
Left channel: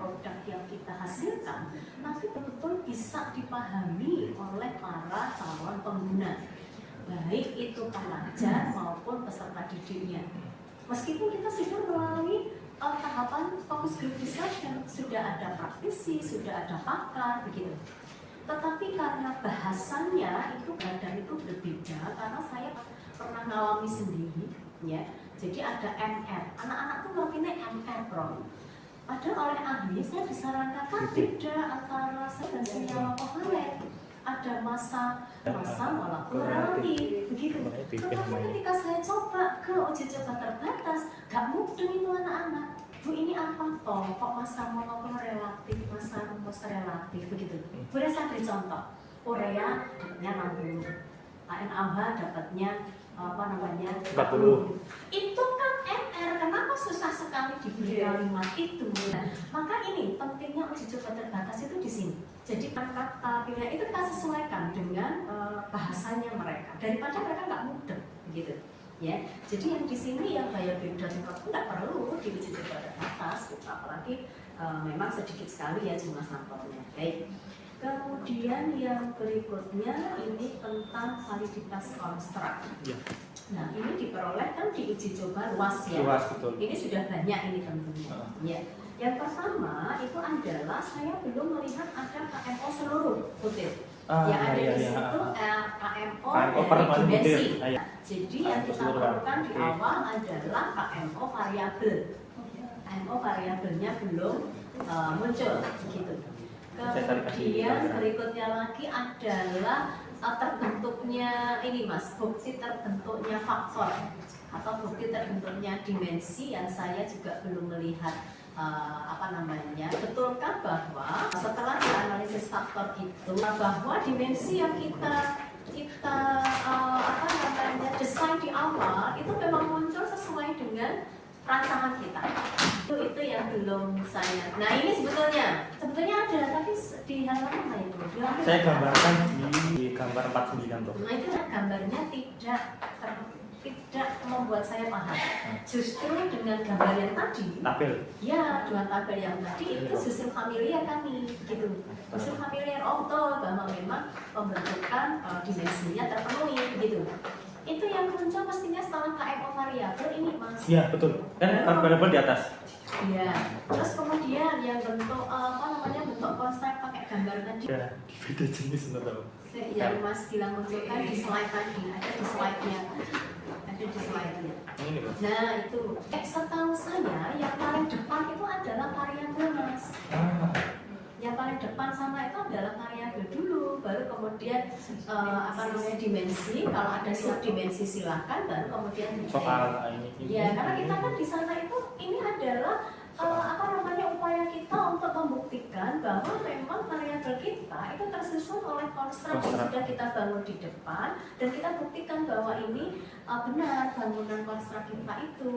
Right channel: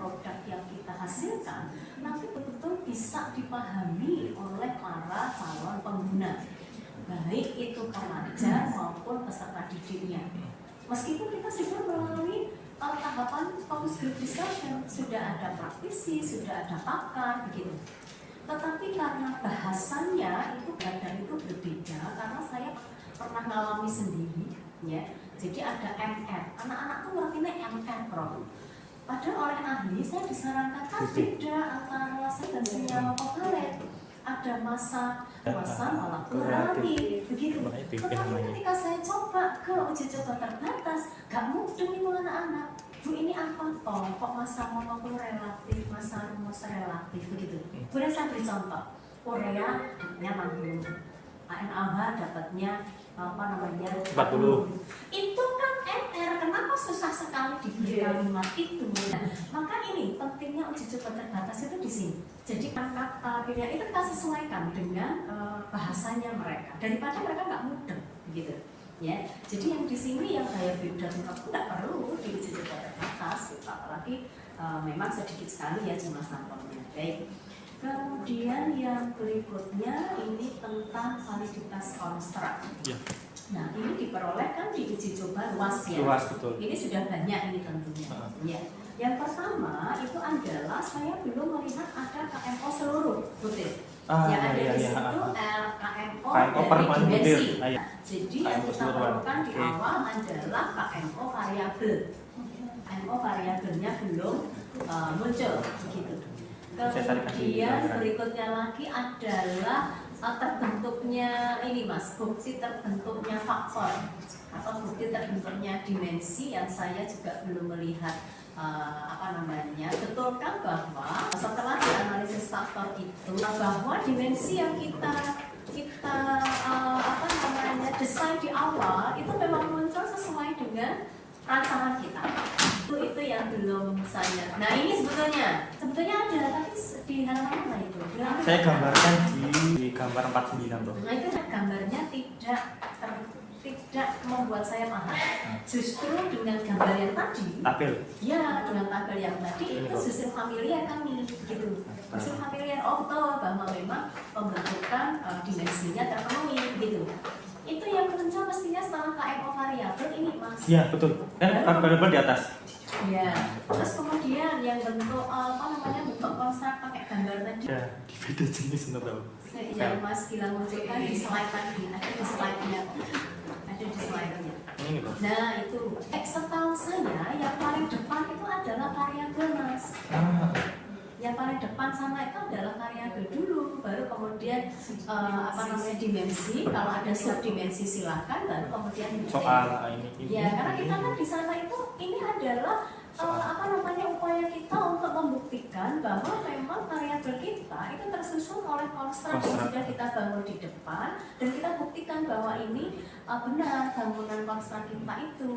produk yang kita hasilkan nanti betul-betul bisa dipahami oleh para calon pengguna, baik itu pelajar maupun peserta didiknya. Meskipun kita sudah melalui tahapan focus group discussion, sudah ada praktisi, sudah ada pakar, begitu. Tetapi karena bahasanya itu badan itu berbeda, karena saya pernah mengalami sendiri, ya. Jadi ada MR, anak-anak tuh ngertinya MR bro. Padahal oleh ahli saya disarankan beda antara saya dan senyawa kovalet. Ada masa molekulatif, begitu. Tetapi ketika saya coba ke uji coba terbatas, gak mudeng itu anak-anak. Bu ini apa toh? Kok masa molekul relatif, masa rumus relatif begitu. Boleh saya beri contoh. Urea dapatnya 60, ANAH dapatnya 40. Itu kan MR. Kenapa susah sekali diberi kalimat itu? Nah, maka ini pentingnya uji coba terbatas itu di sini. Jadi kata pilihan itu kita sesuaikan dengan bahasanya mereka daripada mereka nggak mudah begitu. Ya, jadi yang di sini yang daya beda juga tidak perlu diuji coba terbatas, apalagi memang sedikit sekali ya jumlah sampelnya. Baik. Kemudian yang berikutnya ini tentang validitas konstruk. Ya. Nah ini diperoleh kan di uji coba luas ya. Luas, betul. Ini sudah banyak ini tentunya. Ya. Yang pertama itu adalah saya belum melihat ada KMO seluruh butir. Yang ada di situ KMO dari dimensi. Jadi yang kita perlukan di awal adalah KMO variabel. KMO variabelnya belum muncul begitu. Kemudian berikutnya lagi adalah terbentuknya ini Mas, bukti terbentuknya faktor atau bukti terbentuknya dimensi yang saya juga belum melihat. Betulkah bahwa setelah dianalisis faktor itu bahwa dimensi yang kita desain di awal itu memang muncul sesuai dengan rancangan kita. Itu yang belum saya. Nah ini sebetulnya ada, tapi di halaman mana itu? Saya gambarkan di gambar 49 tuh. Nah itu gambarnya tidak membuat saya paham. Justru dengan gambar yang tadi, tabel. ya dengan tabel yang tadi itu justru familiar kami, gitu. Justru familiar auto bahwa memang pembentukan dimensinya terpenuhi, gitu. Itu yang muncul mestinya setelah KMO variabel ini, Mas. Iya betul. Kan variabel di atas. Ya, terus kemudian yang bentuk bentuk konstruk pakai gambar tadi. Ya, beda jenis nggak tahu. Yang Mas Gilang munculkan di slide tadi, ada di slide-nya. Ada di slide-nya. Ini Pak. Nah itu, setahu saya yang paling depan itu adalah variabel, Mas. Yang paling depan sama itu adalah variabel dulu, baru kemudian dimensi. Kalau ada subdimensi silakan, baru kemudian Soal ini. ya, karena kita kan di sana itu ini adalah upaya kita untuk membuktikan bahwa memang variabel kita itu tersusun oleh konstruk yang sudah kita bangun di depan, dan kita buktikan bahwa ini benar bangunan konstruk kita itu,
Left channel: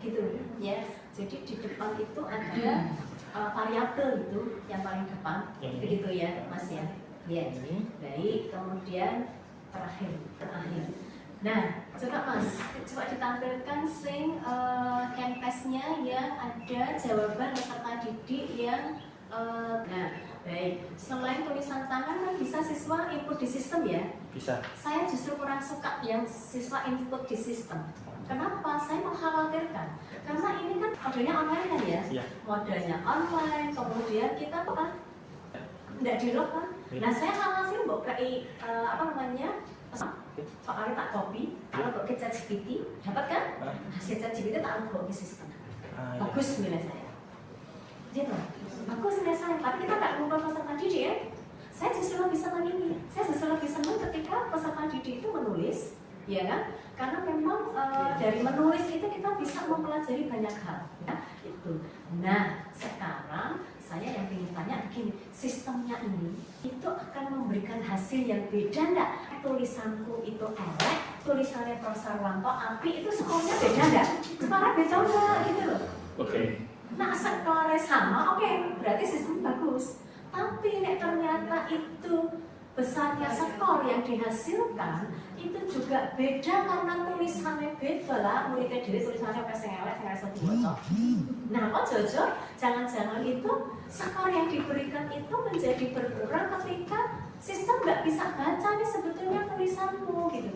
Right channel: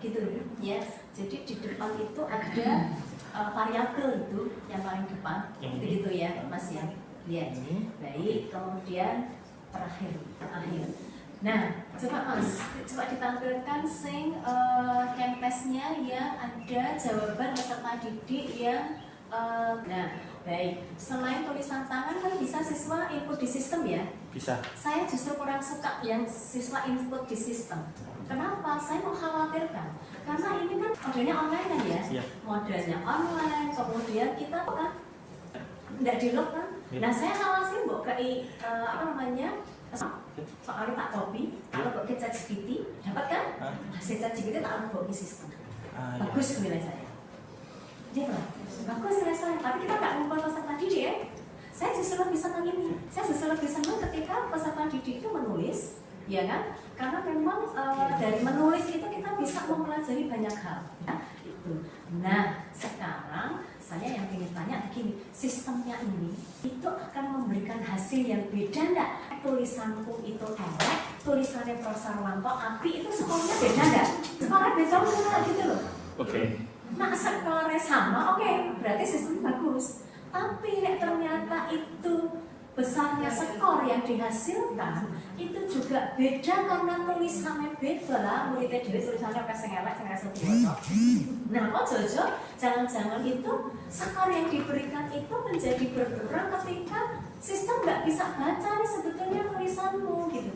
gitu ya. Jadi di depan itu ada variabel itu yang paling depan, gitu ya Mas ya. Ya, baik. Kemudian terakhir. Nah, coba Mas, coba ditampilkan campusnya yang ada jawaban peserta didik yang nah, baik. Selain tulisan tangan kan bisa siswa input di sistem ya? Bisa. Saya justru kurang suka yang siswa input di sistem. Kenapa? Saya mengkhawatirkan karena ini kan modelnya online kan ya? Iya. Modelnya online, kemudian kita kan tidak di log kan? Nah, saya khawatir soalnya tak copy, kalau ke ChatGPT, dapat kan? Hasil ChatGPT tak bawa ke sistem. Bagus nilai saya. Dia bilang, bagus nilai saya, tapi kita nggak ngumpul peserta didik ya. Saya justru lebih senang ini. Saya justru lebih senang ketika peserta didik itu menulis, ya kan? Karena memang dari menulis itu kita bisa mempelajari banyak hal. Ya, itu. Nah, sekarang saya yang ingin tanya begini, sistemnya ini itu akan memberikan hasil yang beda enggak? Tulisanku itu elek, tulisannya Profesor Wanto api, itu skornya beda enggak? Skornya beda enggak gitu loh. Oke. Nah, skornya sama, oke, berarti sistemnya bagus. Tapi ternyata itu besarnya skor yang dihasilkan itu juga beda karena tulisannya beda lah. Muridnya dhewe tulisannya kayak sing elek, sing rasa diwaca. Nah, kok Jojo jangan-jangan itu skor yang diberikan itu menjadi berkurang ketika sistem nggak bisa baca nih sebetulnya tulisanmu gitu.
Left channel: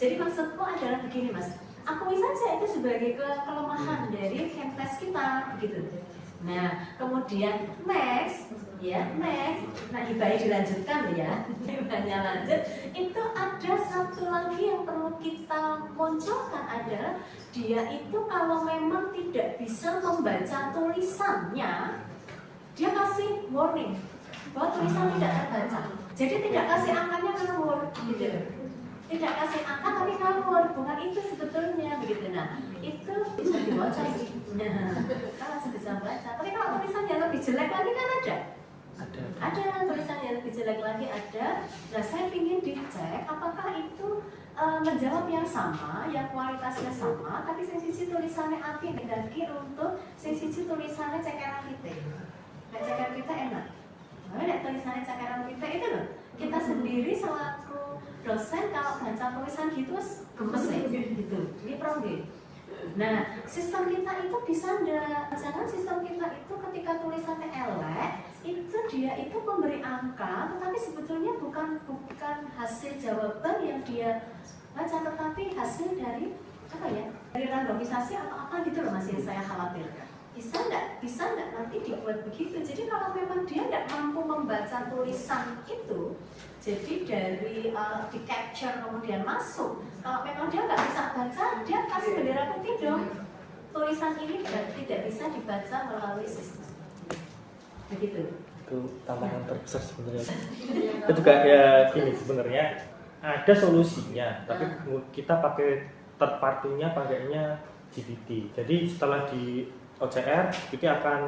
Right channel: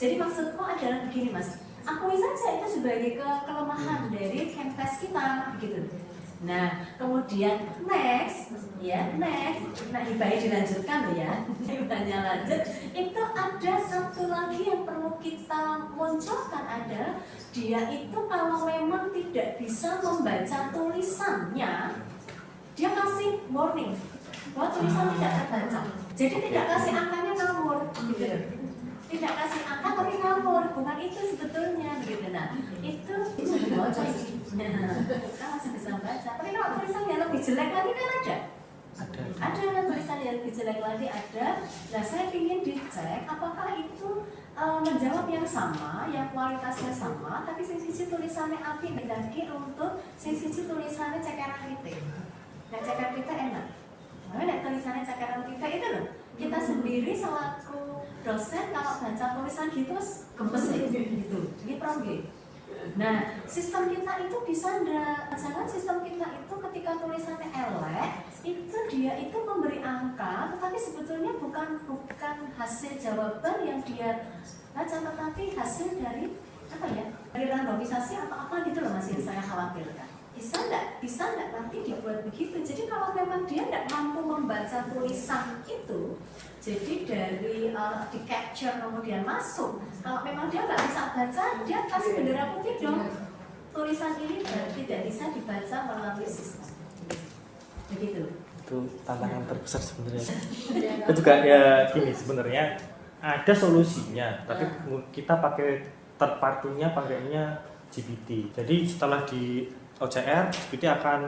Jadi maksudku adalah begini Mas, akui saja itu sebagai kelemahan dari campus kita gitu. Nah, kemudian next, nah Hibahnya dilanjutkan loh ya, Hibahnya lanjut. Itu ada satu lagi yang perlu kita munculkan adalah dia itu kalau memang tidak bisa membaca tulisannya, dia kasih warning bahwa tulisan tidak terbaca. Jadi tidak kasih angkanya ngawur, gitu loh. Tidak kasih angka tapi ngawur, bukan itu sebetulnya begitu. Nah, itu dibaca ini. Nah, kan masih bisa baca. Tapi kalau tulisan yang lebih jelek lagi kan ada. Ada tulisan yang lebih jelek lagi ada. Nah, saya ingin dicek apakah itu menjawab yang sama, yang kualitasnya sama, tapi sisi tulisannya api bedaki untuk sisi tulisannya cekeran kita. Nah, cekeran kita enak. Nah, tulisannya cekeran kita itu loh. Kita sendiri selaku dosen kalau baca tulisan gitu gemes ya gitu. Ini problem. Nah, sistem kita itu bisa jangan sistem kita itu ketika tulisannya elek itu dia itu memberi angka, tetapi sebetulnya bukan hasil jawaban yang dia baca, tetapi hasil dari apa ya? Dari randomisasi atau apa gitu loh Mas yang saya khawatirkan. Bisa nggak nanti dibuat begitu? Jadi kalau memang dia nggak mampu membaca tulisan itu, jadi dari di capture kemudian masuk. Kalau memang dia nggak bisa baca, dia kasih bendera putih dong. Tulisan ini tidak bisa dibaca melalui sistem. Begitu. Itu tantangan terbesar sebenarnya. Itu juga ya gini sebenarnya ada solusinya, tapi kita pakai third party-nya pakainya GPT. Jadi setelah di OCR, GPT akan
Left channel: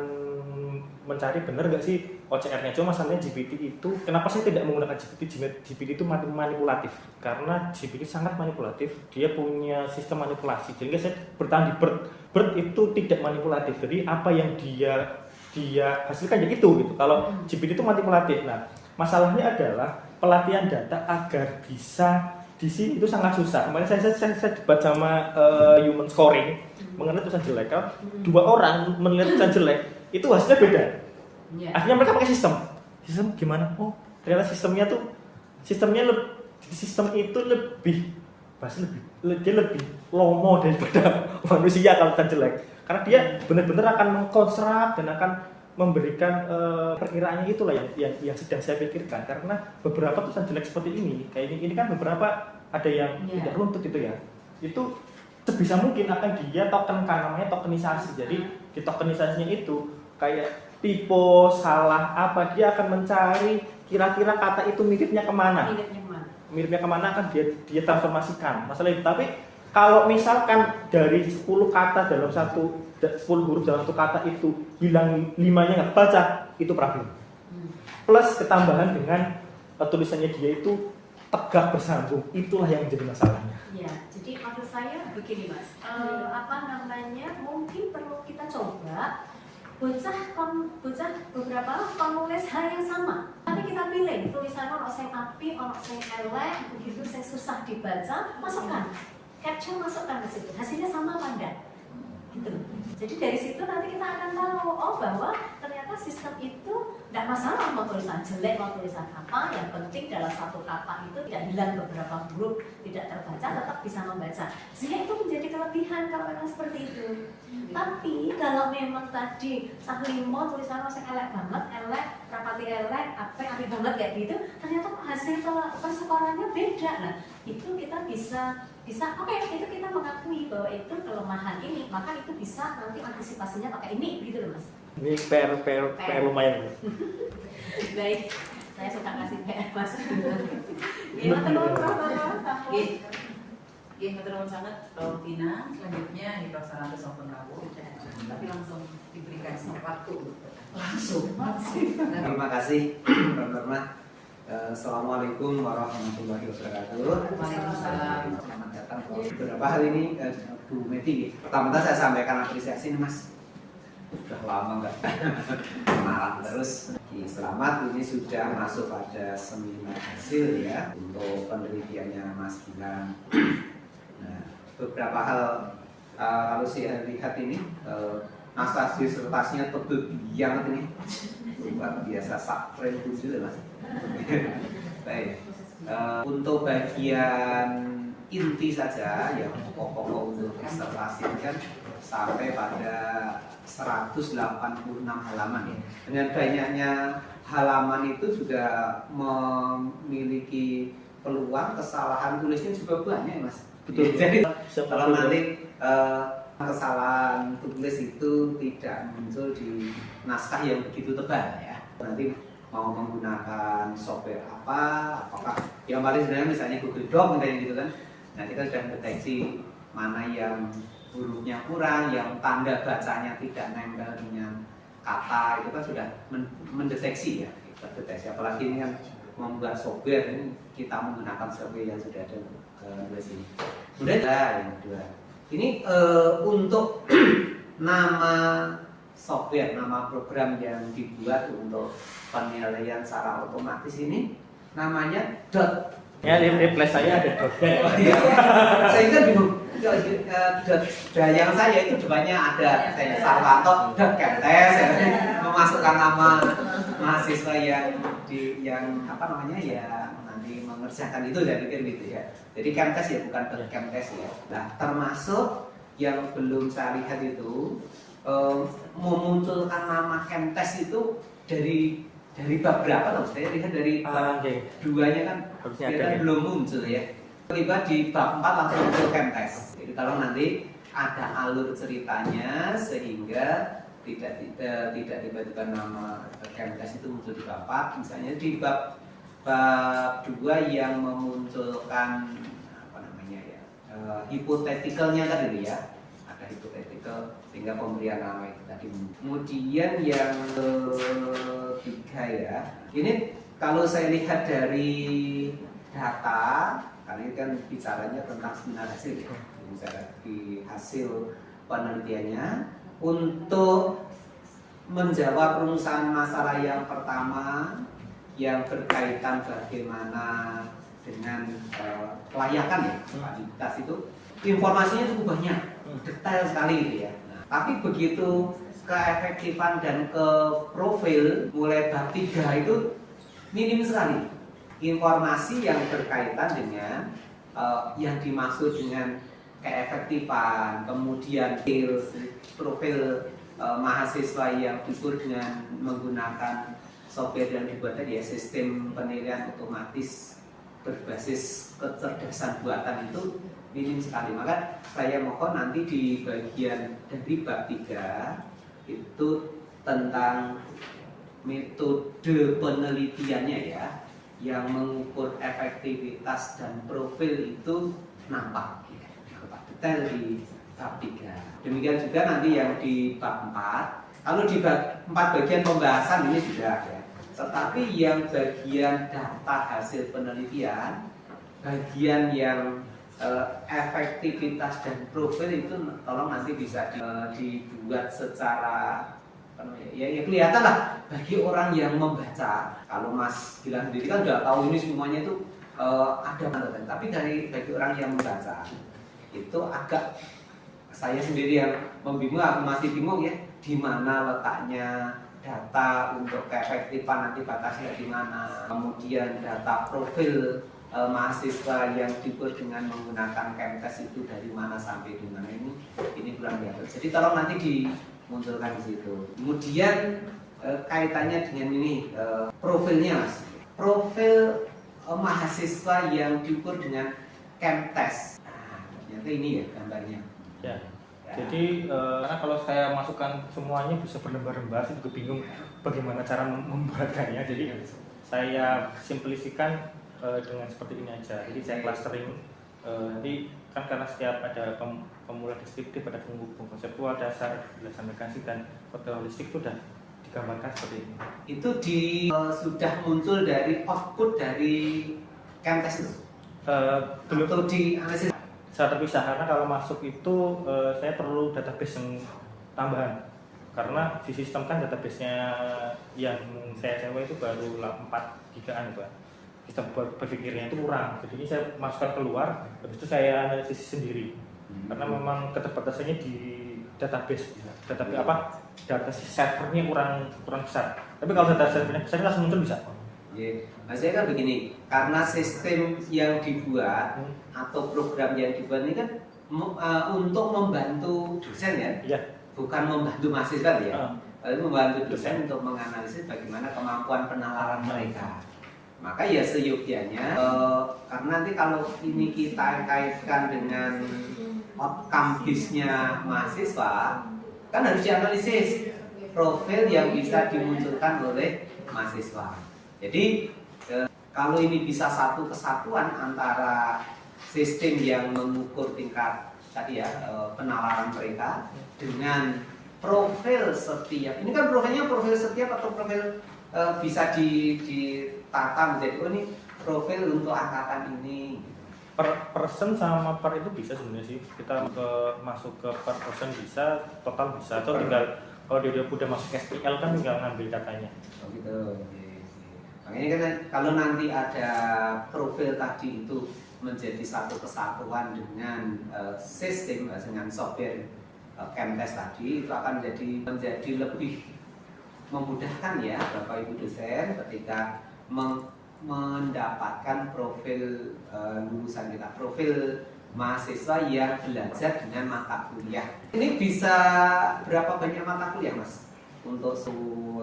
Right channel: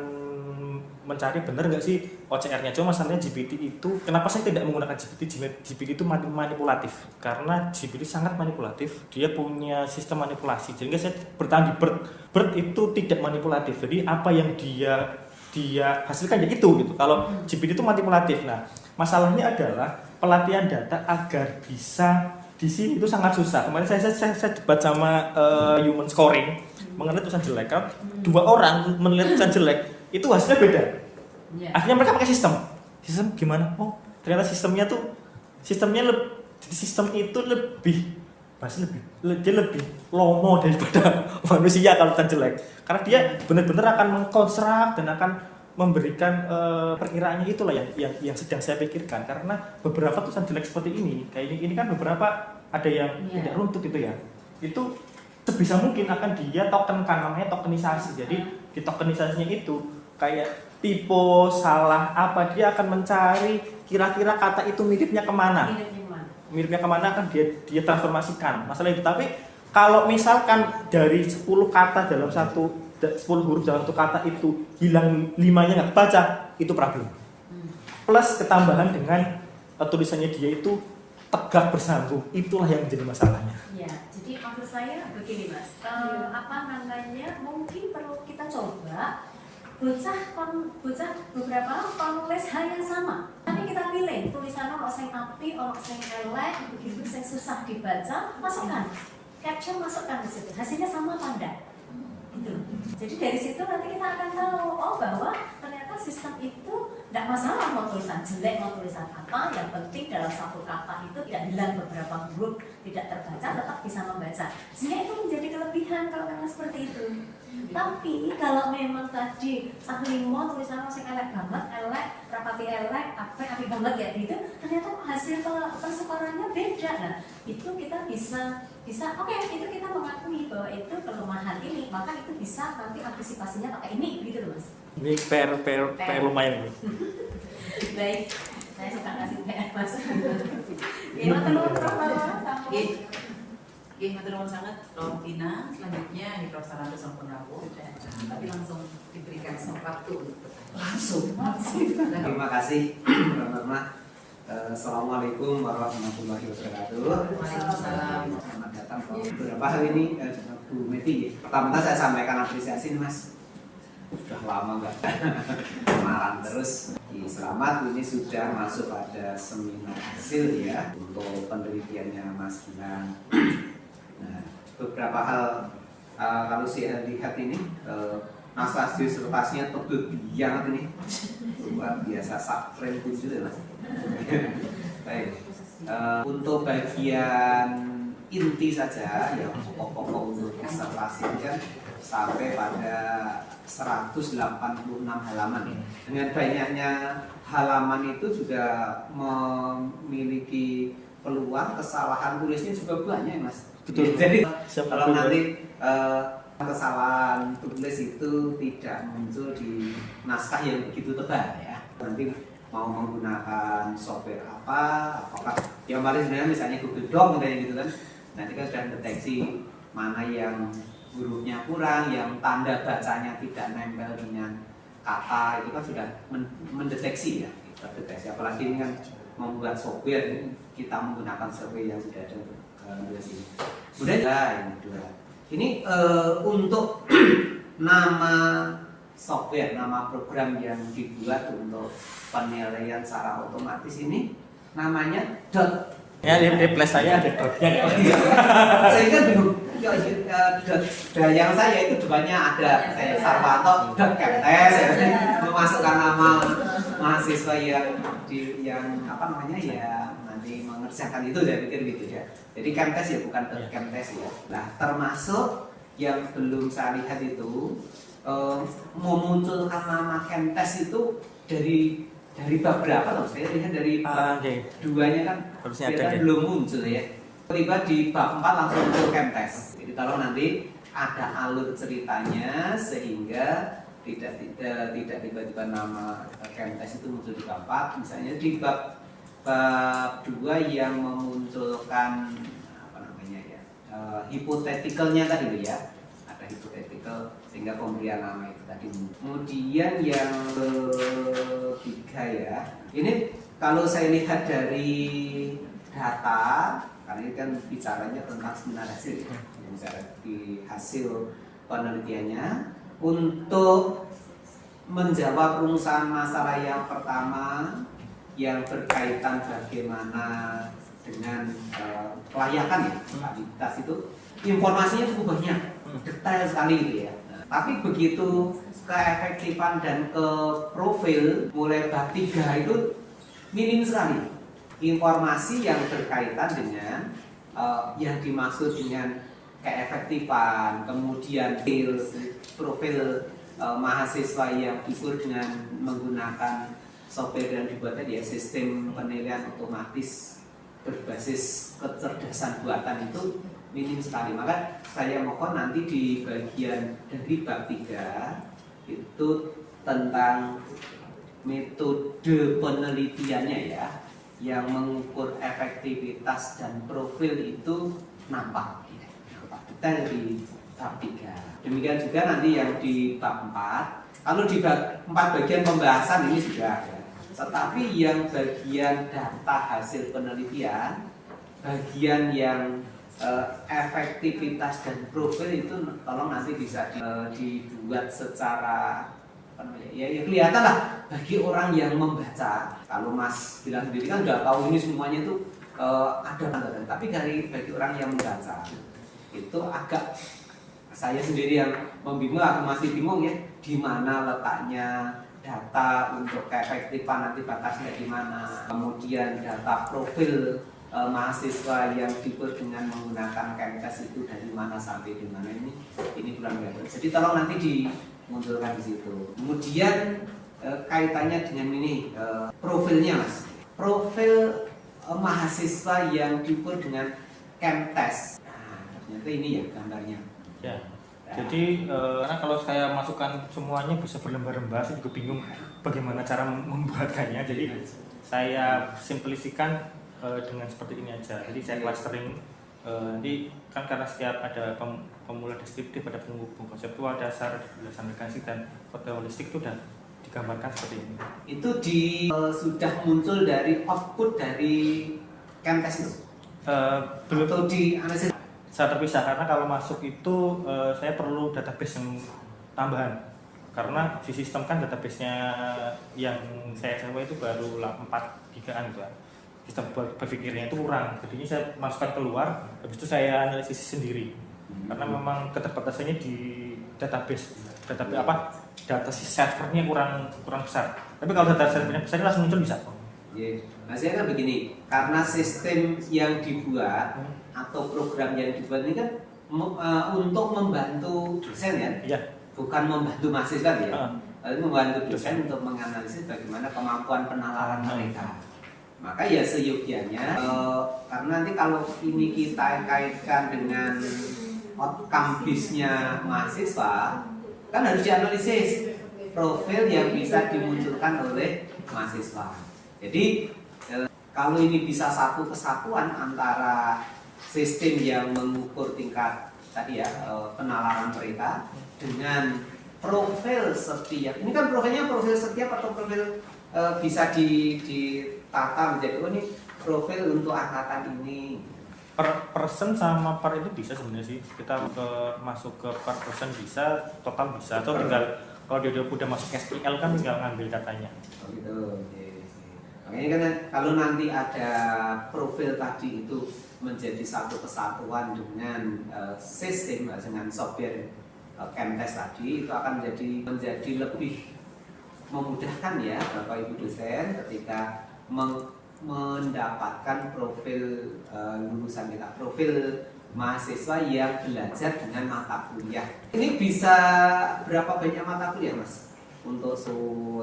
mencari benar nggak sih OCR-nya. Cuma masalahnya GPT itu, kenapa saya tidak menggunakan GPT? GPT itu manipulatif, karena GPT sangat manipulatif. Dia punya sistem manipulasi. Jadi saya bertahan di BERT itu tidak manipulatif. Jadi apa yang dia hasilkan ya itu gitu. Kalau GPT itu manipulatif. Nah, masalahnya adalah pelatihan data agar bisa di sini itu sangat susah. Kemarin saya debat sama human scoring mengenai tulisan jelek. Kalau dua orang menilai tulisan jelek itu hasilnya beda. Iya. Akhirnya mereka pakai sistem gimana? Oh ternyata sistem itu lebih dia lebih lomo daripada manusia kalau tulisan jelek. Karena dia benar-benar akan mengkonstruk dan akan memberikan perkiraannya, itulah yang sedang saya pikirkan. Karena beberapa tulisan jelek seperti ini, kayak ini kan beberapa ada yang tidak runtut itu ya. Itu sebisa mungkin akan dia tokenkan, namanya tokenisasi. Jadi di tokenisasinya itu kayak tipe salah apa, dia akan mencari kira-kira kata itu miripnya kemana. Miripnya kemana akan dia transformasikan masalah itu. Tapi kalau misalkan dari 10 kata dalam 10 huruf dalam satu kata itu hilang 5-nya nggak kebaca, itu problem. Plus ketambahan dengan tulisannya dia itu tegak bersambung, itulah yang menjadi masalahnya. Ya, jadi maksud saya begini Mas, mungkin perlu kita coba bocah beberapa penulis hal yang sama. Nanti kita pilih tulisan ono sing apik, ono sing elek, begitu sing susah dibaca, masukkan. Caption masukkan di situ. Hasilnya sama apa enggak? Gitu. Jadi dari situ nanti kita akan tahu bahwa ternyata sistem itu tidak masalah mau tulisan jelek, mau tulisan apa, yang penting dalam satu kata itu tidak hilang beberapa huruf, tidak terbaca, tetap bisa membaca. Sehingga itu menjadi kelebihan kalau memang seperti itu. Tapi kalau memang tadi saklimo tulisan yang elek banget, elek, rapati elek, apik banget kayak gitu, ternyata hasil persekorannya beda. Nah, itu kita bisa oke, itu kita mengakui bahwa itu kelemahan ini, maka itu bisa nanti antisipasinya pakai ini, gitu loh Mas. Ini PR lumayan. Baik, saya suka ngasih PR Mas. Gimana teman Matur sangat Prof. Tina. Selanjutnya Prof. Saranto sampun rawuh, tapi langsung diberikan waktu langsung. Terima kasih, Mbak. Assalamualaikum warahmatullahi wabarakatuh. Waalaikumsalam. Selamat datang. Beberapa hal ini Bu Meti. Pertama saya sampaikan apresiasi nih Mas. Sudah lama nggak kenalan terus. Selamat, ini sudah masuk pada seminar hasil ya untuk penelitiannya Mas Gilang. Nah, beberapa hal kalau saya lihat ini naskah disertasinya tebel biang ini luar biasa, sakren tujuh Mas. Baik, untuk bagian inti saja yang pokok-pokok untuk disertasi kan sampai pada 186 halaman ya. Dengan banyaknya halaman itu juga memiliki peluang kesalahan tulisnya juga banyak Mas. Jadi kalau nanti kesalahan tulis itu tidak muncul di naskah yang begitu tebal ya. Nanti mau menggunakan software apakah yang paling sebenarnya misalnya Google Doc gitu kan. Nanti kan sudah deteksi mana yang hurufnya kurang, yang tanda bacanya tidak nempel dengan kata, itu kan sudah mendeteksi ya. Terdeteksi. Apalagi ini kan membuat software, ini kita menggunakan software yang sudah ada di sini. Kemudian yang kedua, ini untuk nama software, nama program yang dibuat untuk penilaian secara otomatis ini namanya dot. Ya, di replace saya ada dotnya. Saya kan bingung. Yang saya itu depannya ada saya Sarwanto dot Kemtes, memasukkan nama mahasiswa yang nanti mengerjakan itu, saya pikir gitu ya. Jadi Kemtes ya, bukan dot Kemtes ya. Nah, termasuk yang belum saya lihat itu memunculkan nama Kemtes itu dari bab berapa tuh? Saya lihat dari bab duanya kan belum muncul ya. Tiba di bab 4 langsung muncul Kemtes. Jadi kalau nanti ada alur ceritanya sehingga tidak tiba-tiba nama Kemtes itu muncul di bab 4, misalnya di bab 2 yang memunculkan hipotetikalnya tadi itu ya. Ada hipotetical sehingga pemberian nama itu tadi. Kemudian yang ketiga ya, ini kalau saya lihat dari data, karena ini kan bicaranya tentang seminar hasil ya, bicara di hasil penelitiannya untuk menjawab rumusan masalah yang pertama yang berkaitan bagaimana dengan kelayakan ya, validitas itu informasinya cukup banyak, detail sekali gitu ya. Nah, tapi begitu keefektifan dan ke profil mulai bab 3 itu minim sekali informasi yang berkaitan dengan yang dimaksud dengan keefektifan, kemudian profil mahasiswa yang diukur dengan menggunakan software yang dibuat tadi ya, sistem penilaian otomatis berbasis kecerdasan buatan itu minim sekali. Maka saya mohon nanti di bagian dari bab 3 itu tentang metode penelitiannya ya, yang mengukur efektivitas dan profil itu nampak detail di bab 3. Demikian juga nanti yang di bab 4. Kalau di bab 4 bagian pembahasan ini sudah ada. Tetapi yang bagian data hasil penelitian, bagian yang efektivitas dan profil itu tolong nanti bisa dibuat secara ya kelihatan lah bagi orang yang membaca. Kalau Mas bilang sendiri kan udah tahu ini semuanya itu ada manfaatnya, tapi bagi orang yang membaca itu agak, saya sendiri yang membingung, aku masih bingung ya, di mana letaknya data untuk keefektifan nanti batasnya di mana, kemudian data profil mahasiswa yang diukur dengan menggunakan Kemtes itu dari mana sampai di mana, ini belum ada. Jadi tolong nanti dimunculkan di situ. Kemudian kaitannya dengan ini profilnya Mas, profil mahasiswa yang diukur dengan Kemtes. Nah, ternyata ini ya gambarnya. Ya. Jadi karena kalau saya masukkan semuanya bisa berlembar-lembar, saya juga bingung bagaimana cara membuatkannya. Jadi saya simplifikan dengan seperti ini aja. Jadi saya clustering. Nanti kan karena setiap ada pemula deskriptif, ada penghubung konseptual, dasar, penjelasan mekanistik dan kode holistik itu sudah digambarkan seperti ini. Itu sudah muncul dari output dari Kemtes itu? Belum. Atau di analisis? Saya terpisah karena kalau masuk itu saya perlu database yang tambahan, karena di sistem kan database-nya yang saya sewa itu baru 4 gigaan gitu. Sistem berpikirnya itu kurang, jadinya saya masukkan keluar, habis itu saya analisis sendiri karena memang keterbatasannya di database data servernya kurang besar. Tapi kalau data servernya besar langsung muncul bisa. Ya, maksudnya kan begini, karena sistem yang dibuat atau program yang dibuat ini kan untuk membantu dosen ya, bukan membantu mahasiswa ya, membantu dosen untuk menganalisis bagaimana kemampuan penalaran mereka. Maka ya seyogyanya, karena nanti kalau ini kita kaitkan dengan outcome bisnya mahasiswa, kan harus dianalisis profil yang bisa dimunculkan oleh mahasiswa. Jadi kalau ini bisa satu kesatuan antara sistem yang mengukur tingkat tadi ya penalaran mereka dengan profil setiap, ini kan profilnya profil setiap atau profil bisa ditata menjadi ini profil untuk angkatan ini. Per person sama per itu bisa sebenarnya sih, kita masuk ke per person bisa, total bisa, atau tinggal kalau dia udah masuk SQL kan tinggal ngambil datanya. Oh gitu. Makanya kan kalau nanti ada profil tadi itu menjadi satu kesatuan dengan sistem dengan software Kemtes tadi, itu akan menjadi lebih memudahkan ya Bapak Ibu dosen ketika mendapatkan profil lulusan kita, profil mahasiswa yang belajar dengan mata kuliah. Ini bisa berapa banyak mata kuliah Mas untuk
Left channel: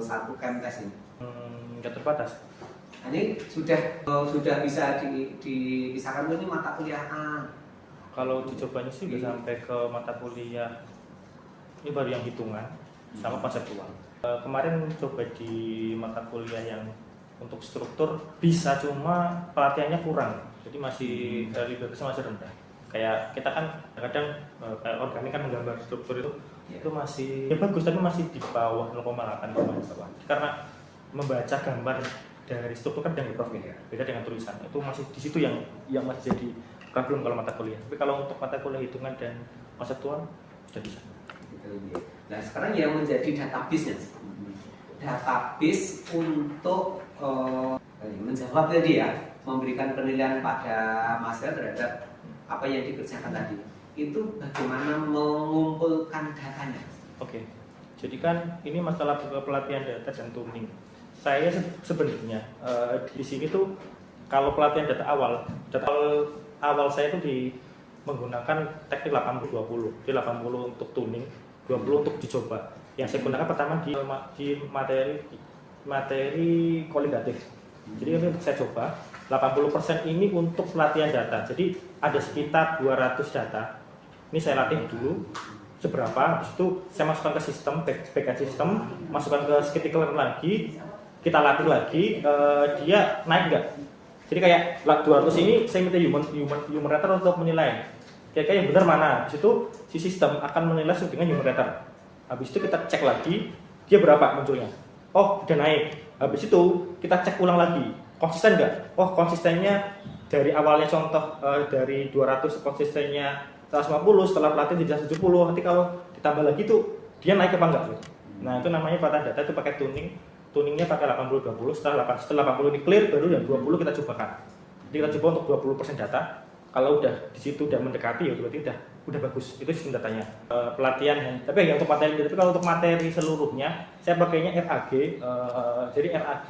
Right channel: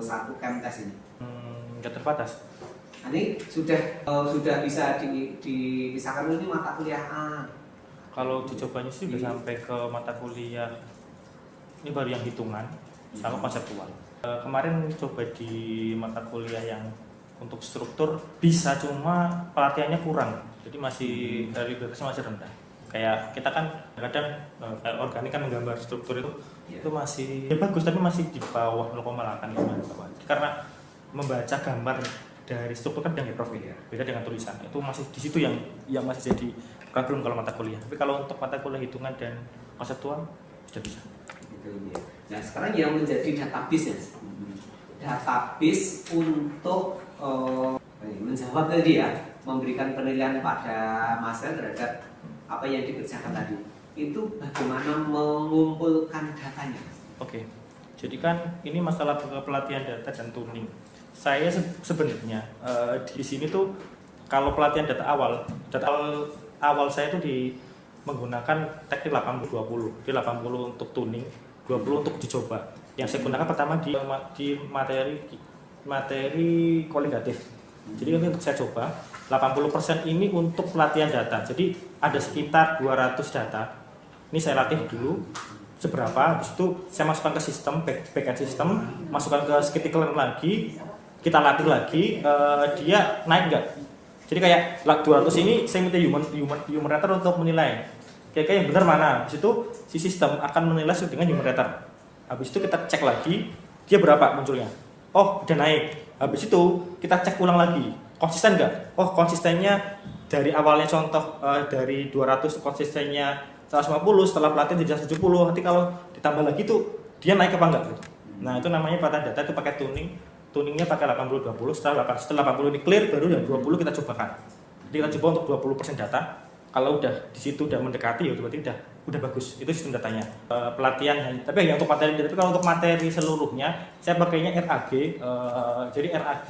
satu Kemtes ini? Nggak terbatas. Ini sudah bisa dipisahkan ini mata kuliah A. Kalau dicobanya sih bisa sampai ke mata kuliah, ini baru yang hitungan sama konseptual. Kemarin coba di mata kuliah yang untuk struktur bisa, cuma pelatihannya kurang, jadi masih dari batasnya masih rendah. Kayak kita kan kadang organik kan menggambar struktur itu masih bagus, tapi masih di bawah 0,8 karena membaca gambar dari struktur kan dengan profil ya, beda dengan tulisan. Itu masih di situ yang masih jadi problem kalau mata kuliah. Tapi kalau untuk mata kuliah hitungan dan konseptual sudah bisa. Nah sekarang yang menjadi database-nya, database untuk menjawab tadi ya, memberikan penilaian pada mahasiswa terhadap apa yang dikerjakan tadi. Itu bagaimana mengumpulkan datanya? Oke, jadi kan ini masalah pelatihan data dan tuning. Saya sebenarnya di sini tuh kalau pelatihan data awal saya itu menggunakan teknik 80-20. Jadi 80 untuk tuning, 20 untuk dicoba. Yang saya gunakan pertama di materi koligatif. Jadi ini untuk saya coba 80% ini untuk pelatihan data. Jadi ada sekitar 200 data. Ini saya latih dulu seberapa, habis itu saya masukkan ke sistem, backend sistem, masukkan ke scikit-learn lagi, kita latih lagi, dia naik enggak. Jadi kayak 200 ini saya minta human rater untuk menilai. Kira-kira yang benar mana. Habis itu si sistem akan menilai sesuai dengan human rater. Habis itu kita cek lagi dia berapa munculnya. Oh, udah naik. Habis itu kita cek ulang lagi. Konsisten enggak? Oh, konsistennya dari awalnya contoh dari 200 konsistennya 150, setelah pelatihan jadi 170. Nanti kalau ditambah lagi tuh dia naik apa enggak? Nah, itu namanya pelatihan data, itu pakai tuning. Tuningnya pakai 80-20, setelah 80 ini clear, baru yang 20 kita cobakan. Jadi kita coba untuk 20% data. Kalau udah di situ udah mendekati ya berarti udah bagus. Itu sistem datanya. Pelatihan, tapi ya untuk materi, tapi kalau untuk materi seluruhnya saya pakainya RAG. Jadi RAG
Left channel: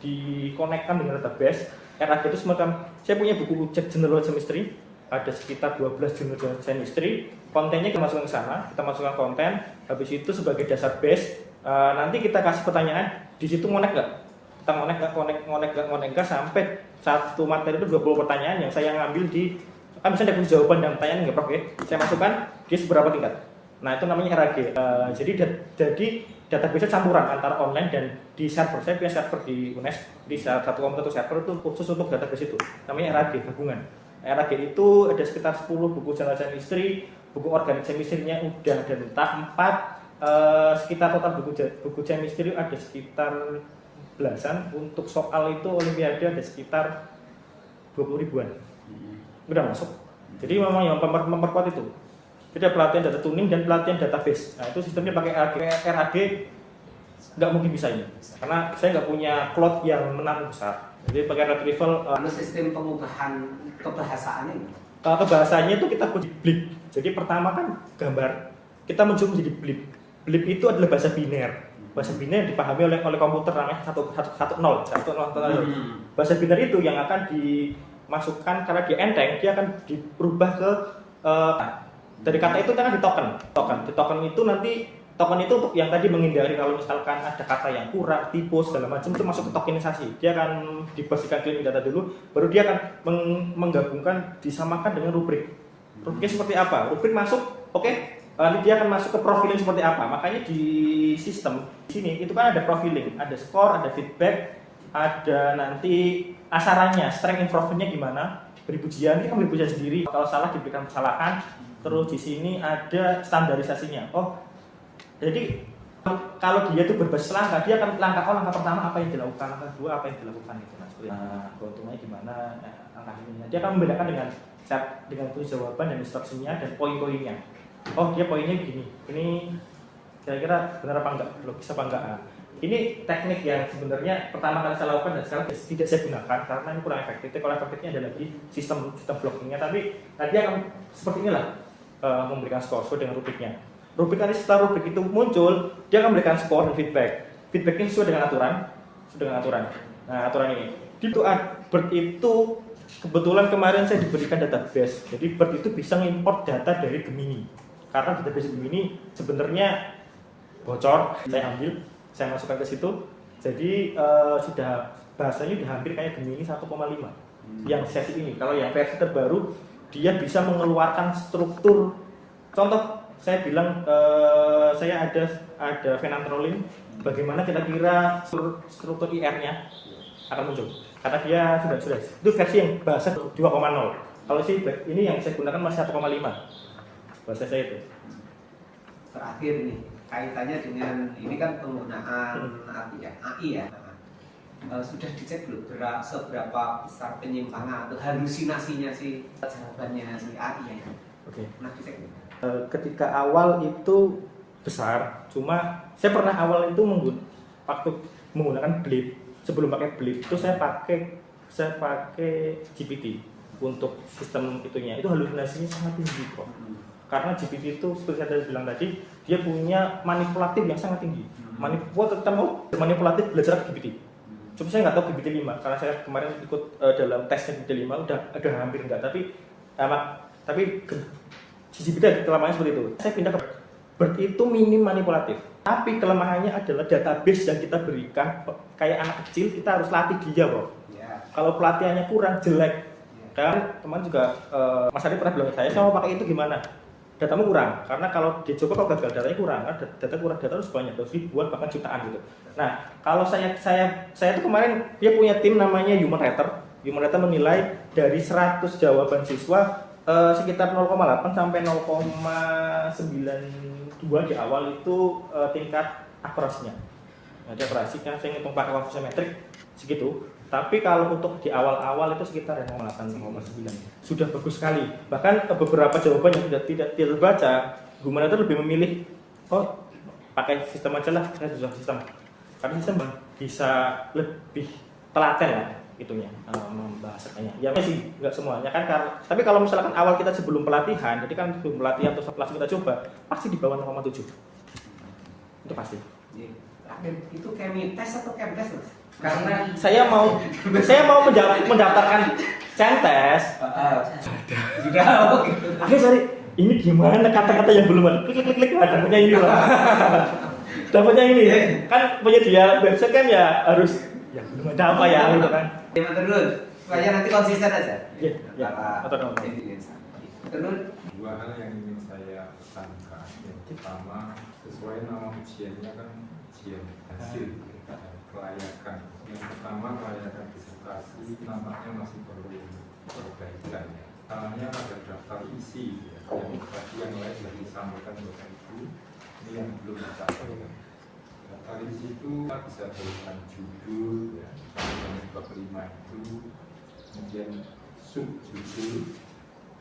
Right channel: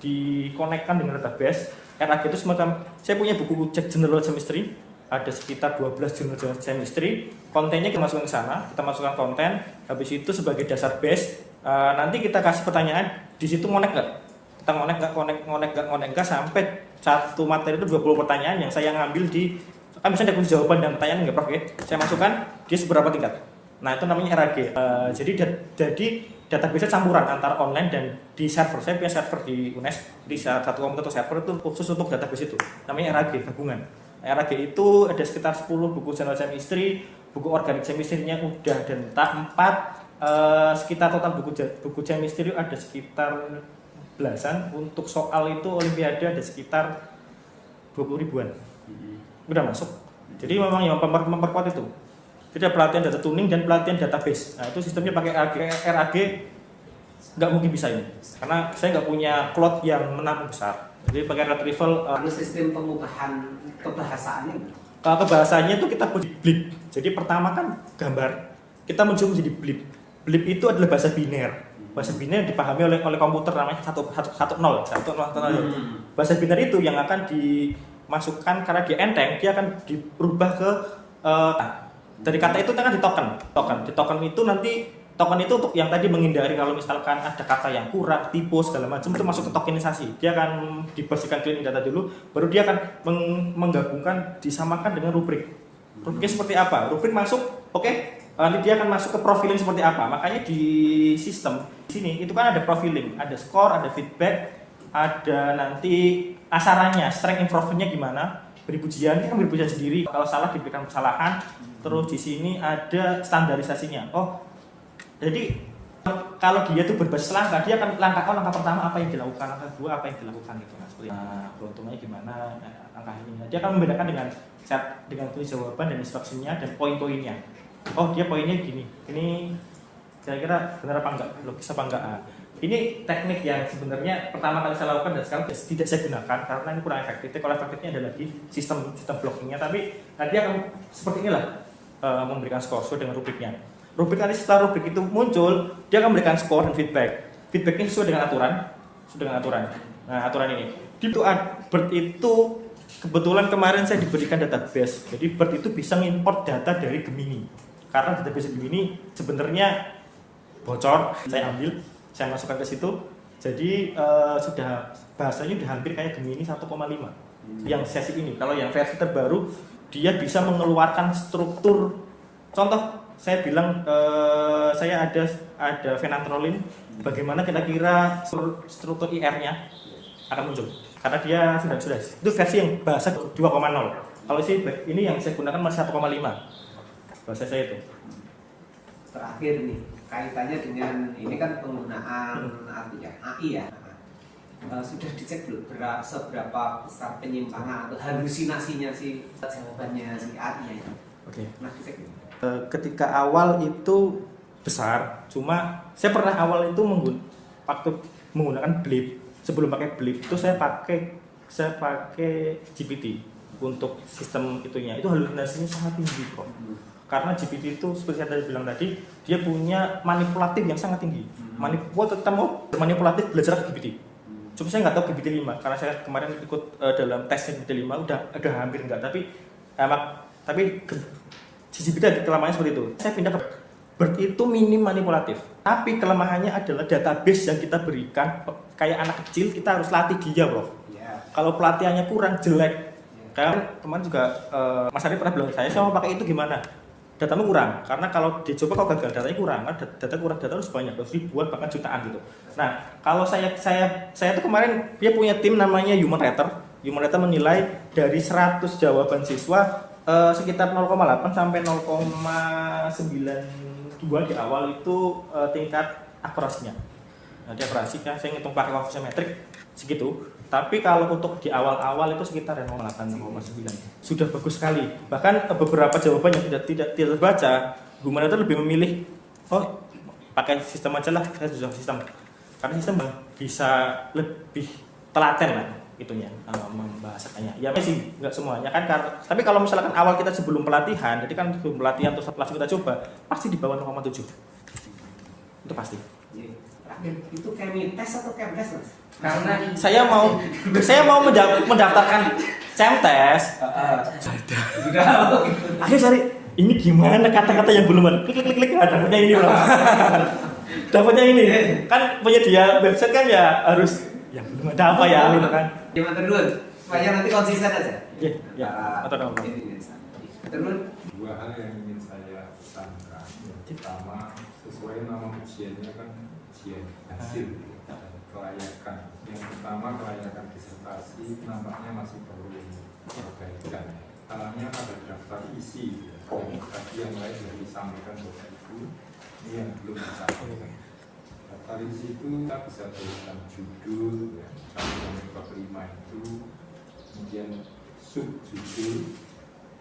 dikonekkan dengan database. RAG itu semacam, saya punya buku general chemistry, ada sekitar 12 general chemistry. Kontennya kita masukkan ke sana, kita masukkan konten. Habis itu sebagai dasar base. Nanti kita kasih pertanyaan di situ ngonek nggak? Kita ngonek nggak sampai satu materi itu 20 pertanyaan yang saya ngambil di kan bisa ada jawaban dan pertanyaan nggak Prof ya? Saya masukkan dia seberapa tingkat. Nah itu namanya RAG. Jadi database campuran antara online dan di server. Saya punya server di UNES, di satu komputer server itu khusus untuk database itu. Namanya RAG gabungan. RAG itu ada sekitar 10 buku general chemistry, buku organic chemistry-nya udah ada entah 4. Sekitar total buku chemistry ada sekitar belasan. Untuk soal itu olimpiade ada sekitar 20 ribuan. Udah masuk. Jadi memang yang memperkuat itu. Jadi ada pelatihan data tuning dan pelatihan database. Nah itu sistemnya pakai RAG. Nggak mungkin bisa ini karena saya nggak punya cloud yang menampung besar. Jadi pakai retrieval. Sistem pengubahan kebahasaannya? Kebahasaannya itu kita blip. Jadi pertama kan gambar kita mencoba menjadi blip. Blip itu adalah bahasa biner. Bahasa biner dipahami oleh komputer namanya 1 0. Bahasa biner itu yang akan dimasukkan karena dia enteng, dia akan berubah ke dari kata itu kan di token. Di token itu nanti token itu untuk yang tadi menghindari kalau misalkan ada kata yang kurang, typo segala macam itu masuk ke tokenisasi. Dia akan dibasiskan cleaning data dulu, baru dia akan menggabungkan disamakan dengan rubrik. Rubriknya seperti apa? Rubrik masuk, oke. Nanti dia akan masuk ke profiling seperti apa. Makanya di sistem di sini itu kan ada profiling, ada score, ada feedback, ada nanti asarannya, strength improvement-nya gimana. Beri pujian, kita beri pujian sendiri. Kalau salah diberikan kesalahan. Terus di sini ada standarisasinya. Oh, jadi kalau dia itu berbasis langkah, dia akan langkah pertama apa yang dilakukan, langkah kedua apa yang dilakukan gitu mas. Nah, keuntungannya gimana? Langkah ini. Dia akan membedakan dengan tulis jawaban dan instruksinya dan poin-poinnya. Oh dia poinnya gini, ini kira-kira benar apa enggak, logis apa enggak. Ini teknik yang sebenarnya pertama kali saya lakukan dan sekarang tidak saya gunakan karena ini kurang efektif. Kalau efektifnya ada lagi sistem blockingnya, tapi nanti akan seperti inilah memberikan skor sesuai dengan rubriknya. Rubrik nanti setelah rubrik itu muncul, dia akan memberikan skor dan feedback. Feedbacknya sesuai dengan aturan. Nah aturan ini. Itu BERT itu kebetulan kemarin saya diberikan database, jadi BERT itu bisa mengimport data dari Gemini. Karena database Gemini sebenarnya bocor, saya ambil, saya masukkan ke situ. Jadi sudah bahasanya sudah hampir kayak Gemini 1,5 yang sesi ini. Kalau yang versi terbaru dia bisa mengeluarkan struktur. Contoh saya bilang saya ada phenantrolin, bagaimana kira-kira struktur IR-nya akan muncul. Karena dia sudah itu versi yang bahasa 2,0. Kalau sih ini yang saya gunakan masih 1,5. Bahasa saya itu. Terakhir nih, kaitannya dengan ini kan penggunaan AI ya. Sudah dicek belum seberapa besar penyimpangan atau halusinasinya si jawabannya si AI ya? Oke. Nah dicek belum? Ketika awal itu besar, cuma saya pernah awal itu waktu menggunakan blip. Sebelum pakai blip itu saya pakai saya pakai GPT untuk sistem itunya. Itu halusinasinya sangat tinggi kok. Karena GPT itu seperti saya bilang tadi, dia punya manipulatif yang sangat tinggi. Manipulatif belajar GPT. Cuma saya nggak tahu GPT 5 karena saya kemarin ikut dalam tes GPT 5 udah hampir enggak, tapi GPT kelemahannya seperti itu. Saya pindah ke BERT itu minim manipulatif, tapi kelemahannya adalah database yang kita berikan kayak anak kecil, kita harus latih dia bro. Kalau pelatihannya kurang jelek, kayak teman juga Mas Ari pernah bilang saya mau pakai itu gimana? Datamu kurang, karena kalau dicoba kalau gagal datanya kurang, kan data harus banyak, harus ribuan bahkan jutaan gitu. Nah kalau saya itu kemarin dia punya tim namanya Human Writer menilai dari 100 jawaban siswa sekitar 0,8 sampai 0,92 di awal itu tingkat akurasinya. Nah, di akurasi kan saya ngitung pakai konversi metrik segitu. Tapi kalau untuk di awal-awal itu sekitar 0,8, 0,9 sudah bagus sekali. Bahkan beberapa jawaban yang tidak terbaca, Human itu lebih memilih pakai sistem aja lah, saya sudah sistem. Karena sistem bisa lebih telaten lah itunya membahasakannya. Ya masih nggak semuanya kan, tapi kalau misalkan awal kita sebelum pelatihan, jadi kan sebelum pelatihan terus langsung kita coba, pasti di bawah 0,7. Itu pasti. Itu Kemites atau Kemdes mas? Karena saya mau mendaftarkan CMTes. Akhirnya cari ini gimana kata-kata yang belum ada. Klik dapatnya ini loh. Dapatnya ini kan punya dia website kan ya harus ya belum ada apa ya gitu kan. Gimana terus? Supaya nanti konsisten aja. Iya. Atau Terus dua hal yang ingin saya pesankan. Yang pertama, sesuai nama ujiannya kan ujian hasil kelayakan. Yang pertama kelayakan disertasi namanya masih perlu perbaikan. Salahnya pada daftar isi yang tadi yang lain sudah disampaikan Bapak Ibu, ini yang belum disampaikan. Daftar isi itu kita bisa tuliskan judul, sampai bab 5 itu, kemudian subjudul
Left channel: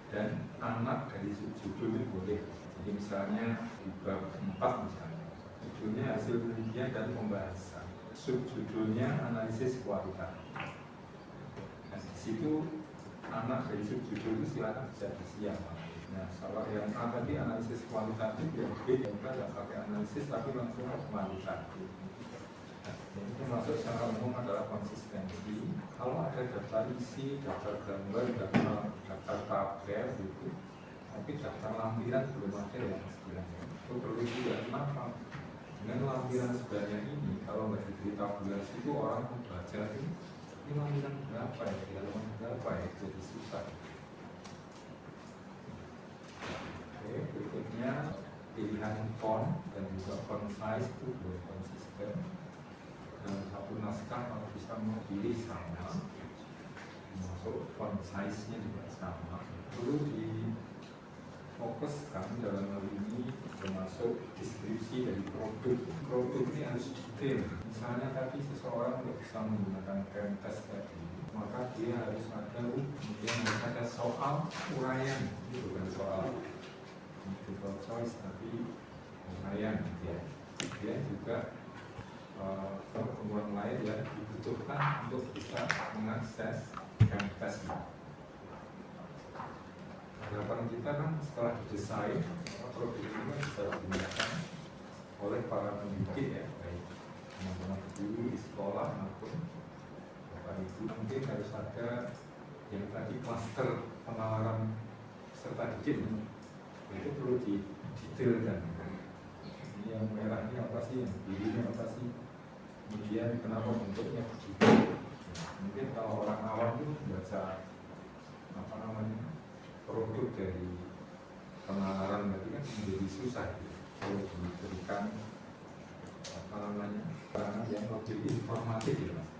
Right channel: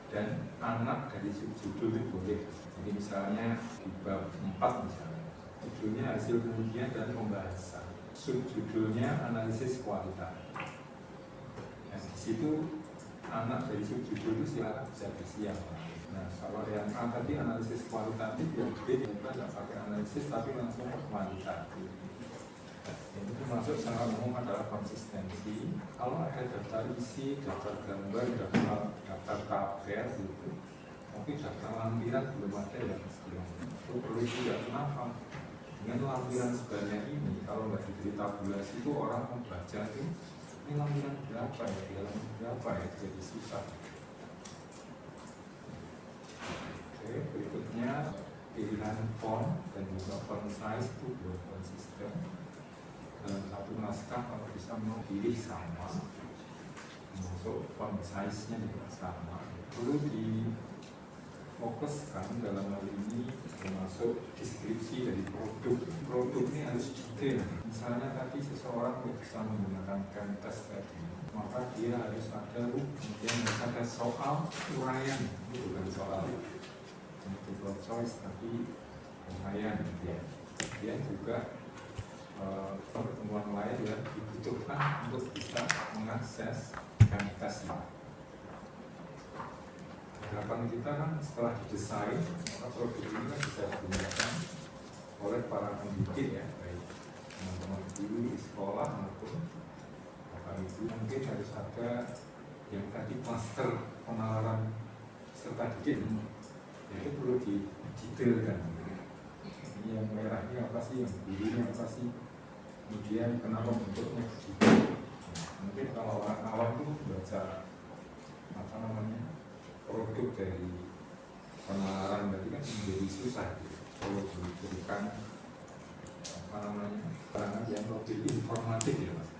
dan anak dari subjudul itu boleh. Jadi misalnya di bab 4 misalnya, judulnya hasil penelitian dan pembahasan. Subjudulnya analisis kualitatif. Nah, di situ anak dari subjudul itu silakan bisa bersiap. Nah, kalau yang A tadi analisis kualitatif, yang B juga tidak pakai analisis tapi langsung ke kualitatif. Nah, ini termasuk secara umum adalah konsistensi. Kalau ada daftar isi, daftar gambar, daftar tabel gitu, tapi daftar lampiran belum ada yang istilahnya. Itu perlu juga kenapa? Dengan lampiran sebanyak ini, kalau nggak diberi tabulasi itu orang membaca ini lampiran berapa ya, berapa ya, jadi susah. Oke, berikutnya pilihan font dan juga font size itu belum konsisten. Dalam satu naskah kalau bisa mau pilih sama, masuk font size-nya juga sama. Perlu difokuskan dalam hal ini termasuk deskripsi dari produk. Produk ini harus detail. Misalnya tadi seseorang tidak bisa menggunakan Kemites tadi, maka dia harus ada kemudian harus ada soal uraian, itu bukan soal multiple choice tapi uraian. Dia juga pertemuan lain yang dibutuhkan untuk bisa mengakses Kemites ini. Harapan kita kan setelah didesain, maka produk ini kan bisa digunakan oleh para pendidik ya, baik teman-teman guru di sekolah maupun Bapak Ibu. Mungkin harus ada yang tadi klaster penalaran peserta didik, itu perlu didetailkan. Ini yang merah ini apa sih, yang biru ini apa sih, kemudian kenapa bentuknya begitu. Mungkin kalau orang awam itu baca apa namanya produk dari penalaran tadi kan menjadi susah gitu. Kalau diberikan apa namanya keterangan yang lebih informatif ya mas.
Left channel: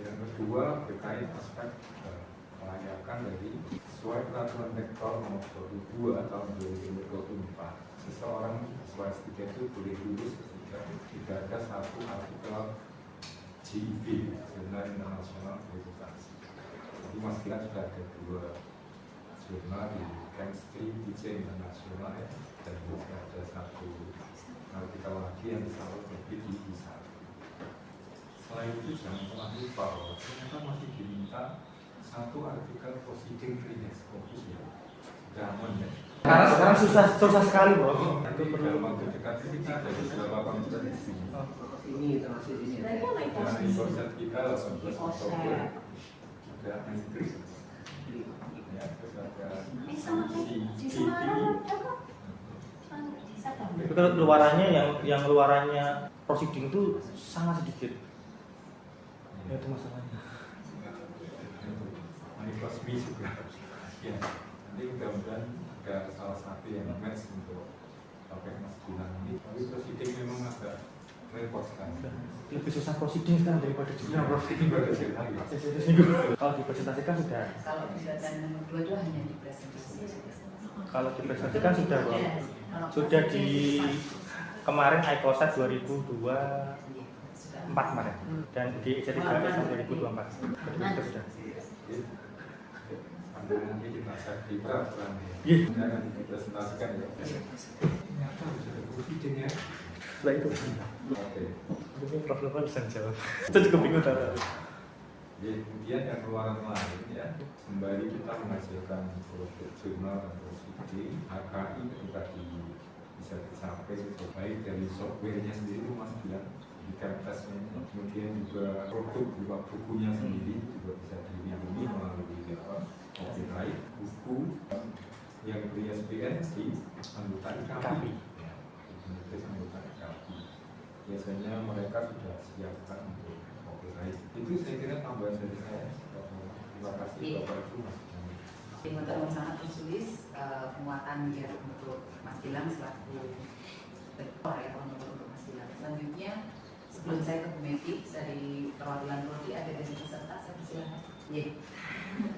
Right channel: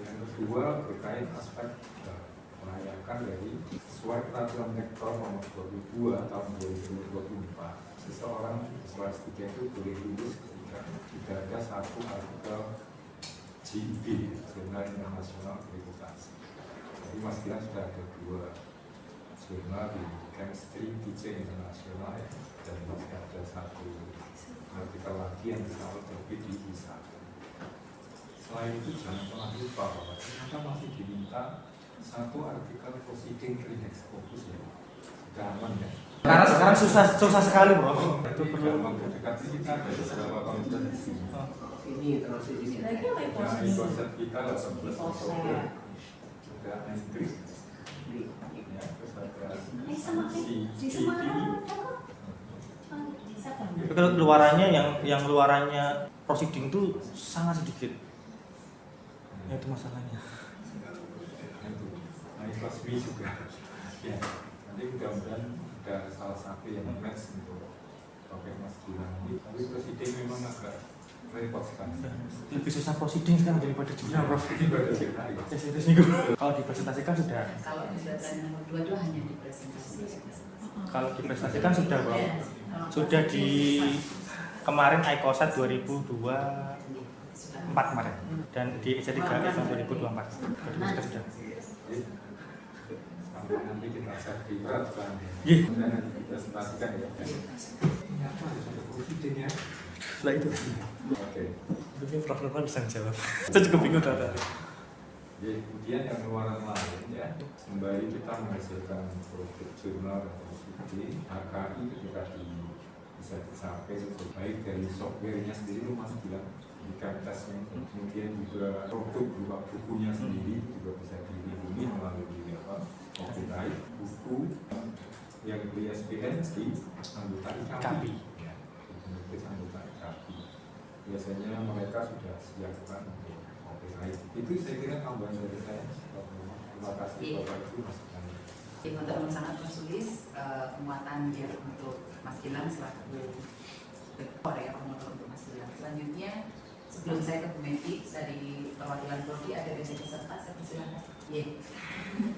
Yang kedua terkait aspek kelayakan dari sesuai peraturan rektor nomor 22 tahun 2024. Seseorang siswa S3 itu boleh lulus ketika tidak ada satu artikel JIB, Jurnal Internasional Akreditasi. Jadi mas Gilang sudah ada 2 jurnal di Chemistry TC Internasional ya, dan masih ada 1 artikel lagi yang bisa terbit di ISA. Selain itu jangan pernah lupa bahwa kita masih diminta satu artikel proceeding index Scopus ya, sudah aman ya. Karena sekarang susah sekali bro. Itu dalam waktu dekat kita ada beberapa komputer di sini. Ini termasuk di sini. Lagi apa itu? Nah, di konsep kita 18 Oktober juga itu. Ya, terus ada Sama di Semarang apa? Siapa? Tapi kalau luarannya yang luarannya proceeding itu sangat sedikit. Ya itu masalahnya. Plus B juga. Ya, nanti mudah-mudahan ada salah satu yang match untuk topik Mas Gilang ini. Tapi proceeding memang agak repot sekali. Lebih susah proceeding sekarang daripada jurnal bro. Ini baru cerita ya. Kalau dipresentasikan sudah. Kalau di data nomor 2 itu hanya dipresentasikan. Kalau dipresentasikan sudah bro. Sudah di kemarin ICOSAT 2024 kemarin dan di IC3S 2024. Jadi sudah. Nanti kita sertifikat Iya. nanti dipresentasikan ya. Ini apa ada proceeding ya? Setelah itu. Oke. Ini profesional bisa jawab. Itu juga bingung tadi. Jadi kemudian yang luaran lain ya, sembari kita menghasilkan produk jurnal dan proceeding, HKI ketika bisa dicapai itu baik dari softwarenya sendiri itu Mas bilang di tesnya, kemudian juga produk berupa bukunya sendiri juga bisa dilindungi melalui copyright buku yang beli SPN di anggota IKAPI. Penulis anggota IKAPI. Biasanya mereka sudah siapkan untuk copyright. Itu saya kira tambahan dari saya. Terima kasih Bapak Ibu Mas. Teman-teman sangat tertulis penguatan ya untuk Mas Gilang selaku rektor ya untuk Mas Gilang. Selanjutnya sebelum saya ke Bu Meti dari perwakilan Prodi ada dari peserta, saya persilakan. Iya.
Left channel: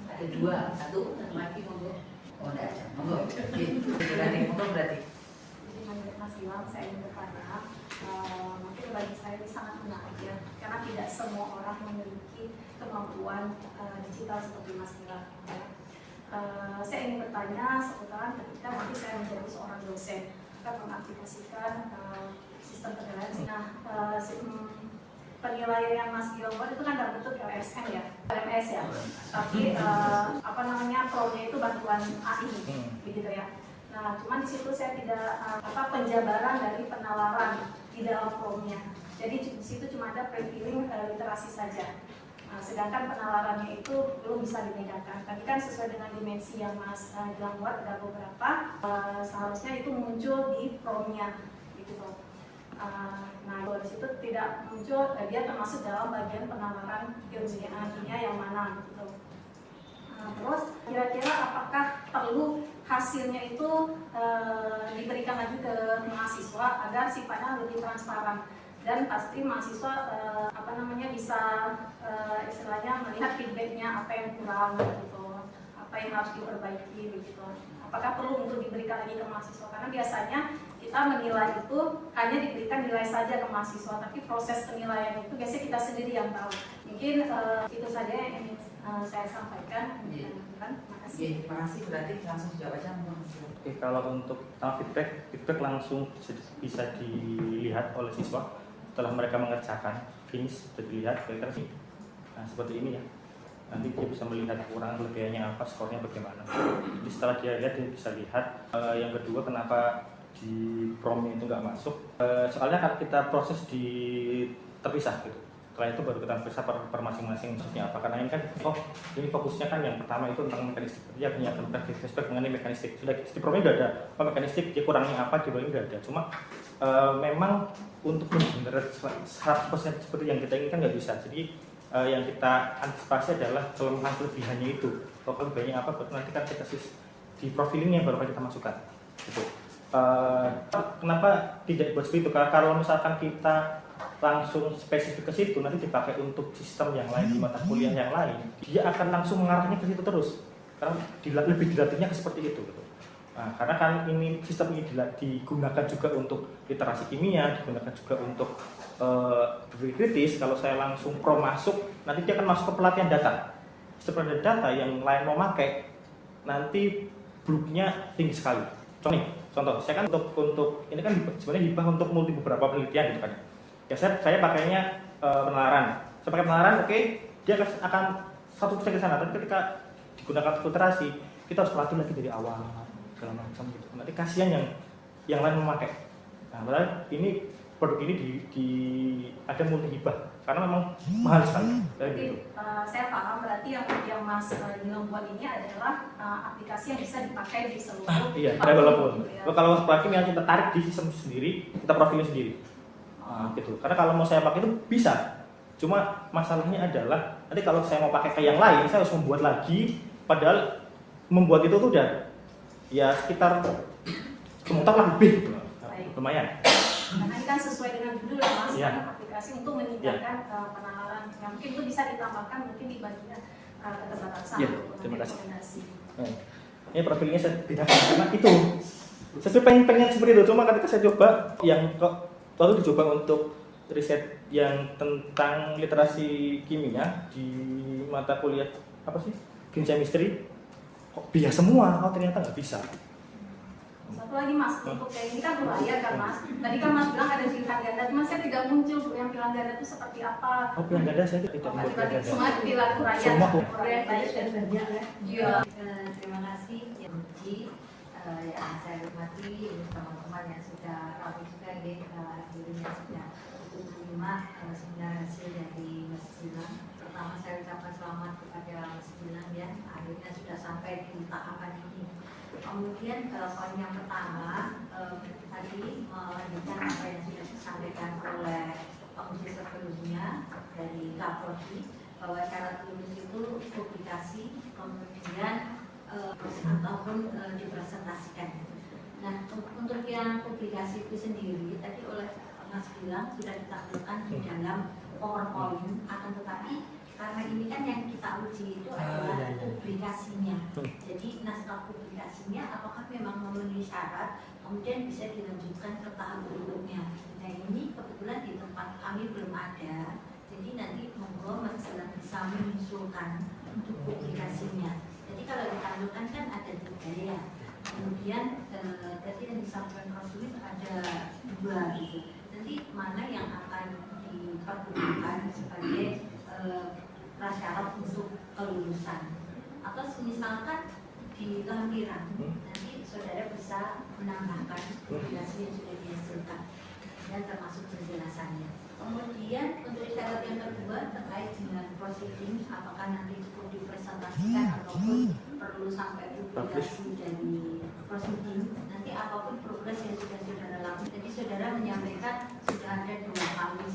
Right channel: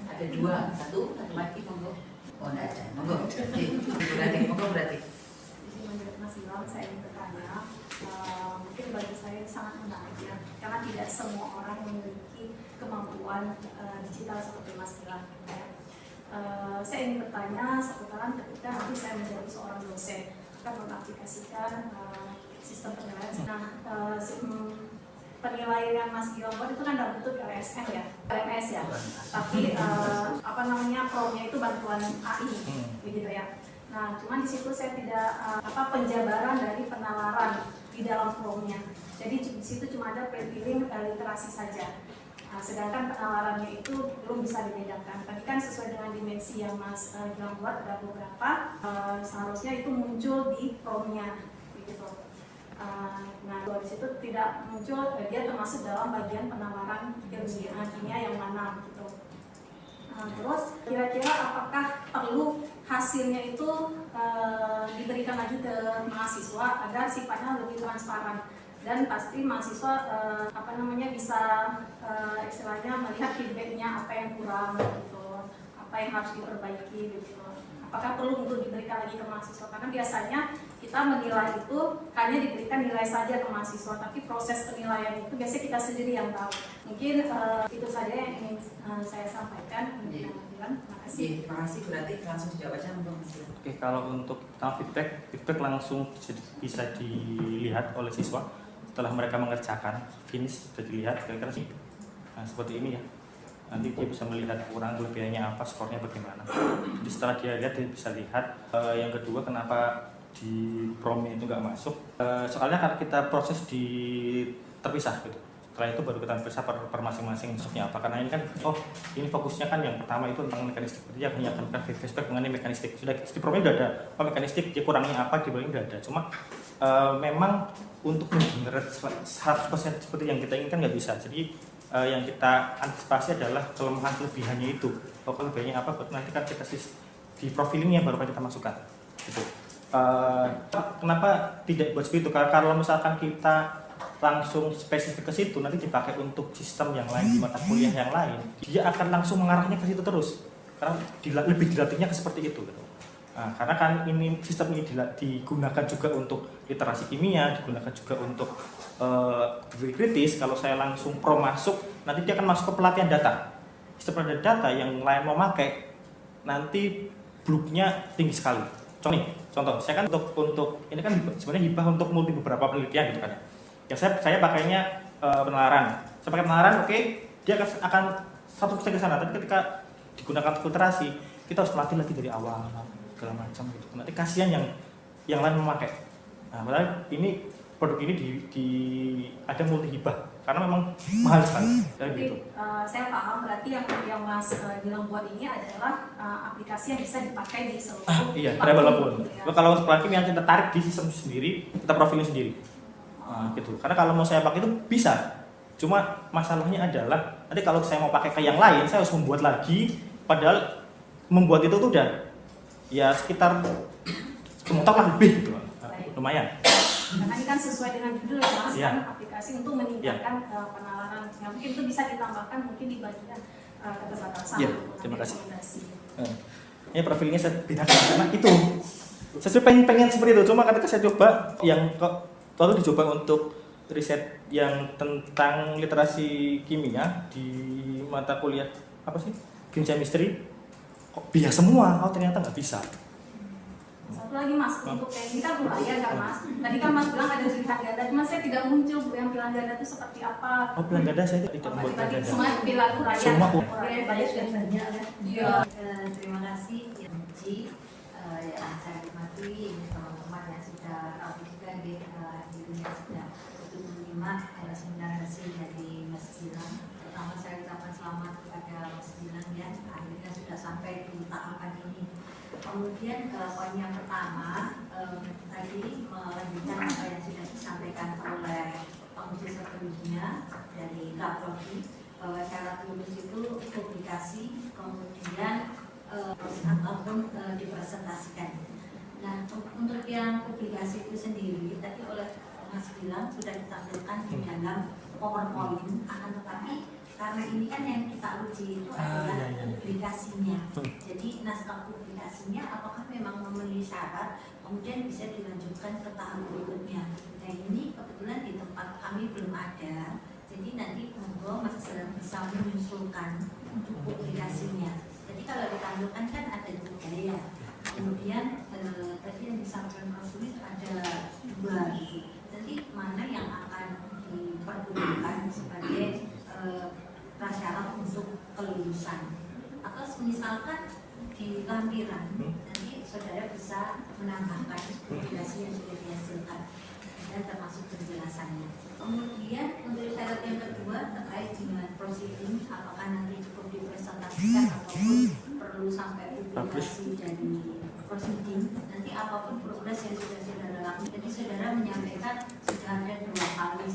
Ada dua, satu lagi monggo. Oh enggak ada, monggo. Berarti monggo berarti. Jadi menurut Mas Gilang saya ingin bertanya, mungkin bagi saya ini sangat menarik ya, karena tidak semua orang memiliki kemampuan digital seperti Mas Gilang. Ya. Saya ingin bertanya seputaran ketika nanti saya menjadi seorang dosen akan mengaplikasikan sistem penilaian. Nah, penilaian yang Mas Gilang buat itu kan dalam bentuk LSM ya, LMS ya. Tapi pro-nya itu bantuan AI, begitu ya. Nah, cuman di situ saya tidak penjabaran dari penalaran di dalam pro-nya. Jadi di situ cuma ada pre-filling literasi saja. Nah, sedangkan penalarannya itu belum bisa dibedakan. Tadi kan sesuai dengan dimensi yang Mas Gilang buat ada beberapa, seharusnya itu muncul di pro-nya, begitu. Nah, di situ tidak muncul, dia termasuk dalam bagian penalaran ilmiah yang mana, gitu. Terus kira-kira apakah perlu hasilnya itu diberikan lagi ke mahasiswa agar sifatnya lebih transparan dan pasti mahasiswa bisa istilahnya melihat feedbacknya apa yang kurang gitu, apa yang harus diperbaiki begitu. Apakah perlu untuk diberikan lagi ke mahasiswa? Karena biasanya kita menilai itu hanya diberikan nilai saja ke mahasiswa, tapi proses penilaian itu biasanya kita sendiri yang tahu. Mungkin itu saja yang ingin saya sampaikan. Terima kasih. Terima kasih. Berarti langsung dijawab aja untuk Mas Gilang. Oke, kalau untuk feedback langsung bisa dilihat oleh siswa setelah mereka mengerjakan, finish sudah dilihat kira-kira sih. Nah, seperti ini ya. Nanti dia bisa melihat kurang lebihannya apa, skornya bagaimana. Jadi setelah dia lihat, dia bisa lihat. Yang kedua, kenapa di prom itu nggak masuk? Soalnya kan kita proses terpisah gitu. Setelah itu baru kita periksa per masing-masing maksudnya apa. Karena ini kan, ini fokusnya kan yang pertama itu tentang mekanistik. Dia menyiapkan feedback mengenai mekanistik. Sudah di promnya udah ada, mekanistik dia kurangnya apa, di bawahnya udah ada. Cuma memang untuk mengenerate 100% seperti yang kita inginkan nggak bisa. Jadi yang kita antisipasi adalah kelebihannya itu. Kalau kelebihannya apa, nanti kan kita kasih di profilingnya baru kita masukkan. Gitu. Kenapa tidak buat seperti itu? Karena kalau misalkan kita langsung spesifik ke situ, nanti dipakai untuk sistem yang lain di mata kuliah yang lain, dia akan langsung mengarahnya ke situ terus. Karena lebih dilatihnya ke seperti itu. Gitu. Nah, karena kan ini sistem ini digunakan juga untuk literasi kimia, digunakan juga untuk berpikir kritis. Kalau saya langsung pro masuk, nanti dia akan masuk ke pelatihan data. Sistem pelatihan data yang lain mau pakai, nanti bluknya tinggi sekali. Contoh, saya kan untuk ini kan sebenarnya hibah untuk multi beberapa penelitian gitu kan. Ya saya pakainya penalaran. Saya pakai penalaran, oke, dia akan 100% ke sana, tapi ketika digunakan filtrasi kita harus latih lagi dari awal segala macam gitu. Nanti kasihan yang lain memakai. Nah, padahal ini produk ini ada multi hibah karena memang mahal sekali. Jadi saya paham berarti yang Mas Gilang buat ini adalah aplikasi yang bisa dipakai di seluruh Iya, platform, walaupun gitu ya. kalau untuk Prakim yang kita tarik di sistem sendiri, kita profilin sendiri. Gitu. Karena kalau mau saya pakai itu bisa. Cuma masalahnya adalah nanti kalau saya mau pakai ke yang lain, saya harus membuat lagi. Padahal membuat itu tuh udah ya sekitar sebentar lah lebih gitu. Baik. Lumayan. Karena ini kan sesuai dengan judul ya Mas, Iya. kan aplikasi untuk meningkatkan penalaran. Yang mungkin itu bisa ditambahkan mungkin di bagian keterbatasan Iya, untuk terima kasih. rekomendasi. Ini profilnya saya bedakan karena itu. Saya pengen seperti itu. Cuma ketika saya coba yang lalu dicoba untuk riset yang tentang literasi kimia di mata kuliah apa sih? Green Chemistry. Kok biasa semua? Oh ternyata nggak bisa. Satu lagi Mas, untuk kayak ini kan berbahaya kan Mas. Tadi kan Mas bilang ada pilihan ganda, cuma saya tidak muncul Bu yang pilihan ganda itu seperti apa. Oh pilihan ganda saya tidak membuat Tadi ganda. semua pilihan uraian. Semua. Uraian banyak dan banyak ya. Iya. Terima kasih yang Uji yang saya hormati teman-teman yang sudah rapi juga dirinya sudah untuk menyimak seminar hasil dari Mas Gilang. Pertama saya ucapkan selamat kepada Mas Gilang ya, akhirnya sudah sampai di tahapan ini. Kemudian poin yang pertama tadi melanjutkan apa yang sudah disampaikan oleh penguji sebelumnya dari Kaprodi bahwa syarat lulus itu publikasi kemudian ataupun dipresentasikan. Nah untuk yang publikasi itu sendiri tadi oleh Mas Gilang sudah ditampilkan di dalam PowerPoint, akan tetapi karena ini kan yang kita uji itu adalah publikasinya. Jadi naskah publikasinya apakah memang memenuhi syarat kemudian bisa dilanjutkan ke tahap berikutnya. Nah ini kebetulan di tempat kami belum ada, jadi nanti monggo Mas Gilang bisa menyusulkan untuk publikasinya. Jadi kalau ditampilkan kan ada 3 ya. Kemudian tadi yang disampaikan Prof. Sulis ada 2 gitu. Nanti mana yang akan dipergunakan sebagai prasyarat untuk kelulusan, atau misalkan di lampiran nanti saudara bisa menambahkan publikasi yang sudah dihasilkan dan termasuk penjelasannya. Kemudian untuk syarat yang kedua terkait dengan proceeding, apakah nanti cukup dipresentasikan ataupun perlu sampai publikasi dari proceeding. Nanti apapun progres yang sudah saudara lakukan, jadi saudara menyampaikan sudah ada 2 kali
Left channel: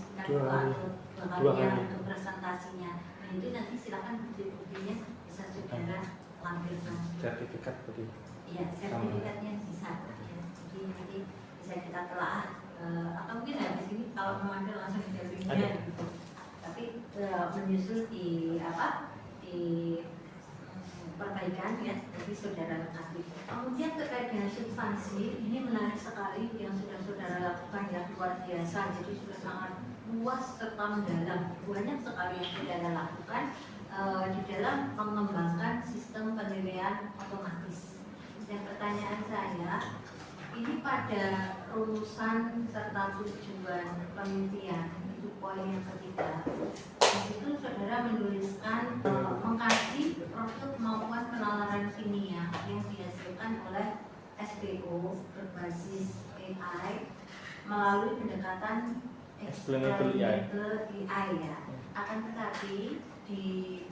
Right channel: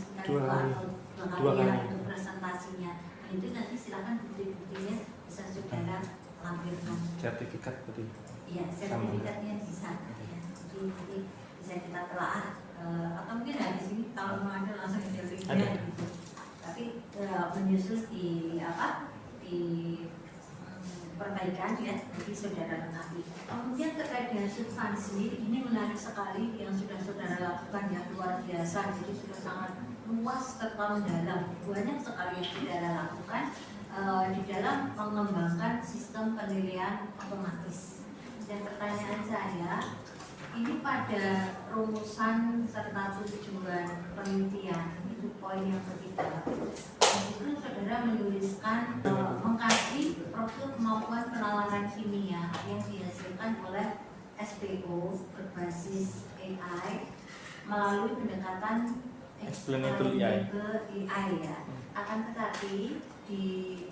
untuk presentasinya. Nah itu nanti silakan bukti-buktinya bisa saudara lampirkan. Sertifikat betul. Iya, sertifikatnya bisa. Ya, jadi nanti bisa kita telaah. Atau mungkin habis ini kalau mau ada langsung interviewnya gitu. Tapi menyusul di perbaikan ya, jadi saudara lengkapi. Kemudian terkait dengan substansi, ini menarik sekali yang sudah saudara lakukan ya, luar biasa. Jadi sudah sangat luas serta mendalam. Banyak sekali yang saudara lakukan di dalam mengembangkan sistem penilaian otomatis. Dan pertanyaan saya, ini pada rumusan serta tujuan penelitian, itu poin yang ketiga. Itu saudara menuliskan mengkaji profil kemampuan penalaran kimia yang dihasilkan oleh SPO berbasis AI melalui pendekatan Explainable AI ya. Akan tetapi di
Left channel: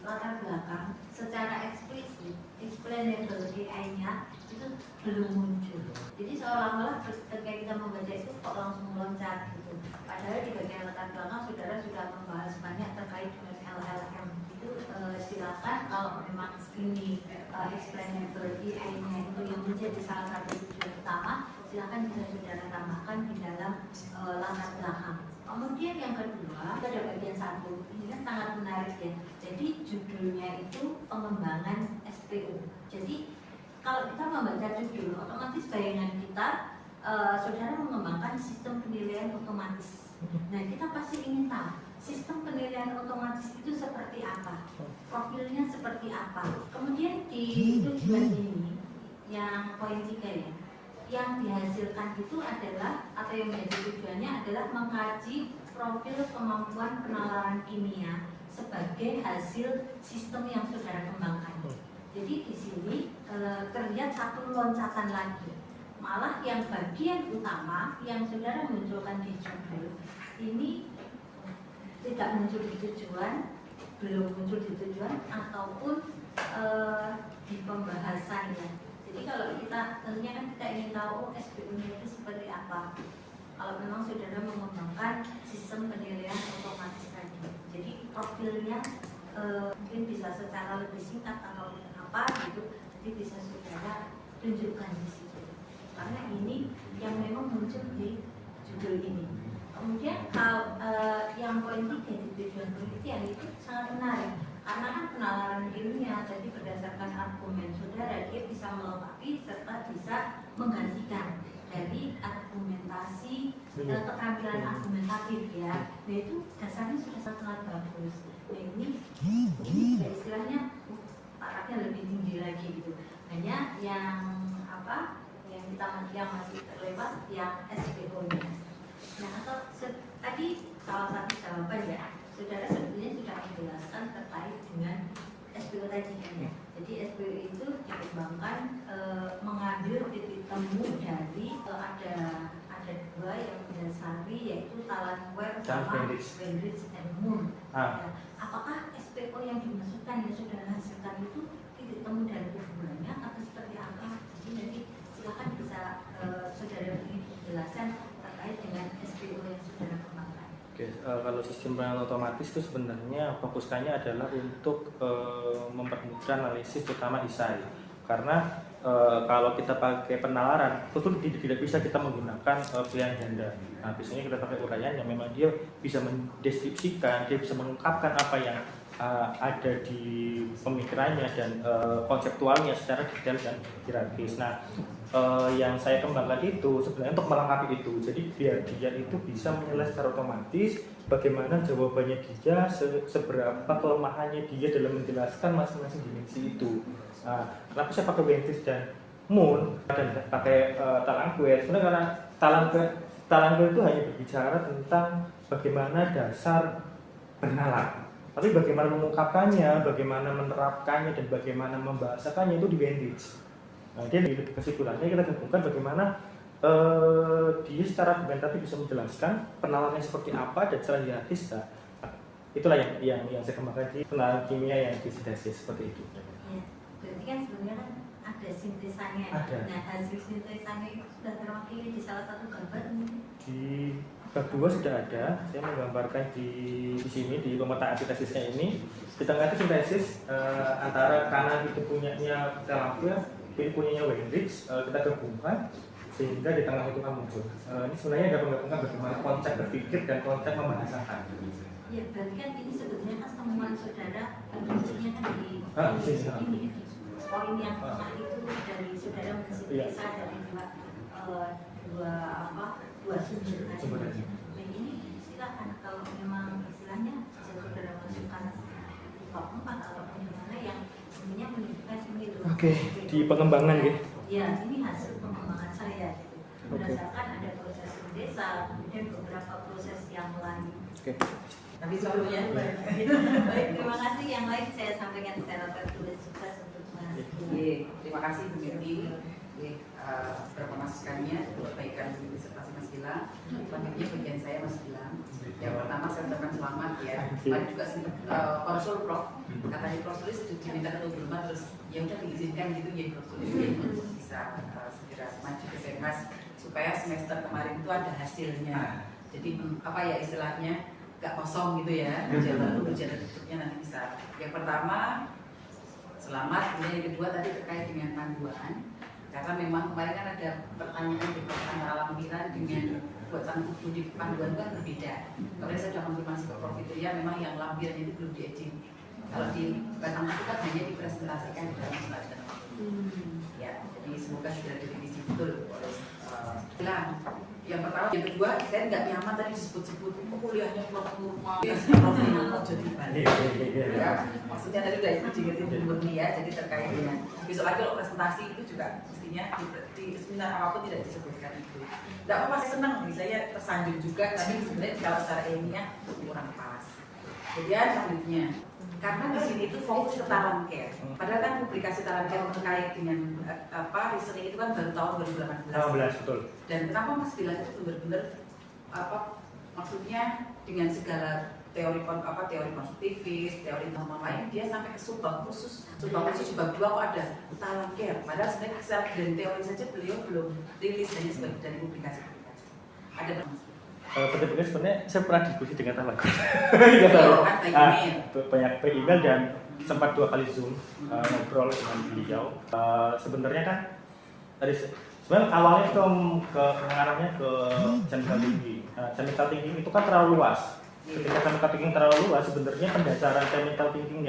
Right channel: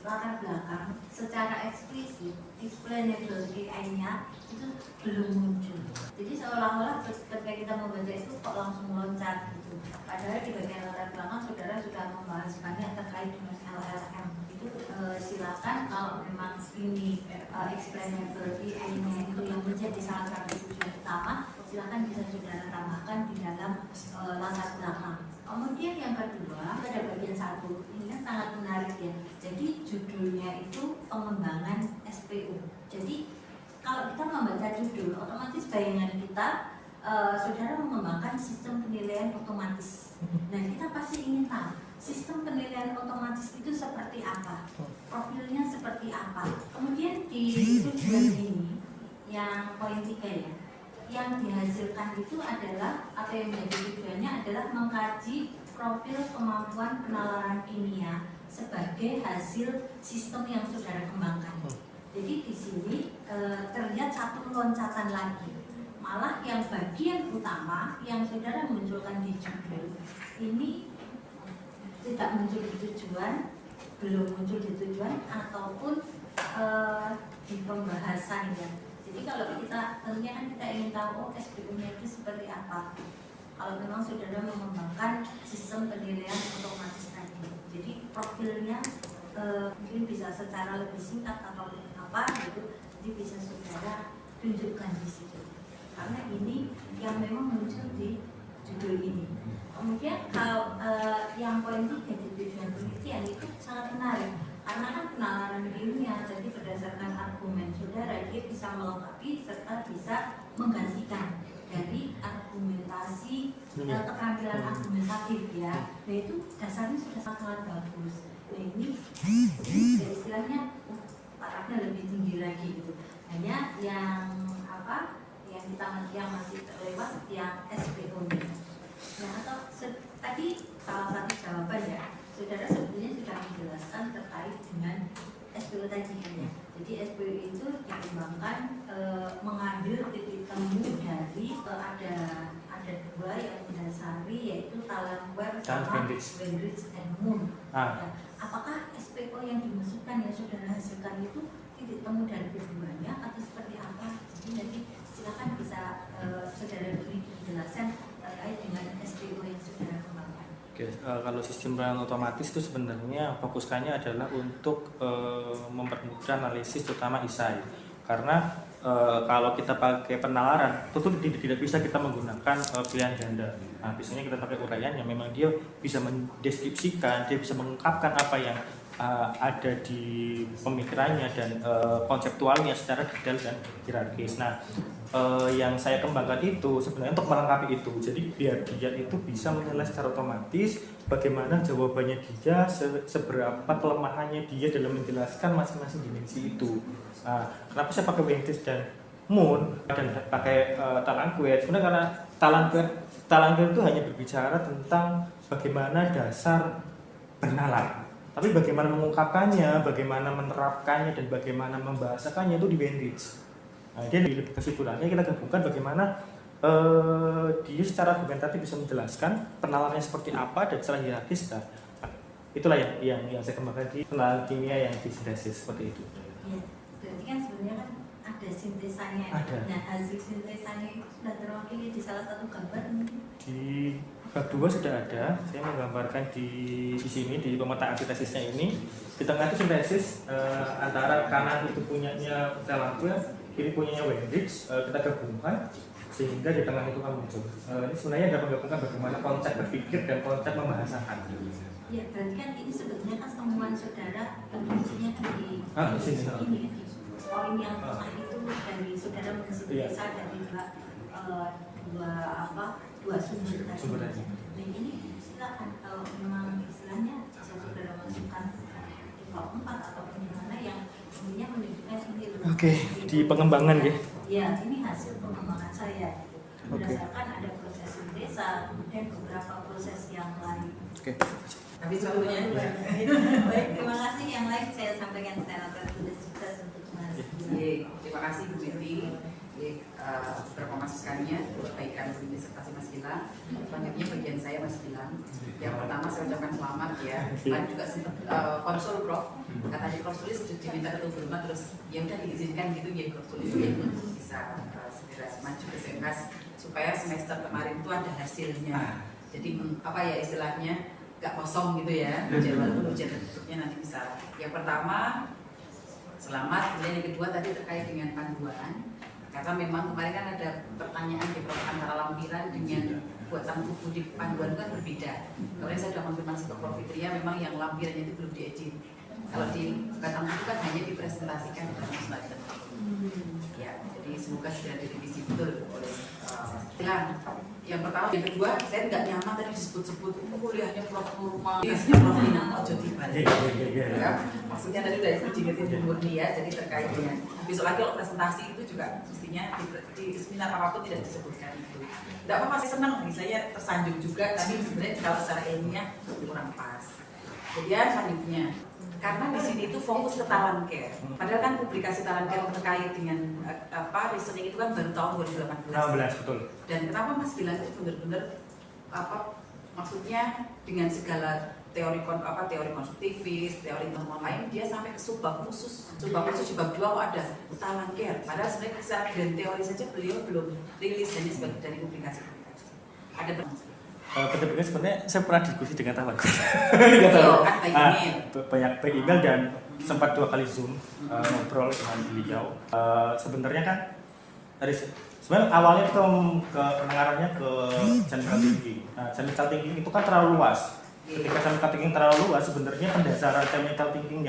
latar belakang secara eksplisit explainable AI-nya itu belum muncul. Jadi seolah-olah ketika kita membaca itu kok langsung loncat gitu. Padahal di bagian latar belakang saudara sudah membahas banyak terkait dengan LLM. Itu silakan kalau memang ini explainable AI-nya itu yang menjadi salah satu tujuan utama, silakan bisa saudara tambahkan di dalam latar belakang. Kemudian yang kedua, pada bagian 1 ini kan sangat menarik ya. Jadi judulnya itu pengembangan SPO. Jadi kalau kita membaca judul, otomatis bayangan kita saudara mengembangkan sistem penilaian otomatis. Nah kita pasti ingin tahu sistem penilaian otomatis itu seperti apa, profilnya seperti apa. Kemudian di tujuan ini yang poin 3 ya, yang dihasilkan itu adalah atau yang menjadi tujuannya adalah mengkaji profil kemampuan penalaran kimia sebagai hasil sistem yang saudara kembangkan. Jadi di sini terlihat satu loncatan lagi. Malah yang bagian utama yang saudara munculkan di judul ini tidak muncul di tujuan, belum muncul di tujuan ataupun di pembahasan ya. Jadi kalau kita tentunya kan kita ingin tahu SPU-nya itu seperti apa. Kalau memang saudara mengembangkan sistem penilaian otomatis tadi, jadi profilnya mungkin bisa secara lebih singkat atau apa gitu, jadi bisa saudara tunjukkan di situ. Karena ini yang memang muncul di judul ini. Kemudian hal yang poin 3 di tujuan penelitian itu sangat menarik. Karena kan penalaran ilmiah tadi berdasarkan argumen saudara, dia bisa melengkapi serta bisa menggantikan dari argumentasi keterampilan argumentatif ya. Nah itu dasarnya sudah sangat bagus. Nah ini juga istilahnya tarafnya lebih tinggi lagi gitu. Hanya yang apa yang kita masih terlewat yang SPO-nya. Nah atau tadi salah satu jawaban ya. Saudara sebetulnya sudah menjelaskan terkait dengan SPO tadi kan ya. Jadi SPO itu dikembangkan mengambil titik temu dari ada dua yang mendasari yaitu Talanquer sama Wendrich and Moon. Ya. Apakah SPO yang dimaksudkan yang saudara hasilkan itu titik temu dari keduanya atau seperti apa? Jadi nanti silakan bisa saudara beri penjelasan terkait dengan SPO yang saudara kembangkan. Oke, kalau sistem penilaian otomatis itu sebenarnya fokuskannya adalah untuk mempermudah analisis terutama ISAI. Karena kalau kita pakai penalaran itu tidak bisa kita menggunakan pilihan ganda. Nah, biasanya kita pakai uraian yang memang dia bisa mendeskripsikan, dia bisa mengungkapkan apa yang ada di pemikirannya dan konseptualnya secara detail dan hierarkis. Nah, yang saya kembangkan itu sebenarnya untuk melengkapi itu. Jadi biar dia itu bisa menilai secara otomatis bagaimana jawabannya dia, seberapa kelemahannya dia dalam menjelaskan masing-masing dimensi itu. Nah, kenapa saya pakai Wendrich dan Moon dan pakai Talanquer? Sebenarnya karena Talanquer itu hanya berbicara tentang bagaimana dasar bernalar. Tapi bagaimana mengungkapkannya, bagaimana menerapkannya, dan bagaimana membahasakannya itu di Wendrich. Nah, dia lebih kesimpulannya kita gabungkan bagaimana dia secara argumentatif bisa menjelaskan penalarannya seperti apa dan secara hierarkis. Nah, itulah yang saya kembangkan di penalaran kimia yang disintesis seperti itu. Ya, berarti kan sebenarnya kan ada sintesanya. Ada. Nah, hasil sintesanya itu sudah terwakili di salah satu gambar mungkin. Di bab 2 sudah ada, saya menggambarkan di sini di pemetaan sintesisnya ini. Di tengah itu sintesis antara kanan itu punyanya Talanquer, kiri punyanya Wendrich, kita gabungkan sehingga di tengah itu kan muncul. Ini sebenarnya ada menggabungkan bagaimana konsep berpikir dan konsep membahasakan. Ya, berarti kan ini sebetulnya kan temuan saudara intinya kan di ini di poin yang tengah itu dari saudara mensintesa dari dua sumber tadi. Nah ini silakan kalau memang istilahnya bisa saudara masukkan di bab 4 atau bagaimana yang intinya menunjukkan ini loh. Oke, di pengembangan ya. Ya, ini hasil pengembangan saya gitu. Berdasarkan ada proses sintesa, kemudian beberapa proses yang lain. Oke. Tapi sebelumnya Baik, terima kasih. Yang lain saya sampaikan secara tertulis. Sukses untuk Mas. terima kasih Bu Betty. Berkomaskannya perbaikan disertasi Mas Gilang. Selanjutnya bagian saya Mas Gilang. Yang pertama saya ucapkan selamat ya. Tadi juga konsul Prof. Katanya konsulis sudah diminta ketua berumah terus ya udah diizinkan gitu ya konsulis bisa segera maju ke Semkas supaya semester kemarin itu ada hasilnya. Jadi apa ya istilahnya gak kosong gitu ya. Ujian berikutnya nanti bisa. Yang pertama selamat. Kemudian yang kedua tadi terkait dengan panduan. Karena memang kemarin kan ada pertanyaan di antara lampiran dengan buatan tubuh di panduan kan berbeda. Kemarin saya sudah konfirmasi ke Prof Fitria memang yang lampirannya itu belum diedit. Kalau di batang tubuh kan hanya dipresentasikan di dalam slide. Ya, jadi semoga segera direvisi betul oleh Gilang. Yang pertama, yang kedua, saya nggak nyaman tadi disebut-sebut kuliahnya Prof Nurma, kuliahnya Prof Nurma jadi balik. Ya, maksudnya tadi udah diingetin Bu Murni ya, jadi terkait dengan besok lagi kalau presentasi itu juga mestinya di seminar apapun tidak disebutkan itu. Tidak apa-apa, saya senang nih, saya tersanjung juga, tapi sebenarnya kalau secara ilmiah kurang pas. Kemudian selanjutnya, karena di sini itu fokus ke talent care. Padahal kan publikasi talent care terkait dengan reasoning itu kan baru tahun 2018. Betul. Dan kenapa Mas bilang itu benar-benar maksudnya dengan segala teori konstruktivis, teori teman lain, dia sampai ke subbab khusus di bab 2 kok ada talent care. Padahal sebenarnya secara grand teori saja beliau belum rilis hanya sebagai dari publikasi-publikasi. Ada Betul-betul sebenarnya saya pernah diskusi dengan teman kan by email. Banyak by email dan sempat 2 kali Zoom ngobrol dengan beliau. Sebenarnya kan dari sebenarnya awalnya ke mengarahnya ke chemical thinking. Chemical thinking itu kan terlalu luas. Ketika chemical thinking terlalu luas, sebenarnya pendasaran chemical thinking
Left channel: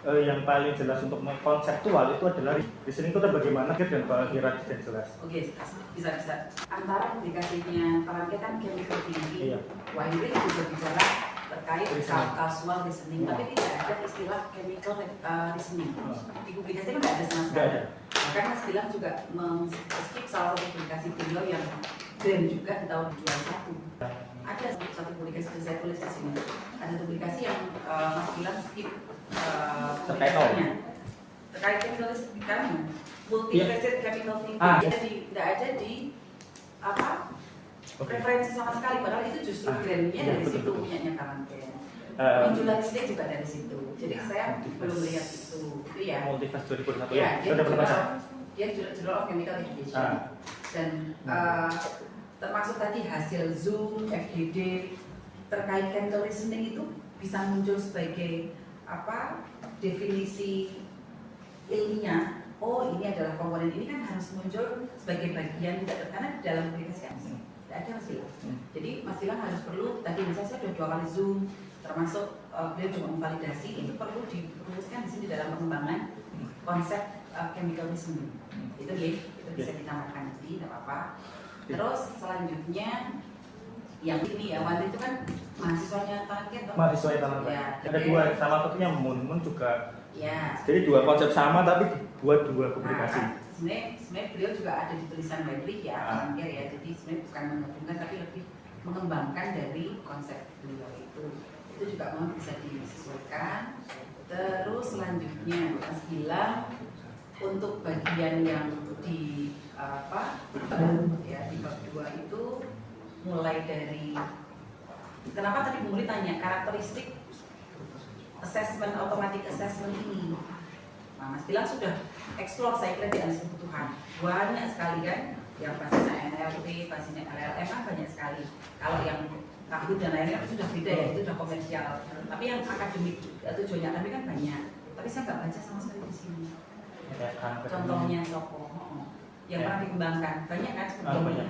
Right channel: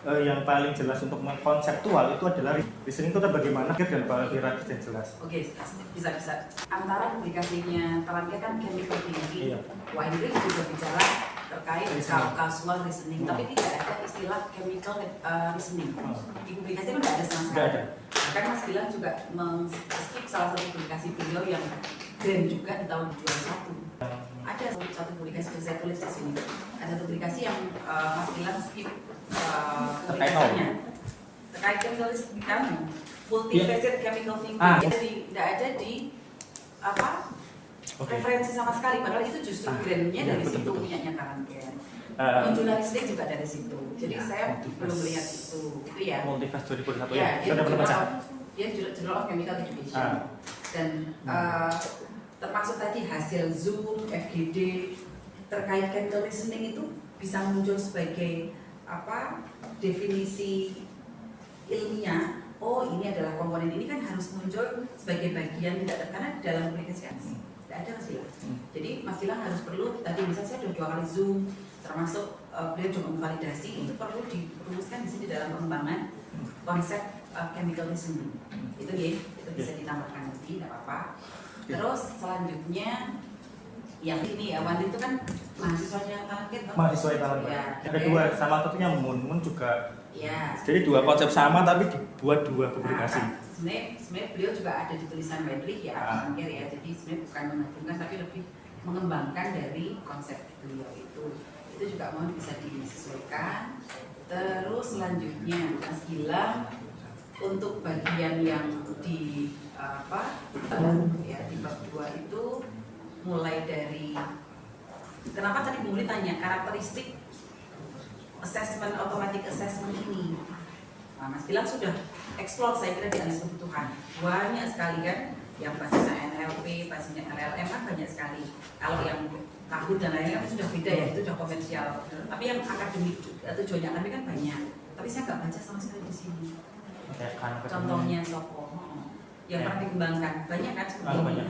yang paling jelas untuk konseptual itu adalah reasoning itu bagaimana dan hierarkis dan jelas. Oke, bisa. Antara publikasinya talent care kan chemical thinking, Iya. Weinrich juga bicara terkait causal reasoning, tapi tidak ada istilah chemical reasoning. Di publikasi kan tidak ada sama sekali. Tidak ada. Bahkan Mas Gilang juga skip salah satu publikasi beliau yang grand juga di tahun 2021. Ada satu publikasi yang saya tulis di sini. Ada publikasi yang Mas Gilang skip publikasinya terkait chemical kan multifaceted chemical thinking. Jadi tidak ada di referensi sama sekali. Padahal itu justru brandnya dari situ, punyanya Karanken. Muncul listrik juga dari situ. Jadi saya belum lihat itu ya. Multivas 2021. Ya, Sudah Journal of Chemical Education. Dan termasuk tadi hasil Zoom, FGD terkait chemical reasoning itu bisa muncul sebagai definisi ilmiah. Oh, ini adalah komponen ini kan harus muncul sebagai bagian karena dalam publikasi kan tidak ada Mas Gilang. Jadi Mas Gilang harus perlu tadi misalnya saya sudah 2 kali Zoom, termasuk beliau juga memvalidasi itu perlu dirumuskan di sini dalam pengembangan konsep chemical reasoning. Itu ya, itu bisa ditambahkan nanti, tidak apa-apa. Terus selanjutnya yang ini ya, Wandi itu kan mahasiswanya talent care kan? Mahasiswa talent care. Ya, ada 2, sama satunya Mun juga. Ya. Jadi 2 konsep sama tapi dibuat 2 publikasi. Sebenarnya beliau juga ada di tulisan Weinrich ya, talent care ya. Jadi sebenarnya bukan menggabungkan tapi lebih mengembangkan dari konsep beliau itu. Itu juga mohon bisa disesuaikan. Terus selanjutnya Mas Gilang untuk bagian yang di di bab 2 itu mulai dari kenapa tadi Bu Muri tanya karakteristik assessment, automatic assessment ini. Nah, Mas Gilang sudah explore saya kira di analisis kebutuhan banyak sekali kan, yang basisnya NLP, basisnya LLM kan banyak sekali. Kalau yang tahun dan lainnya sudah beda ya, itu sudah komersial. Tapi yang akademik tujuannya akademik kan banyak. Tapi saya nggak baca sama sekali di sini. Contohnya Soko yang pernah dikembangkan banyak kan sebetulnya.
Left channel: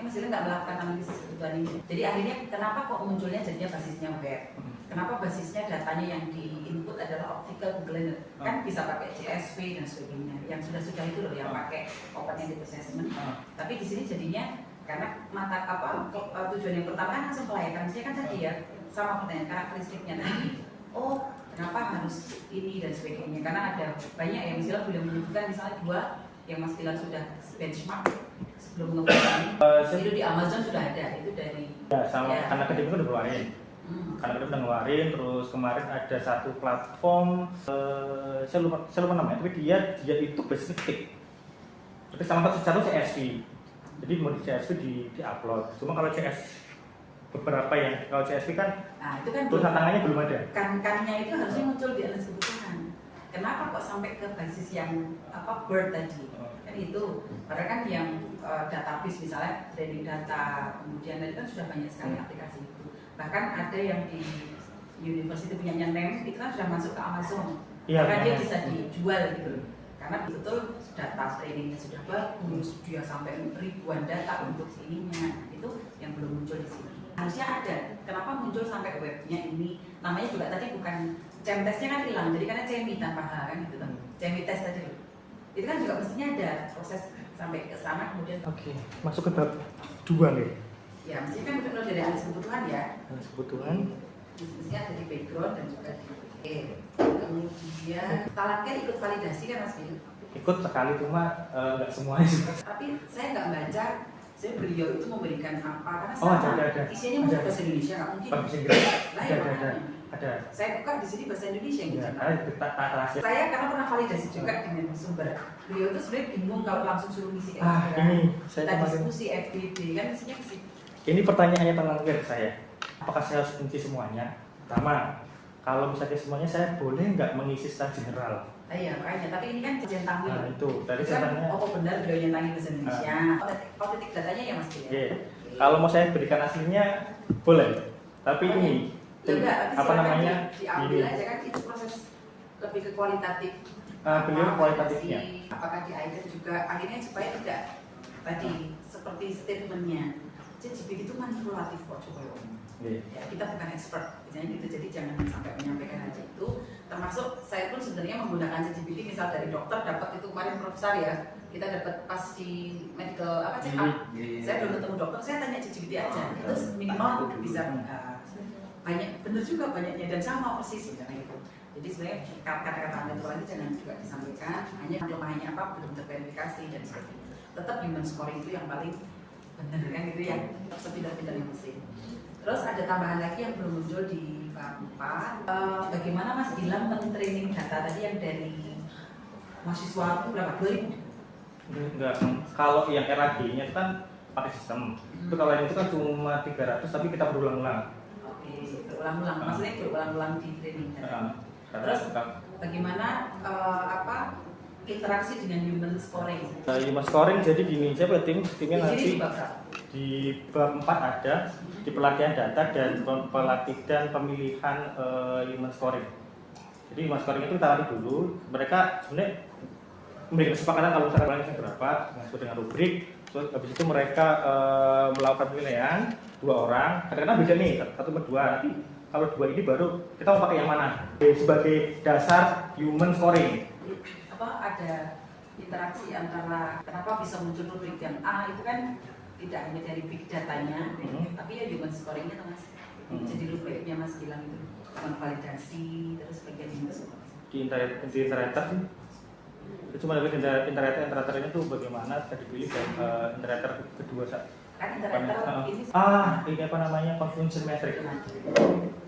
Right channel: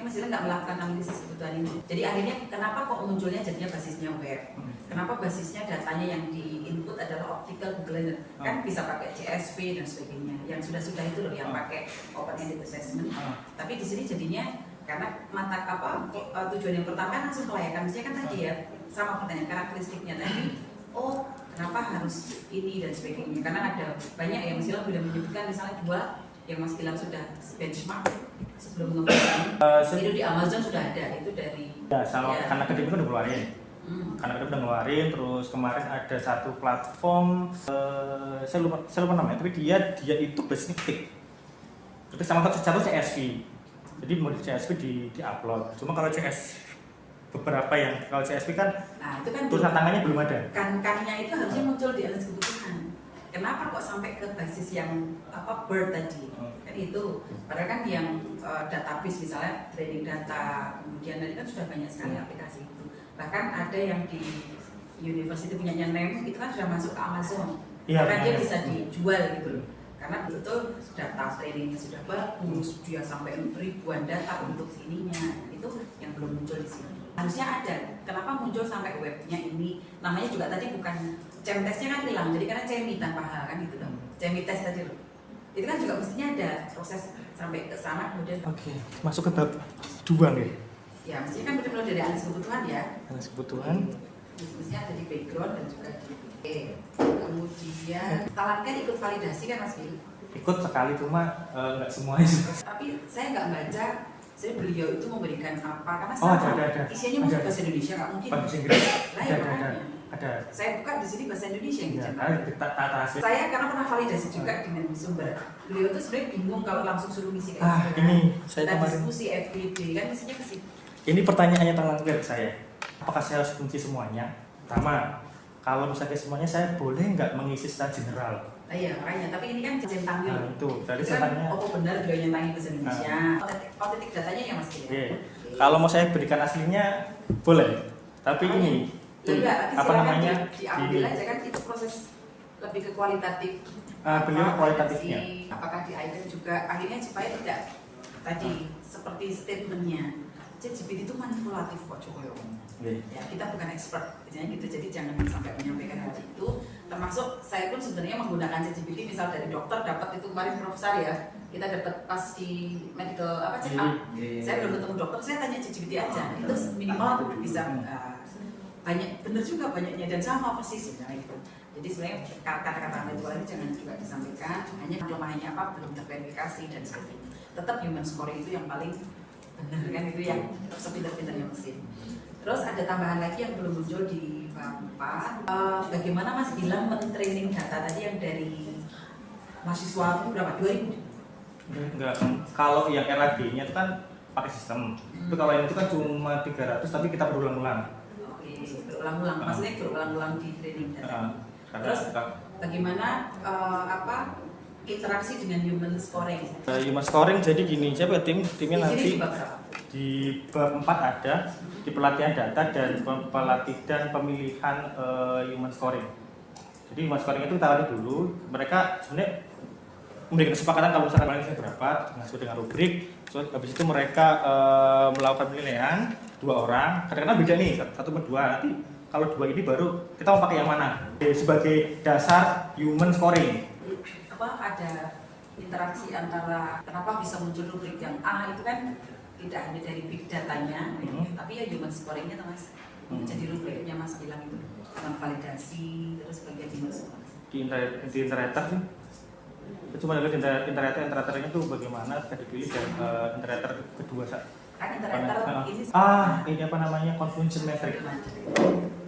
Mas Gilang nggak melakukan analisis kebutuhan ini. Jadi akhirnya kenapa kok munculnya jadinya basisnya web? Kenapa basisnya datanya yang di input adalah optical Google kan bisa pakai CSV dan sebagainya. Yang sudah itu loh yang pakai open-ended assessment. Tapi di sini jadinya karena tujuan yang pertama kan langsung kelayakan. Misalnya kan tadi ya sama pertanyaan karakteristiknya tadi. Oh kenapa harus ini dan sebagainya? Karena ada banyak yang Mas Gilang sudah menyebutkan misalnya 2 yang Mas Gilang sudah benchmark sebelum mengembangkan itu di Amazon sudah ada itu dari karena kedua udah ngeluarin karena kedua udah ngeluarin. Terus kemarin ada satu platform saya lupa namanya, tapi dia itu basically itu sama satu CSV, jadi mau di CSV di upload. Cuma kalau beberapa yang kalau CSV kan itu kan tulisan tangannya belum ada. Kannya itu harusnya muncul di analisis kebutuhan. Kenapa kok sampai ke basis yang Bird tadi? Kan itu. Padahal kan yang database misalnya training data, kemudian tadi kan sudah banyak sekali aplikasi itu. Bahkan ada yang di university punyanya NEM itu kan sudah masuk ke Amazon. Karena dia bisa dijual gitu. Karena betul data trainingnya sudah bagus, dia sampai ribuan data untuk ininya. Itu yang belum muncul di sini. Harusnya ada. Kenapa muncul sampai webnya ini? Namanya juga tadi bukan CEM-testnya kan hilang, jadi karena CEMI tanpa H kan gitu loh. CEMI test tadi loh. Itu kan juga mestinya ada proses sampai ke sana kemudian. Oke, masuk ke bab 2 nih. Ya, mestinya kan benar-benar dari analisis kebutuhan ya. Analisis kebutuhan. Mestinya ada di background dan juga di kemudian talent care ikut validasi kan Mas Gil? Ikut sekali cuma nggak semuanya. Tapi saya nggak baca. Saya beliau itu memberikan apa karena ada. isinya mungkin bahasa Indonesia nggak mungkin. Bahasa Inggris. Lah ya makanya. Ada. Saya buka di sini bahasa Indonesia yang Ya, dicetak. tata terasa. Saya karena pernah validasi juga dengan sumber. Beliau itu sebenarnya bingung kalau langsung suruh ngisi kayak Ah, gitu kan. ini saya Kita kemarin. diskusi FBD kan mestinya ke situ. Ini pertanyaannya terakhir saya. Apakah saya harus kunci semuanya? Pertama, kalau misalnya semuanya saya boleh nggak mengisi secara general? Nah, iya makanya, tapi ini kan centang Nah, dulu. itu tadi Itu saya kan, tanya. oh benar beliau nyentangi bahasa Indonesia. Otentik datanya ya Mas Gil ya. Oke. Kalau mau saya berikan aslinya boleh. Tapi Makanya, ini Ya enggak, tapi apa silakan namanya? diambil aja kan itu proses lebih ke kualitatif. Beliau Apa, kualitatifnya. validasi, apakah di item juga akhirnya supaya tidak tadi seperti statementnya ChatGPT itu manipulatif kok coba ya. Oke. Ya, kita bukan expert, misalnya gitu, jadi jangan sampai menyampaikan hal itu. Termasuk saya pun sebenarnya menggunakan ChatGPT, misal dari dokter dapat itu kemarin Profesor ya, kita dapat pas di medical apa check up, saya belum ketemu dokter, saya tanya ChatGPT aja, itu minimal bisa banyak, bener juga banyaknya dan sama persis sebenarnya gitu. Jadi sebenarnya kata-kata intelektual ini jangan juga disampaikan, hanya kelemahannya apa belum terverifikasi dan sebagainya. Tetap human scoring itu yang paling benar kan, itu yang sepintar-pintarnya mesin. Terus ada tambahan lagi yang belum muncul di bab 4. Bagaimana Mas bilang men-training data tadi yang dari mahasiswa berapa? 2000? Enggak, kalau yang RAD-nya itu kan pakai sistem. Itu kalau yang itu kan cuma 300 tapi kita berulang-ulang. Oke, berulang-ulang. Maksudnya berulang-ulang di training data. Terus bagaimana interaksi dengan human scoring? Human scoring jadi gini, saya timnya Di sini nanti di bab berapa? di bab 4 ada di pelatihan data dan pelatihan pemilihan human scoring. Jadi human scoring itu kita latih dulu. Mereka sebenarnya memberikan kesepakatan kalau misalnya paling berapa sesuai dengan rubrik. Terus habis itu mereka melakukan penilaian 2 orang. Kadang-kadang beda nih, 1 per 2. Nanti kalau 2 ini baru kita mau pakai yang mana? Sebagai dasar human scoring. Ada interaksi antara kenapa bisa muncul rubrik yang A itu kan tidak hanya dari big datanya, tapi ya human scoringnya tuh Mas. Jadi rubriknya Mas bilang itu cuma validasi terus bagian human scoring. Di interator sih itu cuma dari interatornya itu bagaimana tadi pilih interator kedua Kan interator ini ini apa namanya confusion metric.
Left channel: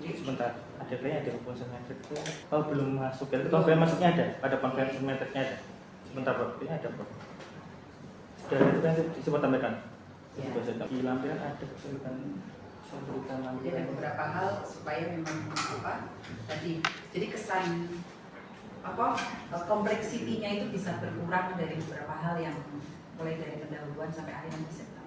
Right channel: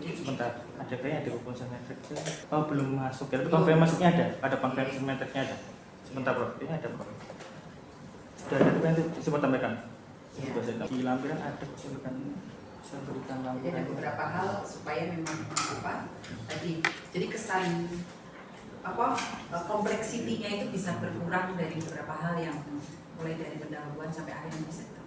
Sebentar, ada kayaknya ada confusion metric itu belum masuk ya, tapi confusion masuknya ada confusion metricnya ada. Sebentar bro, ini ada bro. Dan itu kan coba tambahkan. Di lampiran ada kesulitan. Jadi ada beberapa hal supaya memang tadi jadi kesan kompleksitinya itu bisa berkurang dari beberapa hal yang mulai dari pendahuluan sampai akhir yang bisa kita.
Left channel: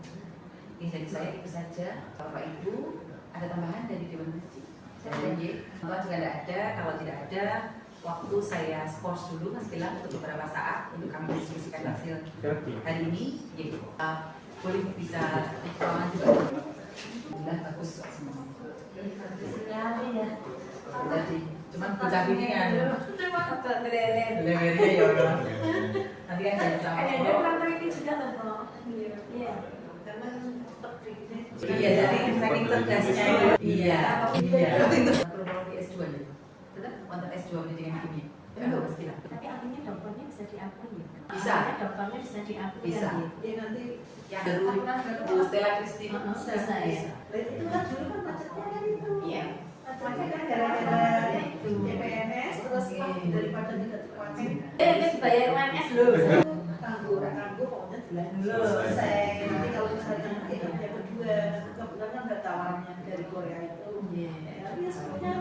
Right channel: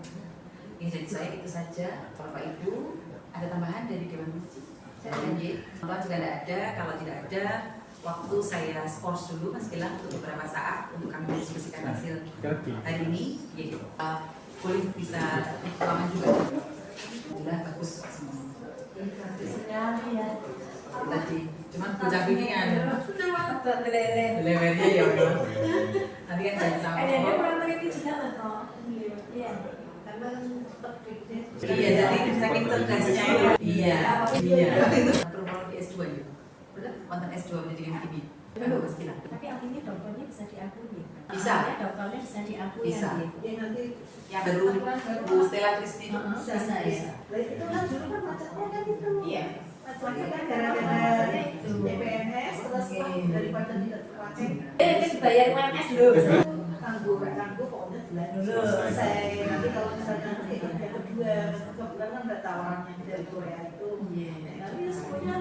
Ini dari saya itu saja. Bapak Ibu ada tambahan dari Dewan Masjid? Dan kalau juga tidak ada, kalau tidak ada waktu saya skors dulu Mas Gilang untuk beberapa saat untuk kami diskusikan hasil hari ini. Ya, boleh bisa ulangan juga. Alhamdulillah bagus semua. Sekali ya. Tadi cuman bocah ini kan levelnya ya Allah. Nanti kan jangan sampai iya, jadi saking cerdasnya itu iya perlu di S2 ya wonten S2 pendidikan kimia kalau Mas Gilang Tapi artinya dokternya bisa diakui ya? Bisa. Artinya dokternya bisa diakui Bisa. ya? Ya nanti yang baru Bu Stella Christine Bisa ya? itu kan dulu kan macetnya kan itu. iya Macetnya kan gara-gara itu PNS terus daripada tidak macet. Kita bayar UMS dulu. Kanggo pokoknya bulan dulu selesai. Nanti kalau misalnya nanti yang kedua kebetulan kan ada tawarannya dari Korea itu. Tapi semuanya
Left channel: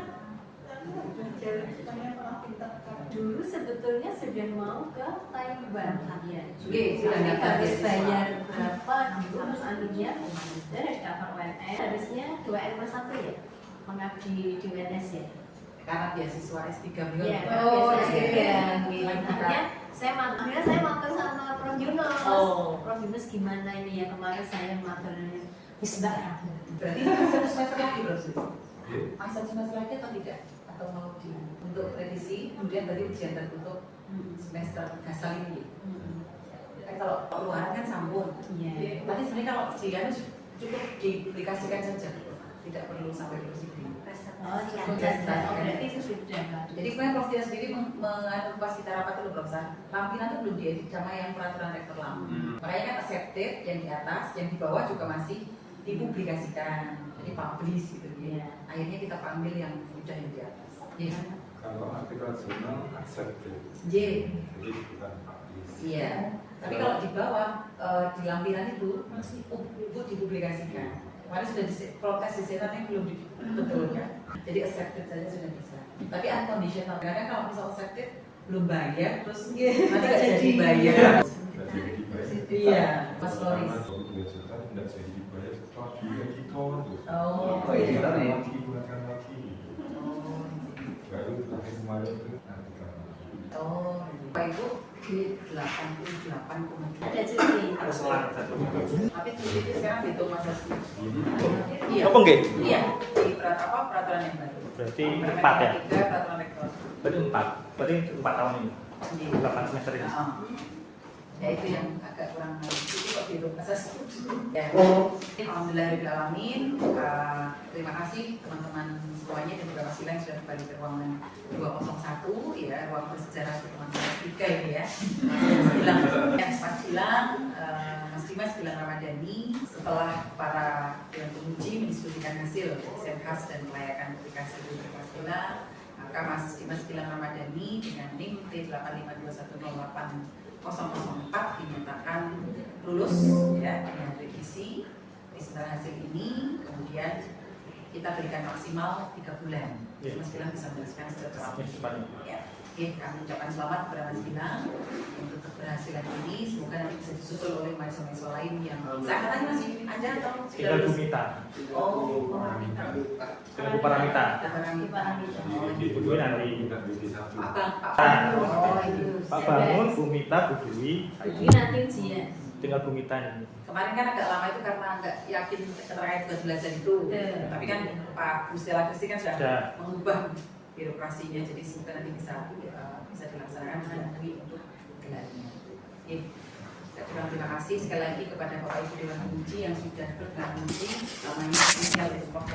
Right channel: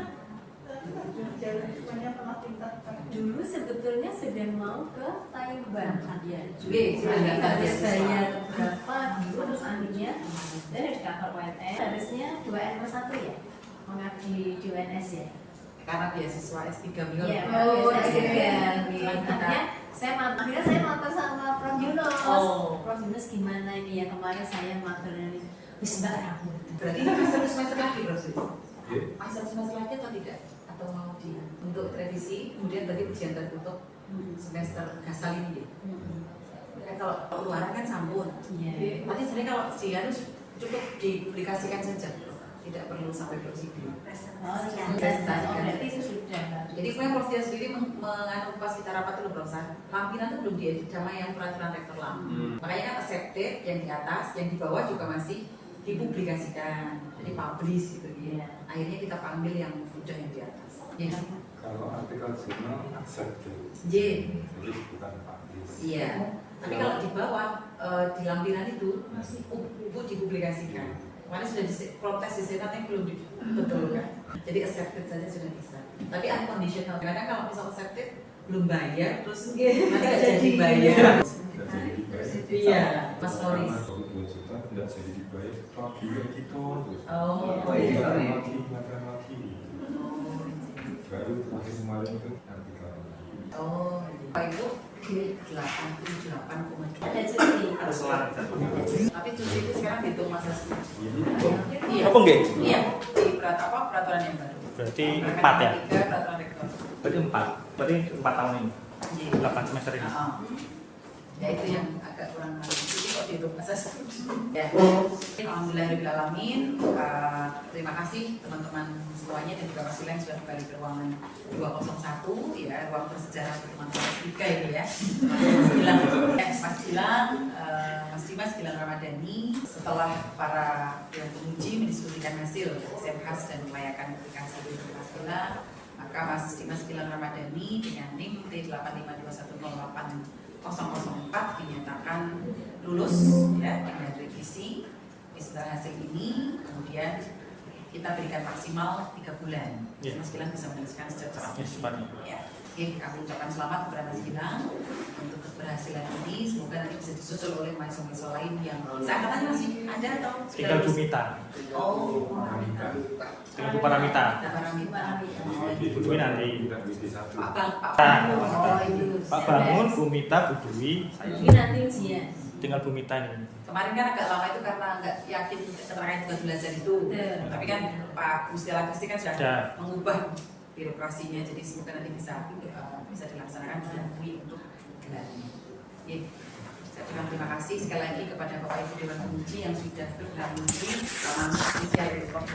semuanya malah pintar. Dulu sebetulnya sudah mau ke Taiwan ya. sudah Tapi daftar harus beasiswa. bayar berapa gitu terus akhirnya dari cover UNS harusnya 2N+1 ya mengabdi di UNS ya. karena beasiswa S3 beliau Iya, oh, akhirnya saya matur sama Prof Yunus. Oh. Prof Yunus gimana ini ya kemarin saya matur ini wis mbak aku. berarti ini masih satu semester lagi bro masih satu semester lagi atau tidak atau mau di untuk revisi kemudian tadi ujian tertutup semester gasal ini kan kalau luaran kan sambung Iya. berarti sebenarnya kalau ujian cukup dipublikasikan saja tidak perlu sampai prosedur. Oh, berarti itu sudah Mbak. Jadi kemudian Prof dia sendiri menganu pas kita rapat dulu Prof lampiran itu belum diedit sama yang peraturan rektor lama. Makanya kan accepted yang di atas, yang di bawah juga masih dipublikasikan, jadi publish gitu. Iya. Akhirnya kita panggil yang udah yang di atas. Ya. Kalau artikel jurnal accepted, J. jadi bukan publish. Iya. Tapi kalau di bawah di lampiran itu masih dipublikasikan. Kemarin sudah protes di senat yang belum dibetulkan. Jadi accepted saja sudah bisa. Tapi unconditional. Kadang kalau misal accepted belum bayar, terus nanti nggak jadi bayar. Nggak jadi dibayar. Iya, Mas Karena Loris. baru 2 juta nggak jadi dibayar, lagi editor. Oh, editor ya. Lagi makan lagi. Baru terakhir kemarin itu artikel. Oh, Pak Ibu di 88,3. Ada cuti. Harus selang satu. Tapi cuti itu sekarang dihitung masa Iya. Apa enggak? Iya, di peraturan yang baru. Berarti Permen 4 ya? 3, peraturan rektor. Berarti 4. Berarti 4 tahun ini. Iya. 8 semester ini. Ya itu yang agak kurang menarik. Jadi kok dihitung masa ya. Alhamdulillahirobbilalamin. Terima kasih teman-teman semuanya dan juga Mas Gilang sudah kembali ke ruangan 201 ya, ruang bersejarah untuk teman-teman tiga ini ya. Mas Gilang, Mas Dimas Gilang Ramadhani. Setelah para dewan penguji mendiskusikan hasil khas dan kelayakan aplikasi Mas Gilang, maka Mas Dimas Gilang Ramadhani dengan NIM T852108004 dinyatakan lulus ya dengan revisi. Di setelah hasil ini kemudian kita berikan maksimal 3 bulan. Ya. Mas Gilang bisa menjelaskan secara Yes, Pak. ya. Oke, kami ucapkan selamat kepada Mas Gilang untuk keberhasilan ini. Semoga nanti bisa disusul oleh mahasiswa lain yang seangkatannya masih ada atau sudah Tinggal lulus? Bumita. Oh, Tinggal Bu Paramita. Paramita. Oh, Di Dwi nanti. Bukan BD1. Pak Bang, Pak Nah. Bang. Oh, itu. Pak Bangun, Bumita, Bu Dwi. Ini nanti ujian. Tinggal Bumita ini. Kemarin kan agak lama itu karena nggak yakin terkait tugas belajar itu. Betul. Tapi kan Pak Gustela Kristi kan sudah Sudah. mengubah birokrasinya, jadi semoga nanti bisa dilaksanakan diakui untuk gelarnya. Ya. Saya ucapkan terima kasih sekali lagi kepada Bapak Ibu Dewan Penguji yang sudah berkenan menteri, Taman Sosial itu Prof.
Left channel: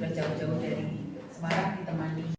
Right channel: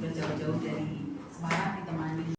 Jauh-jauh dari Semarang ditemani